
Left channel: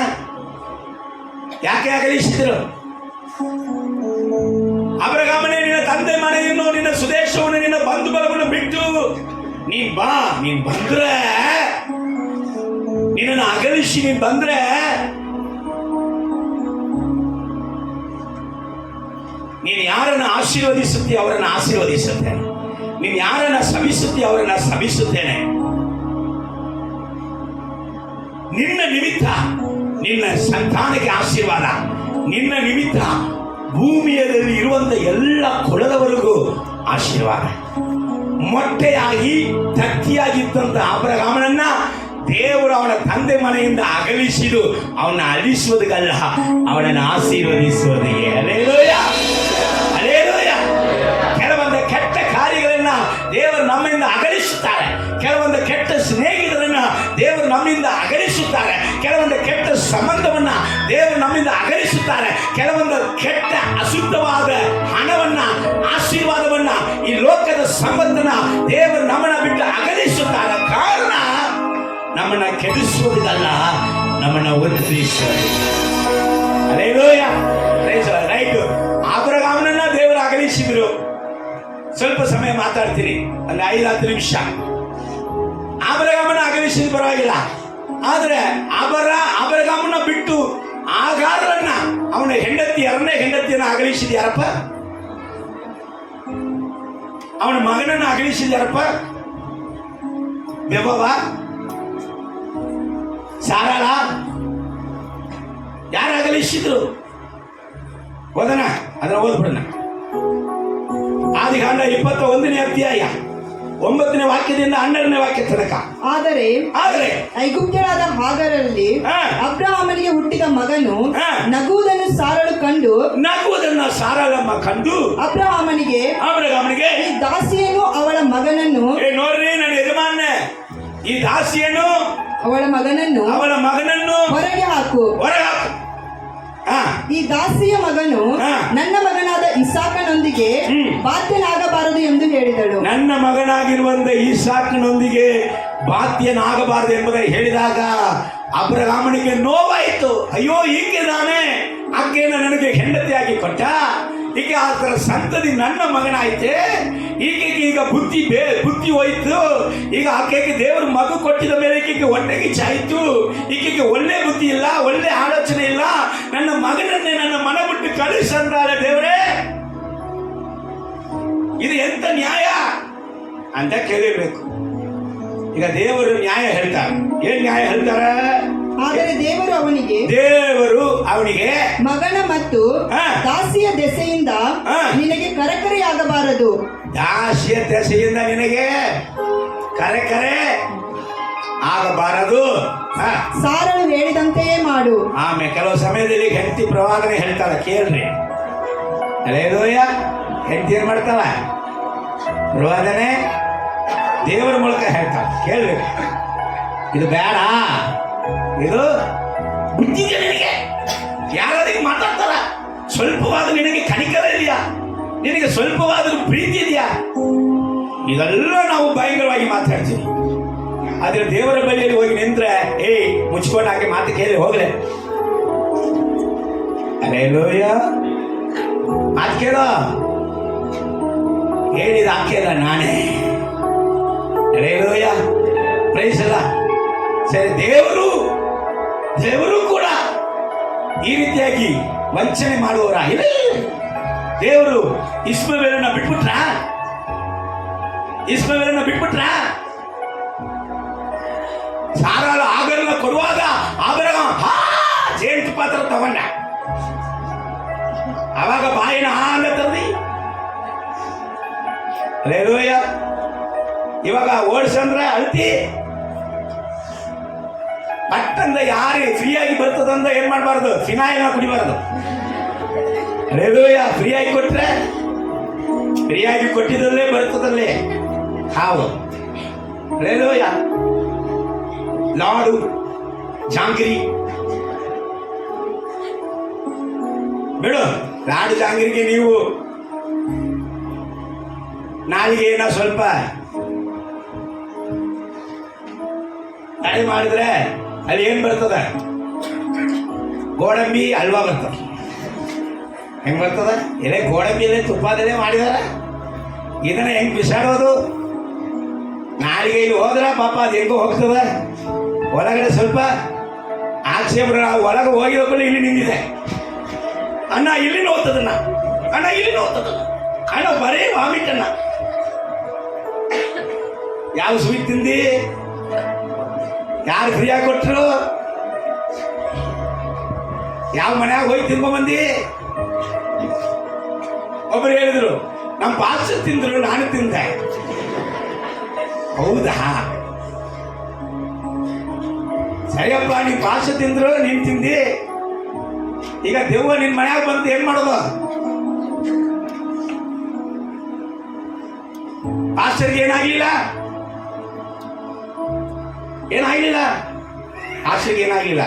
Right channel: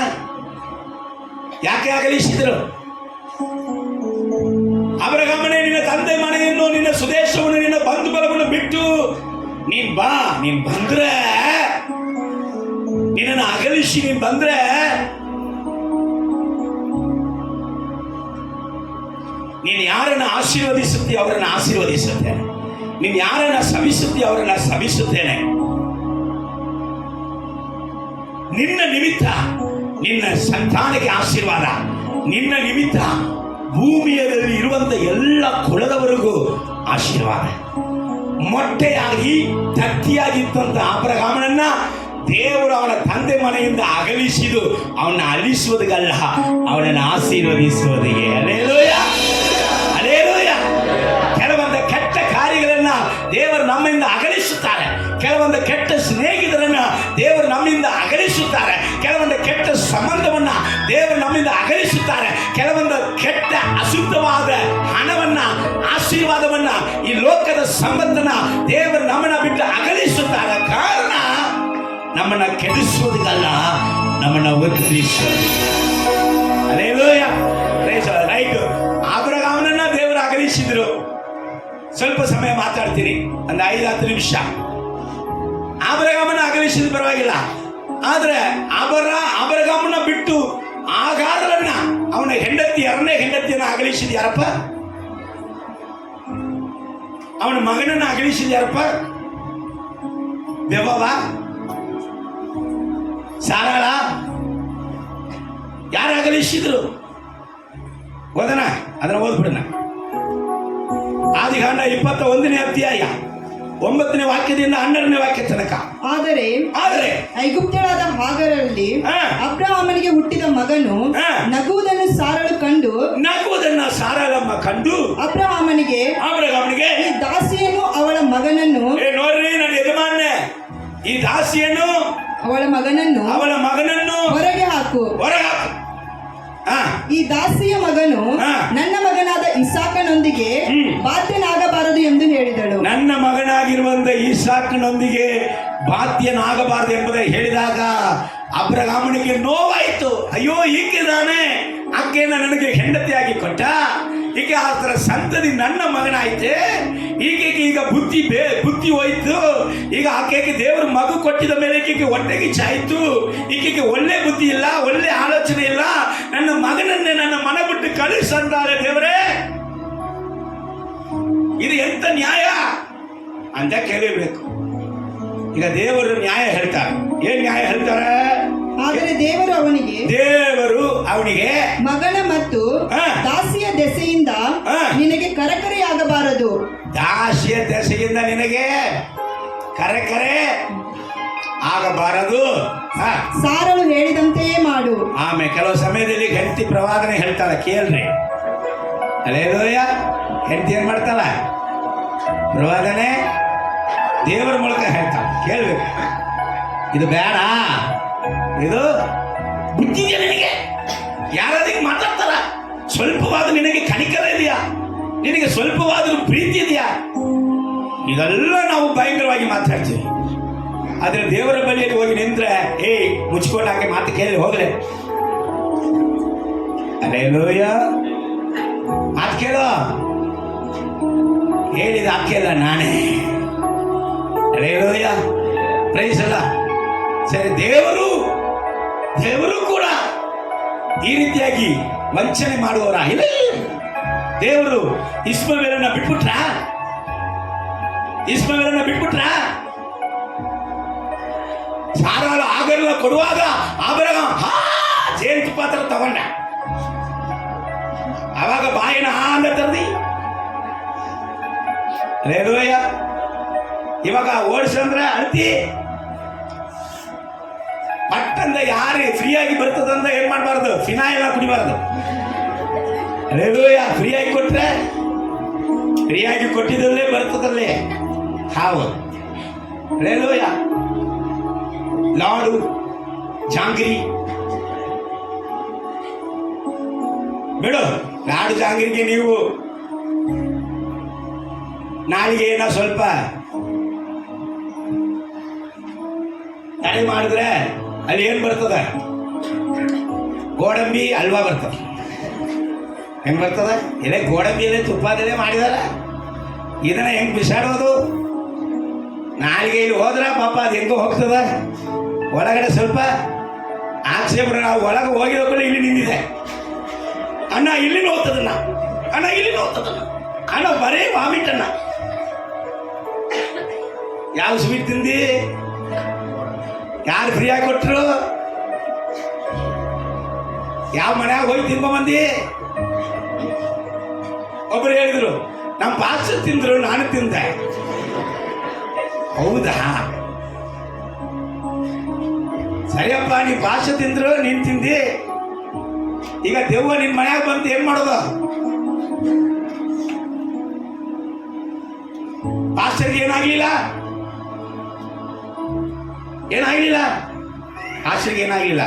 ಯಾಕೆ ಅಗಲಿಸಿದ್ರು? ಅಬ್ರಹಾಮನೇ, ನಿನ್ನ ತಂದೆ ಮನೆಯನ್ನು, ನಿನ್ನ ಸ್ವದೇಶವನ್ನು, ನಿನ್ನ ಬಂಧು ಬಲವನ್ನು ಬಿಟ್ಟು ನೀನ್ ಬಾ. ನೀನ್ ಬಂದ್ರೆ, ನಿನ್ನನ್ನು ಅಗಲಿಸಿ ನೀನ್ ಬಂದ್ರೆ ನೀನ್ ಯಾರನ್ನ ಆಶೀರ್ವದಿಸುತ್ತೀಯ ಅವರನ್ನು ಆಶೀರ್ವದಿಸುತ್ತೇನೆ, ನೀನು ಯಾರನ್ನ ಶಪಿಸುತ್ತೀಯ ಅವರನ್ನ ಶಪಿಸುತ್ತೇನೆ. ನಿನ್ನ ನಿಮಿತ್ತ ನಿನ್ನ ಸಂತಾನಕ್ಕೆ ಆಶೀರ್ವಾದ, ನಿನ್ನ ನಿಮಿತ್ತ ಭೂಮಿಯಲ್ಲಿ ಇರುವಂತ ಎಲ್ಲ ಕುಲದವರೆಗೂ ಆಶೀರ್ವಾದ. ಮೊಟ್ಟೆಯಾಗಿ ತತ್ತಿಯಾಗಿದ್ದಂತ ಅಬ್ರಹಾಮನನ್ನ ದೇವರು ಅವನ ತಂದೆ ಮನೆಯಿಂದ ಅಗಲಿಸಿದು ಅವನ ಅಲಿಸುವುದಕ್ಕಲ್ಲ, ಅವನನ್ನು ಆಶೀರ್ವದಿಸುವುದಿಗೆ. Hallelujah, hallelujah. ಕೆಲವೊಂದು ಕೆಟ್ಟ ಕಾರ್ಯಗಳನ್ನ ದೇವರು ನಮ್ಮಿಂದ ಅಗಲಿಸುತ್ತಾರೆ, ಕೆಲವೊಂದು ಕೆಟ್ಟ ಸ್ನೇಹಿತರನ್ನ ದೇವರು ನಮ್ಮಿಂದ ಅಗಲಿಸುತ್ತಾರೆ, ಕೆಲವೊಂದು ಕೆಟ್ಟ ಸಂಬಂಧವನ್ನ ದೇವರು ನಮ್ಮಿಂದ ಅಗಲಿಸುತ್ತಾರೆ, ಕೆಲವೊಂದು ಕೆಟ್ಟ ಅಶುದ್ಧವಾದ ಹಣವನ್ನ, ಆಶೀರ್ವಾದವನ್ನ, ಈ ಲೋಕದ ಸಂಬಂಧನ ದೇವರು ನಮ್ಮನ್ನ ಬಿಟ್ಟು ಅಗಲಿಸುತ್ತಾರೆ. ಕಾರಣ ನಮ್ಮನ್ನ ಕೆಡಿಸುವುದಲ್ಲ, ನಮ್ಮನ್ನ ವರ್ಧಿಸುವುದು. Hallelujah, praise the lord. Right, ಅಬ್ರಹಾಮನನ್ನ ದೇವರು ಅಗಲಿಸಿದ್ರು. ಸ್ವಲ್ಪ ಸಮಯ ಮಾತಾಡ್ತೀನಿ, ಒಂದು 5-10 ನಿಮಿಷ. ಅಬ್ರಹಾಮನ ಅಗಲಿಸಿದ್ರು ಪರವಾಗಿಲ್ಲ, ಆದ್ರೆ ಅಬ್ರಹಾಮನ ಬಿಟ್ಟು ಆಗಾರನ್ನ, ಅವನ ಹೆಂಡತಿ, 2ನೇ ಹೆಂಡತಿಯನ್ನ ಅಗಲಿಸಿದ ಯಾರಪ್ಪ? ಅವನ ಮಗನನ್ನ ಅಗಲಿಸಿದ ಯಾರಪ್ಪ? ಬೆಬವ, ಸಾರಾಳ, ಯಾರು ಅಗಲಿಸಿದ್ರು? ಓದನ, ಅದನ್ನ ಓದ್ಬಿಡೋಣ. ಆದಿಕಾಂಡ 21ನೇ ಅಧ್ಯಾಯ 9ನೇ ವಾಕ್ಯದಿಂದ 12ನೇ ವಾಕ್ಯ ತನಕ. ಆದರೆ ಐಗುಪ್ತ್ಯಳಾದ ಹಾಗರಲ್ಲಿ ಅಬ್ರಹಾಮನಿಗೆ ಹುಟ್ಟಿದ ಮಗನು ನಗುವುದನ್ನು ಸಾರಳಮ್ಮ ಕಂಡು ಅಬ್ರಹಾಮನಿಗೆ ಈ ದಾಸಿಯನ್ನು ಅವಳ ಮಗನನ್ನು, ನೋಡ್ರಿ ನನ್ನ ಯಜಮಾನ್ನೆ, ಈ ದಾಸಿಯನ್ನು ಅವಳ ಮಗನನ್ನು ಹೊರಗೆ ಹಾಕು. ಈ ದಾಸಿಯ ಮಗನು ನನ್ನ ಮಗನಾದ ಇಸಾಕನೊಂದಿಗೆ ಬಾಧ್ಯನಾಗಬಾರದು ಎಂದು ಹೇಳಿದಳು. ನನ್ನ ಮಗನಾಗಿರುವಂತ ಇಸಾಕನೊಂದಿಗೆ ಬಾಧ್ಯನಾಗಬಾರದು ಎಂಬುದಾಗಿ ಹೇಳಿದಾಗ ಅಬ್ರಹಾಮನಿಗೆ ನೋವಾಯಿತು. ಅಯ್ಯೋ, ಈಕೆ ನಾನೇ ಆಕೆಯನ್ನು ನನಗೆ ಹೆಂಡತಿಯಾಗಿ ಕೊಟ್ಟ, ಈಗ ಆತರ ಸಂತತಿ ನನ್ನ ಮಗನಾಯ್ತೆ, ಈಕೆಗೆ ಈಗ ಬುದ್ಧಿ ಹೋಯ್ತು. ಈಗ ಆಕೆಗೆ ದೇವರು ಮಗು ಕೊಟ್ಟಿದ ಮೇಲೆ ಈಕೆಗೆ ಹೊಟ್ಟೆಗೆ ಚಾಯ್ತು, ಈಕೆಗೆ ಒಳ್ಳೆ ಬುದ್ಧಿ ಇಲ್ಲ, ಒಳ್ಳೆ ಆಲೋಚನೆ ಇಲ್ಲ, ನನ್ನ ಮಗನನ್ನೇ ನನ್ನ ಮನ ಬಿಟ್ಟು ಕಳಿಸಂತಾರೆ. ದೇವರೇ, ಇದು ಎಂತ ನ್ಯಾಯ ಅಂತ ಕೇಳಿರ್ಬೇಕು. ಈಗ ದೇವರು ನ್ಯಾಯ ಹೇಳ್ತಾರೆ. ಏನ್ ನ್ಯಾಯ ಹೇಳ್ತಾರೆ? ಆದರೆ ದೇವರು ಅವನಿಗೆ ಮಗನ ಮತ್ತು ದಾಸಿಯ ದೆಸೆಯಿಂದ ನಿನಗೆ ಕರೆಕರೆಯಾಗಬಾರದು. ದಾಸಿಯ ದೆಸೆಯಿಂದ ನಿನಗೆ ಕರೆ ಆಗಬಾರದು, ಸಾರಳು ಹೇಳಿದಂತೆಯೇ ಮಾಡು. ಆಮೇಲೆ ಕೆಲವು ಸಮಯದಲ್ಲಿ ಹೆಂಡತಿ ಪ್ರವಾದನೆ ಹೇಳ್ತಾಳ, ಕೇಳ್ರಿ. ಹಲ್ಲೆಲೂಯ. ಹೆಂಡತಿ ಏನ್ ಮಾಡ್ತಾಳ? ಪ್ರವಾದನೆ ದೇವರ ಮೂಲಕ ಹೇಳ್ತಾಳ, ಕೇಳ್ಬೇಕು. ಇದು ಬೇಡ, ಇದು ಬುದ್ಧಿಗೆ ನಿನಗೆ ಯಾರಾದ್ರೂ ಮಾತಾಡ್ತಾರ? ಸ್ವಲ್ಪವಾದ ನಿನಗೆ ಕನಿಕರ ಇದೆಯಾ? ನಿನಗೆ ಸ್ವಲ್ಪವಾದರೂ ಪ್ರೀತಿ ಇದೆಯಾ? ಇದೆಲ್ಲ ನಾವು ಭಯಂಕರವಾಗಿ ಮಾತಾಡ್ತೀವಿ. ಆದ್ರೆ ದೇವರ ಬಳಿಯಲ್ಲಿ ಹೋಗಿ ನಿಂತ್ರೆ, ಮುಚ್ಕೊಂಡು ಹಾಗೆ ಮಾತು ಕೇಳಿ ಹೋಗ್ರೆ. ಹಲ್ಲೆಲೂಯ. ಮಾತು ಕೇಳೋ, ಹೇಳಿದ ಹಾಕಿಲ್ಲ ನಾನೇ. ಹಲ್ಲೆಲೂಯ, ಪ್ರೈಸ್ ಅಲ್ಲ. ಸರಿ, ದೇವರು ಕೂಡ ಈ ರೀತಿಯಾಗಿ ವಂಚನೆ ಮಾಡುವವರ ಇಲ್ಲ. ದೇವರು ಇಸ್ಮಾವೇಲನ್ನ ಬಿಟ್ಬಿಟ್ರ. ಸಾರಾಳ ಆಗಲ್ಲ ಕೊಡುವಾಗ ಅಬ್ರಹಾಮ ಜೇನುತುಪ್ಪ ತರ ತಗೊಂಡ. ಅವಾಗ ಬಾಯಿನ ಅಂತ ತರದಿ. ಹಲ್ಲೆಲೂಯ. ಇವಾಗ ಓಡಿಸಂದ್ರೆ ಅಳ್ತಿ. ಪಟ್ಟಂದ ಯಾರು ಫ್ರೀಯಾಗಿ ಬರ್ತದಂದ ಏನ್ ಮಾಡಬಾರ್ದು? ಫಿನಾಯಿಲ್ ಕುಡಿಬಾರ್ದು. ಹಲ್ಲೆಲೂಯ. ಫ್ರೀಯಾಗಿ ಕೊಟ್ರೆ, ಫ್ರೀಯಾಗಿ ಕೊಟ್ಟಿದ್ದಲ್ಲೇ ಬರ್ತದಲ್ಲೇ ಹಾವು. ಹಲ್ಲೆಲೂಯ. ಲಾಡು, ಜಾಂಗಿರಿ ಬಿಡು. ಲಾಡು ಜಾಂಗಿರಿಗೆ ನೀವು ನಾಳೆಗೆ ಏನೋ ಸ್ವಲ್ಪ ತಡೆ ಮಾಡಿದ್ರೆ ಅಲ್ಲಿ ಏನ್ ಬರ್ತದ? ಗೋಡಂಬಿ ಹಲ್ವಾ ಬರ್ತದ. ಹೆಂಗ್ ಬರ್ತದ? ಎಲೆ ಗೋಡಂಬಿ ಎಲೆ ತುಪ್ಪದಲ್ಲೇ ಮಾಡಿದಾರ. ಇದನ್ನ ಹೆಂಗ್ ಬಿಸಾಡೋದು? ನಾಳೆಗೆ ಇಲ್ಲಿ ಹೋದ್ರ ಪಾಪ ಅದು ಹೆಂಗೋ ಹೋಗ್ತದ. ಒಳಗಡೆ ಸ್ವಲ್ಪ ಆಕ್ಷೇಪ. ಒಳಗೆ ಹೋಗಿದ ಇಲ್ಲಿ ನಿಂತಿದೆ ಅಣ್ಣ, ಇಲ್ಲಿ ಹೋಗ್ತದನ್ನ ಅಣ್ಣ ಇಲ್ಲಿ ನೋಡ್ತದ ಅಣ್ಣ ಬರೇ ವಾಮಿಟ್ ಅಣ್ಣ. ಯಾವ ಸ್ವೀಟ್ ತಿಂದಿ? ಯಾರು ಫ್ರೀಯಾಗಿ ಕೊಟ್ರು? ಯಾವ ಮನ್ಯಾಗ ಹೋಗಿ ತಿನ್ಕೊಂಬಂದಿ? ಒಬ್ಬರು ಹೇಳಿದ್ರು ನಮ್ಮ ಪಾಸ್ಟರ್ ತಿಂದ್ರು, ನಾನು ತಿಂದೆ. ಹೌದಾ? ಸರಿಯಪ್ಪ, ನೀ ಪಾಸ್ಟರ್ ತಿಂದ್ರು, ನೀನ್ ತಿಂದಿ. ಈಗ ದೆವ್ವ ನಿನ್ ಮನ್ಯಾಗ ಬಂದು ಏನ್ ಮಾಡೋದು? ಪಾಸ್ಟರ್ಗೆ ಏನಾಗ್ಲಿಲ್ಲ, ಏನಾಗ್ಲಿಲ್ಲ, ಪಾಸ್ಟರ್ಗೆ ಏನಾಗ್ಲಿಲ್ಲ.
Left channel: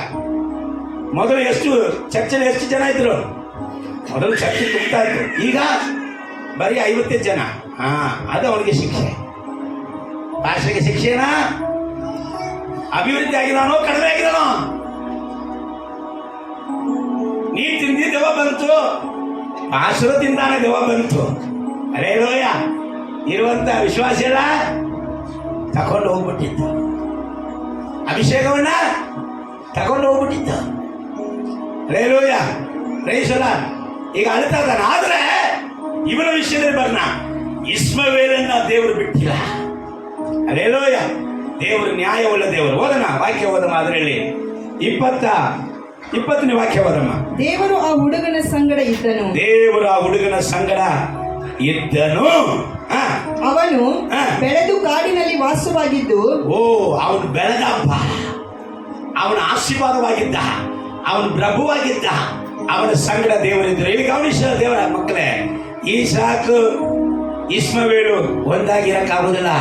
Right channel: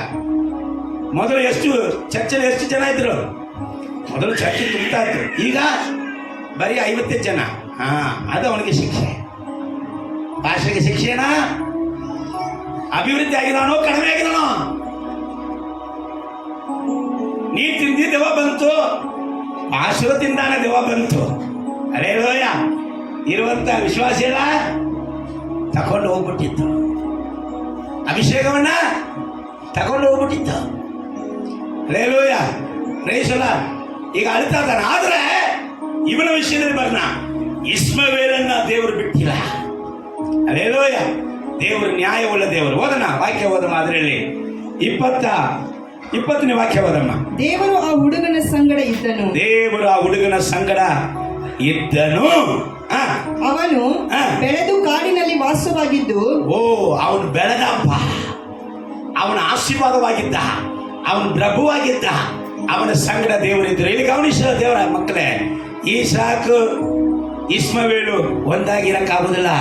ಮೊದಲು ಚರ್ಚಲ್ಲಿ ಎಷ್ಟು ಜನ ಇದ್ರು? ಮೊದಲು ಚರ್ಚೆ ತುಂಬ್ತಾ ಇದ್ರು, ಈಗ ಬರೀ 50 ಜನ. ಅದು ಅವನಿಗೆ ಶಿಕ್ಷೆ. ಪಾಸ್ಟರ್ಗೆ ಶಿಕ್ಷೆನಾ? ಅಭಿವೃದ್ಧಿ ಆಗಿದಾನೋ ಕಡಿಮೆ ಆಗಿದಾನೋ? ನೀ ತಿಂದಿ ದೆವ್ವ ಬಂತು, ಪಾಸ್ಟರ್ ತಿಂದಾನೆ ದೆವ್ವ ಬಂತು. ಅರೇ ಲೋಯ, ಇರುವಂತ ವಿಶ್ವಾಸ ಎಲ್ಲ ತಕೊಂಡು ಹೋಗ್ಬಿಟ್ಟಿತ್ತು, ಅಭಿಷೇಕವನ್ನ ತಗೊಂಡು ಹೋಗ್ಬಿಟ್ಟಿತ್ತು. ಅರೇ ಲೋಯ, ರೈಸಲ್ಲ ಈಗ ಅಳ್ತಾ ಇದ್ದಾನೆ. ಆದ್ರೆ ಇವನ ವಿಷಯದಲ್ಲಿ ಬರ್ನ ಇಸ್ಮವೇಲನ್ನ ದೇವರು ಬಿಟ್ಟಿಲ್ಲ. ಅರೇ ಲೋಯ, ದೇವರು ನ್ಯಾಯವುಳ್ಳ ದೇವರು. ಓದನ ವಾಕ್ಯ ಓದಮ್ಮ. ಅದರಲ್ಲಿ 20ನೇ ವಾಕ್ಯ ಓದಮ್ಮ. ದೇವರು ಆ ಹುಡುಗನ ಸಂಗಡ ಇದ್ದನು. ದೇವರು ಆ ಹುಡುಗನ ಸಂಗಡ ಇದ್ದನು. ಅವನು ಬೆಳೆದು ಕಾಡಿನಲ್ಲಿ ವಾಸವಾಗಿದ್ದು. ಅವನು ಬೆಳೆದಪ್ಪ, ಅವನ ಆಶೀರ್ವಾದವಾಗಿದ್ದ, ಅವನು ಪ್ರಭುವಾಗಿದ್ದ, ಅವನ ಸಂಗಡ ದೇವರಿದ್ದರು. ಇಲ್ಲಿ ಗಮನಿಸಿದ ದೇವರ ಮಕ್ಕಳೇ, ಈಸಾಕು ಇಸ್ಮವೇಲು ಒಂದಾಗಿರಕ್ಕಾಗುದಿಲ್ಲ.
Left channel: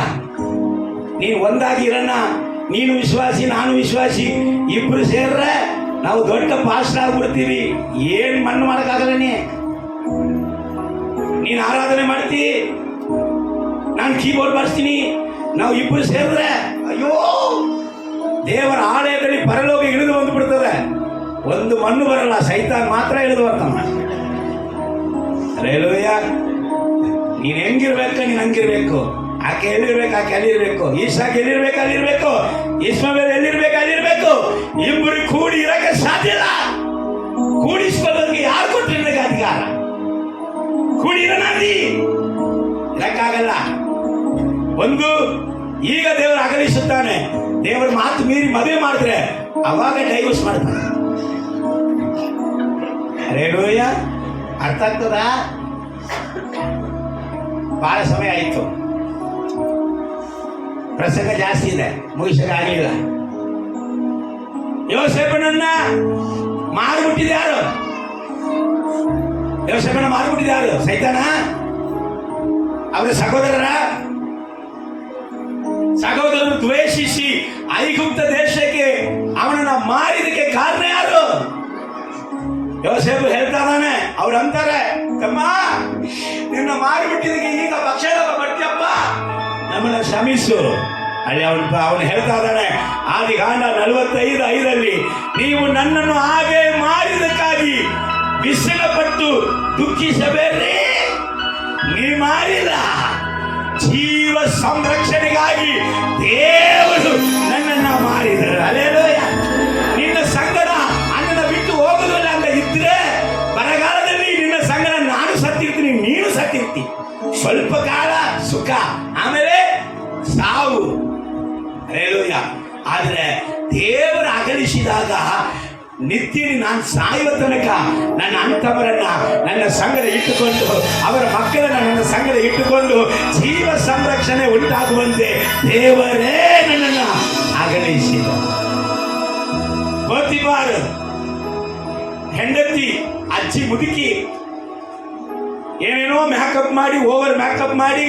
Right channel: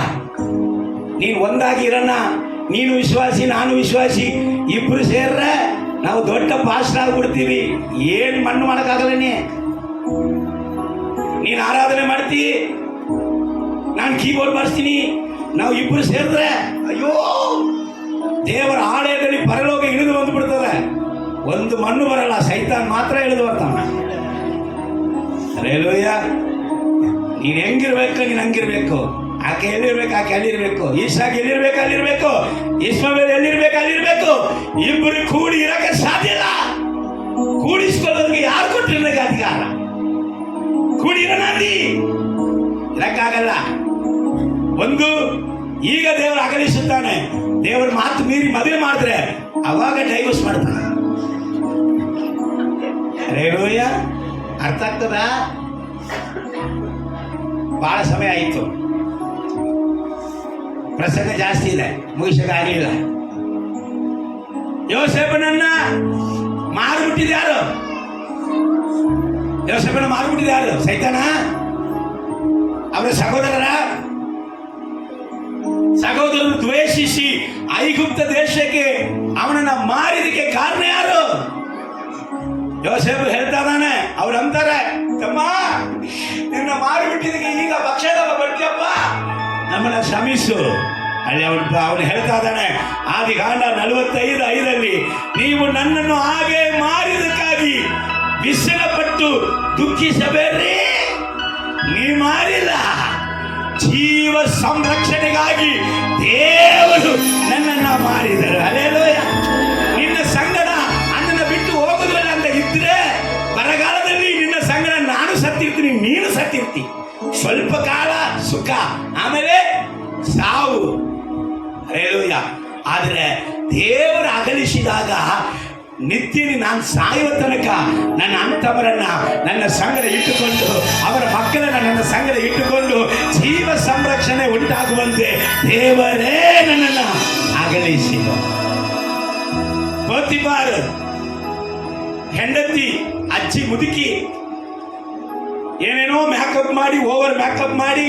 ನೀನು ಒಂದಾಗಿರನ್ನ, ನೀನು ವಿಶ್ವಾಸಿ ನಾನು ವಿಶ್ವಾಸಿ, ಇಬ್ರು ಸೇರ್ರೆ ನಾವು ದೊಡ್ಡ ಪಾಸ್ಟರ್ ಆಗ್ಬಿಡ್ತೀವಿ. ಏನು ಮಣ್ಣು ಮಾಡೋಕ್ಕಾಗಲ್ಲ. ನೀನು ಆರಾಧನೆ ಮಾಡ್ತಿ, ನಾನು ಕೀಬೋರ್ಡ್ ಮಾಡಿಸ್ತೀನಿ, ನಾವು ಇಬ್ರು ಸೇರಿದ್ರೆ ಅಯ್ಯೋ ದೇವರ ಆಲಯದಲ್ಲಿ ಪರಲೋಕ ಇಳಿದು ಬಂದ್ಬಿಡ್ತದೆ. ಒಂದು ಮಣ್ಣು ಬರಲ್ಲ, ಸೈತಾನ್ ಮಾತ್ರ ಇಳಿದು ಬರ್ತಾನ. ಅರೇಲೋಯ್ಯ, ನೀನು ಹೆಂಗಿರ್ಬೇಕು, ನೀನು ಹಂಗಿರ್ಬೇಕು. ಆಕೆ ಎಲ್ಲಿರ್ಬೇಕು, ಆಕೆ ಅಲ್ಲಿರ್ಬೇಕು. ಈಸಾಕ್ ಎಲ್ಲಿರ್ಬೇಕು, ಅಲ್ಲಿರ್ಬೇಕು. ಇಸ್ಮಾವೇಲ್ ಎಲ್ಲಿರ್ಬೇಕು, ಅಲ್ಲಿರ್ಬೇಕು. ಇಬ್ಬರು ಕೂಡಿ ಇರಕ್ಕೆ ಸಾಧ್ಯ ಇಲ್ಲ. ಕೂಡಿಸ್ಕೊಳ್ಳೋರಿಗೆ ಯಾರು ಕೊಟ್ಟರೆ ನನಗೆ ಅಧಿಕಾರ? ಕೂಡಿ ಇರೋಣಿ ಇರಕ್ಕಾಗಲ್ಲ. ಒಂದು ಈಗ ದೇವರು ಅಗಲಿಸುತ್ತಾನೆ. ದೇವರ ಮಾತು ಮೀರಿ ಮದುವೆ ಮಾಡಿದ್ರೆ ಅವಾಗ ಡೈವರ್ಸ್ ಮಾಡ್ತಾನೆ. ಅರೇಲೂಯ, ಅರ್ಥ ಆಗ್ತದ? ಬಹಳ ಸಮಯ ಆಯಿತು, ಪ್ರಸಂಗ ಜಾಸ್ತಿ ಇದೆ, ಮುಗಿಸಕ್ಕಾಗಲಿಲ್ಲ. ಯೋಸೇಫನನ್ನ ಮಾರ್ಬಿಟ್ಟಿದ್ಯಾರು? ಯೋಸೇಫನ ಮಾರ್ಬಿಟ್ಟಿದ್ಯಾರು? ಸೈತಾನ. ಅವರ ಸಹೋದರರು ದ್ವೇಷಿಸಿ ಐಗುಪ್ತ ದೇಶಕ್ಕೆ ಅವನನ್ನ ಮಾರಿದಕ್ಕೆ ಕಾರಣ ಯಾರು? ಯೋಸೇಫ್ ಹೇಳ್ತಾ ಇದ್ದಾನೆ. ಅವ್ರು ಅಂತಾರೆ, ತಮ್ಮ ನಿನ್ನ ಮಾರಿಬಿಟ್ಟಿದ್ದಕ್ಕೆ ಈಗ ಭಕ್ಷಣ ಬರ್ತೀಯಪ್ಪ, ನಮ್ಮನ್ನ ಶ್ರಮಿಸು. ಅಲ್ಲಿ ಅವನು ಹೇಳ್ತಾ ಇದ್ದಾನೆ, ಆದಿಕಾಂಡ 45:5 ನೀವು ನನ್ನನ್ನು ಹಾಗೆ ಮಾರಿದಕ್ಕಾಗಿ ವಿಸರ್ಗಪಟ್ಟು ದುಃಖಿಸಬೇಡ್ರಿ. ನೀ ಮಾರಿಲ್ಲ, ಜೀವ ಸಂರಕ್ಷಣೆಗಾಗಿ ದೇವರು ನನ್ನನ್ನ ಮಾರಿದರು. ಅಲ್ಲೇಲೂಯ. ನಿನ್ನ ಸಂಗಡ ಅಣ್ಣನ ಬಿಟ್ಟು ಹೋಗುದಿಲ್ಲ ಅಂತ ಇದ್ರೆ ಬರಗಾಲದಲ್ಲಿ ನಿನ್ನ ಸಂಗಡ ನಾನು ಸತ್ತಿರ್ತೀನಿ, ನೀನು ಸತ್ತಿರ್ತಿ. ಸ್ವಲ್ಪ ಕಾಲ ಸುಖ, ಆಮೇಲೆ ಸಾವು. ಅಲ್ಲೇಲೂಯ. ಆದ್ರೆ ದೇವರು ಅಗಲಿಸಿದಾಗ ನಿತ್ಯನಿ ನಾನು ಸಾಯುವ ತನಕ ನನ್ನ ಅಂತವರನ್ನ ನನ್ನ ಸಂಗಡ ಇಟ್ಟುಕೊಂಡು, ಅವರ ಮಕ್ಕಳನ್ನ ನನ್ನ ಸಂಗಡ ಇಟ್ಟುಕೊಂಡು ಜೀವ ಸಂರಕ್ಷಣೆ ಉಂಟಾಗುವಂತೆ ದೇವರೇ ನನ್ನನ್ನು ಅಗಲಿಸಿದ. ಪೋತಿಫಾರ್ ಹೆಂಡತಿ, ಅಜ್ಜಿ ಮುದುಕಿ ಏನೇನೋ ಮೇಕಪ್ ಮಾಡಿ, ಓವರ್ ಮೇಕಪ್ ಮಾಡಿ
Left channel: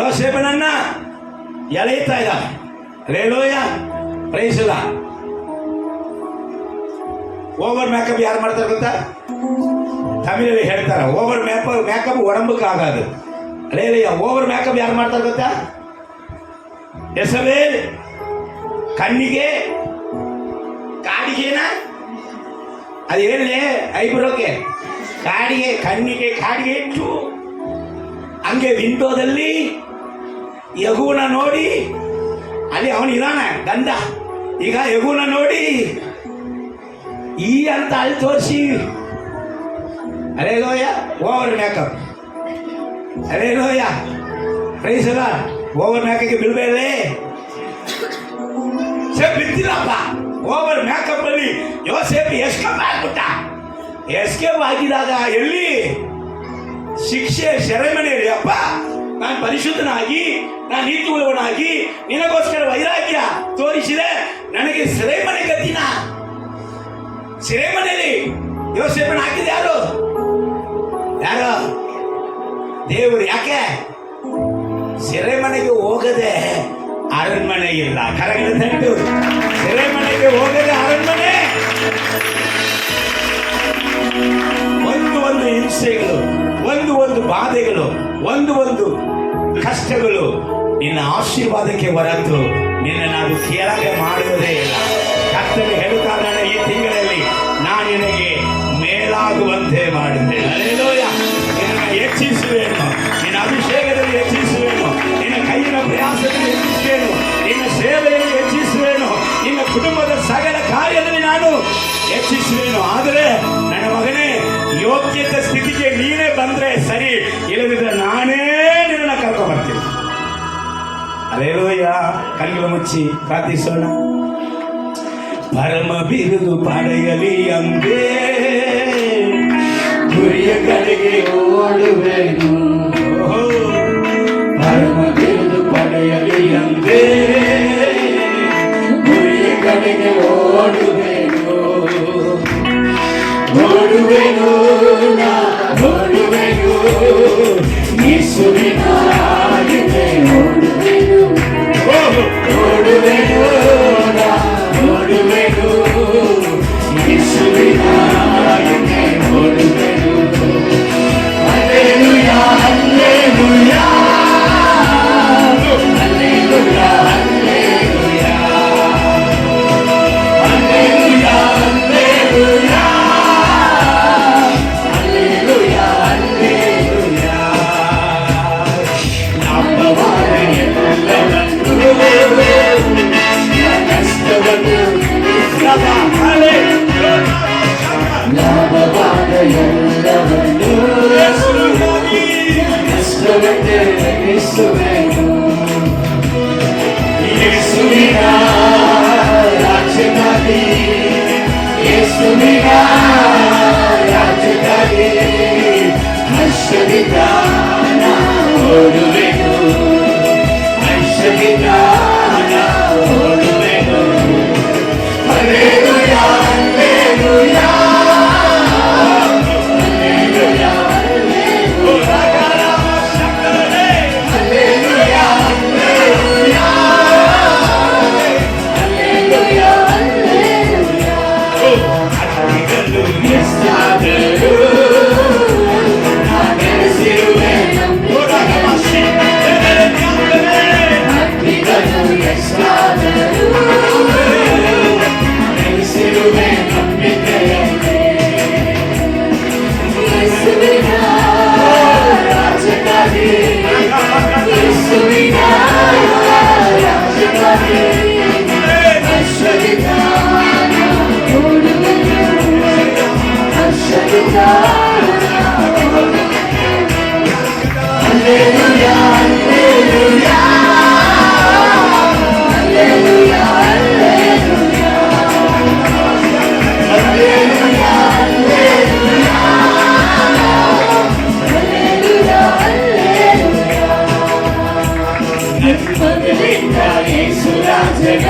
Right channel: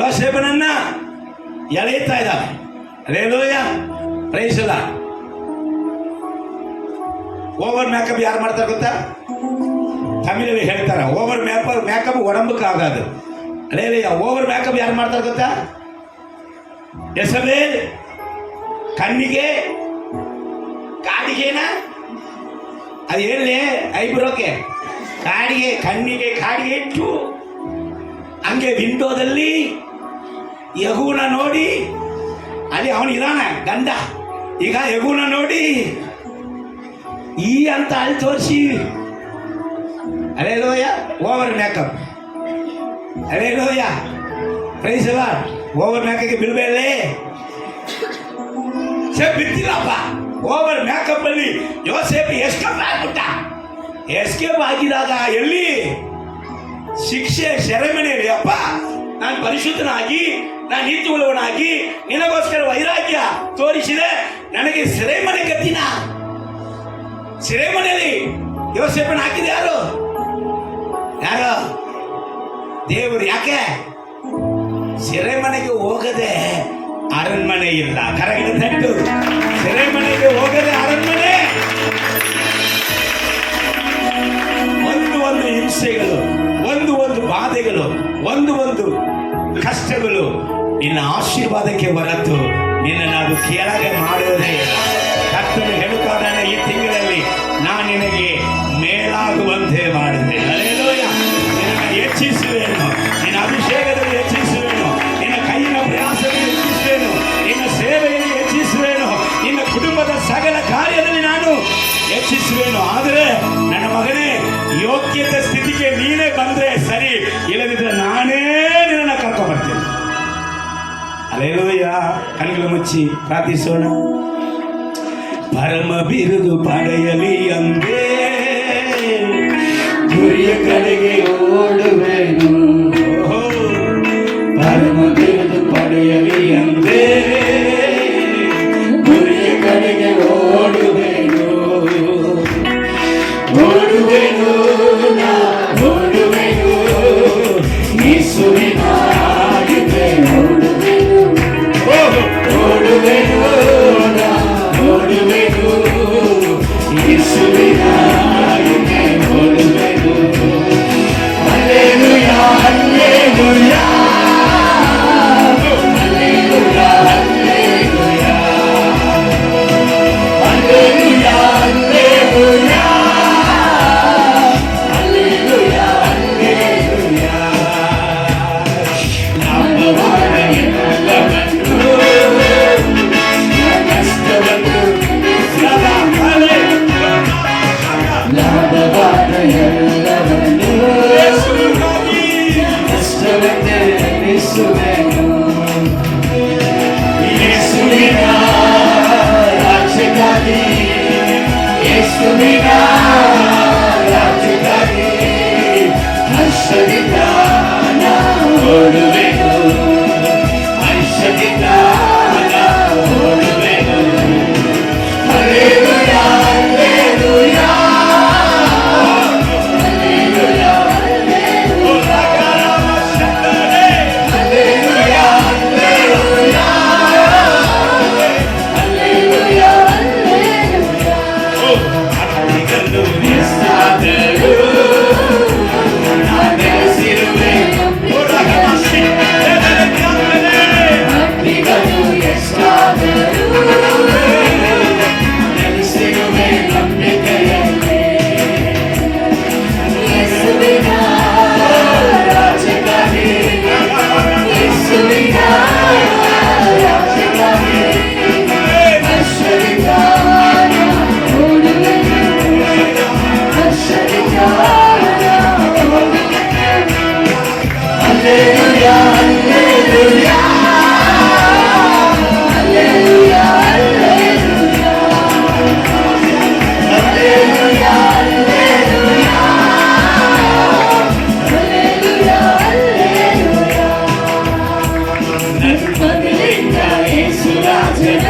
ಯೋಸೇಫನನ್ನ ಎಳೆಯುತ್ತಾ ಇದ್ದಾನೆ. ಅಲ್ಲೇಲೂಯ, praise the Lord. Over makeup ಯಾರು ಮಾಡ್ತಾರೆ ಗೊತ್ತಾ? ತಮಿಳಲ್ಲಿ ಹೇಳ್ತಾರೆ, ಓವರ್ ಮೇಕಪ್ ಒಡಂಬಕ್ಕೆ ಆಗೋದು. ಅಲ್ಲೇಲೂಯ. ಓವರ್ ಮೇಕಪ್ ಯಾರು ಮಾಡ್ತಾರೆ ಗೊತ್ತಾ? ಯೆಜಬೇಲ್ ಕಣ್ಣಿಗೆ ಕಾಡಿಗೆನ ಅದು ಹೇಳಿ ಐಬ್ರೋಕೆ ಕಾಡಿಗೆ, ಕಣ್ಣಿಗೆ ಕಾಡಿಗೆ ಇಟ್ಟು ಹಂಗೆ ವಿಂಡೋದಲ್ಲಿ ಯಗುನ ನೋಡಿ, ಅಲ್ಲಿ ಅವನು ಇದಾನೆ ಗಂಡ. ಈಗ ಯಗುನ ನೋಡಿ ಈ ಅಂತ ಅಲ್ಲಿ ತೋರಿಸಿ ಅಲೆಲೋಯ ಓವರ್ ಮೇಕಪ್, ಅಲೆಲೋಯ ಪ್ರೈಸ್ ಅಲ್ಲ, ಓವರ್ ಮೇಕಪ್ಗೆ ಬೀಳ್ಬೇಡೇ ಬಿದ್ದಿಲ್ಲಪ್ಪ. ಓವರ್ ಮೇಕಪ್ ಅಲ್ಲಿ ಯೋಸೇಫ್ ಎಸ್ಕೇಪ್ ಆಗ್ಬಿಟ್ಟ. ಎಸ್ಕೇಪ್ ಆಗಿದಾಗ ಎಲ್ಲಿ ಶಿಕ್ಷೆ ಸೆರೆಮನೆಯಲ್ಲಿ, ಅಪ್ಪ ನಾನು ಪರಿಶುದ್ಧನಾಗಿ ನಾನು ನೀತಿಯುಳ್ಳವನಾಗಿ ನಿನಗೋಸ್ಕರ ವೈರಾಗ್ಯ ತೋರಿಸಿದೆ, ನನಗೆ ಸೆರೆಮನೆ ಗತಿನ. ಸೆರೆಮನೆಯಲ್ಲಿ ಯೋಸೇಫನ ಹಾಕಿದ ಯಾರು? ದೇವರು. ಯಾಕೆ ಸೆರೆಮನೆಗೆ ಹೋಗದೆ ಅರಣ್ಮನೆ ಇಲ್ಲ? ಕರೆಕ್ಟ್ ತಟ್ಟು. ಸೆರೆಮನೆಗೆ ಹೋಗದೆ ಅರಣ್ಮನೆ. ಒಂದು ಹಿಂಸೆಗಳು, ಒಂದು ಬಾಧೆಗಳು, ಒಂದು ಕಷ್ಟಗಳು ನಿನ್ನ ಆಶೀರ್ವಾದಕ್ಕೆ ಹೊರತು ನಿನ್ನ ನಾವು ಕೆಳಗೆ ಮಾಡುವುದೇ ಇಲ್ಲ. ಕರ್ತನು ಹೇಳುತ್ತಾನೆ, ಈ ತಿಂಗಳಲ್ಲಿ ನಾನು ನಿನಗೆ ಮೇಲಾಗುವಂತೆ ಮಾಡುತ್ತೇನೆ. ಅಲ್ಲೇಲೂಯ. ನಿನ್ನನ್ನು ಹೆಚ್ಚಿಸುವೇನು, ನಿನ್ನ ಅಭಿಷೇಕದಲ್ಲಿ ಹೆಚ್ಚಿಸುವೇನು, ನಿನ್ನ ಕೈಯಿನ ಪ್ರಯಾಸದಲ್ಲಿ ಹೆಚ್ಚಿಸುವೇನು, ನಿನ್ನ ಸೇವೆಯಲ್ಲಿ ಹೆಚ್ಚಿಸುವೇನು, ನಿನ್ನ ಕುಟುಂಬದ ಸಕಲ ಕಾರ್ಯದಲ್ಲಿ ನಾನು ಹೆಚ್ಚಿಸುವೇನು. ಆದರೆ ನನ್ನ ಮಗನೇ, ಯೋಗ್ಯತೆ ಸ್ಥಿತಿಗೆ ನೀನೇ ಬಂದ್ರೆ ಸರಿ, ಇಲ್ಲದಿದ್ದರೆ ನಾನೇ ನಿನ್ನನ್ನು ಕರ್ಕೊಂಡು ಬರ್ತೀನಿ. ಅಲ್ಲೇಲೂಯ. ಕಣ್ಣುಗಳು ಮುಚ್ಚಿ ಪ್ರಾರ್ಥಿಸೋಣ. ಪರಮ ಬಿರುದು ಪಡೆಯಲಿ ಅಂದೇ ಗುರಿಯ ಕಡೆಗೆ ಓಡುವೆನು. ಪರಮ ಬಿರುದು ಪಡೆಯಲಿ ಅಂದೇ ಗುರಿಯ ಕಡೆಗೆ ಓಡುವೆನು. ಓಡುವೆನು ನಾ ಓಡುವೆನು, ಯೇಸುವಿನ ಹಾಗೆ ಓಡುವೆನು. ಓಡುವೆನು ನಾ ಓಡುವೆನು, ಯೇಸುವಿನ ಹಾಗೆ ಓಡುವೆನು. Hallelujah hallelujah hallelujah hallelujah hallelujah hallelujah hallelujah hallelujah. ನಂಬಬಾರ ಎಲ್ಲವನ್ನೂ, ಕಷ್ಟವನ್ನು ನಂಬಬಾರ ಎಲ್ಲವನ್ನೂ, ಕಷ್ಟವನ್ನೇ ಎನಿಸುವೆನು. ಯೇಸುವಿನ ರಾಜ್ಯಕ್ಕಾಗಿ, ಯೇಸುವಿನ ರಾಜ್ಯಕ್ಕಾಗಿ ಹರ್ಷದಿಂದ ನಾ ಓಡುವೆನು, ಹರ್ಷದಿಂದ ನಾ ಓಡುವೆನು. Hallelujah hallelujah hallelujah hallelujah hallelujah hallelujah hallelujah. ಅತ್ತಿಗನ್ನು ಎಷ್ಟಾದರೂ ನಾ ನೆಲೆಸಿರುವೆ, ಅತ್ತಿಗನ್ನು ಎಷ್ಟಾದರೂ ನೆಲೆಸಿರುವೆ ನಂಬಿಕೆಯಲ್ಲಿ. ಯೇಸುವಿನ ರಾಜ್ಯಕ್ಕಾಗಿ, ಯೇಸುವಿನ ರಾಜ್ಯಕ್ಕಾಗಿ ಹರ್ಷದಿಂದ ನಾ ಓಡುವೆನು, ಹರ್ಷದಿಂದ ನಾ ಓಡುವೆನು. Hallelujah hallelujah hallelujah hallelujah hallelujah hallelujah hallelujah hallelujah. ನನ್ಮಗನಿಂದ ಯೇಸು ರಾಜನ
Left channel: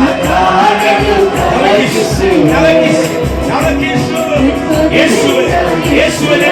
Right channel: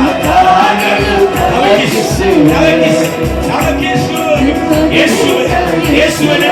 ಮಾತಾಡಲು ಪ್ರಯತ್ನಿಸು. ಯೇಸುವಲ್ಲಿ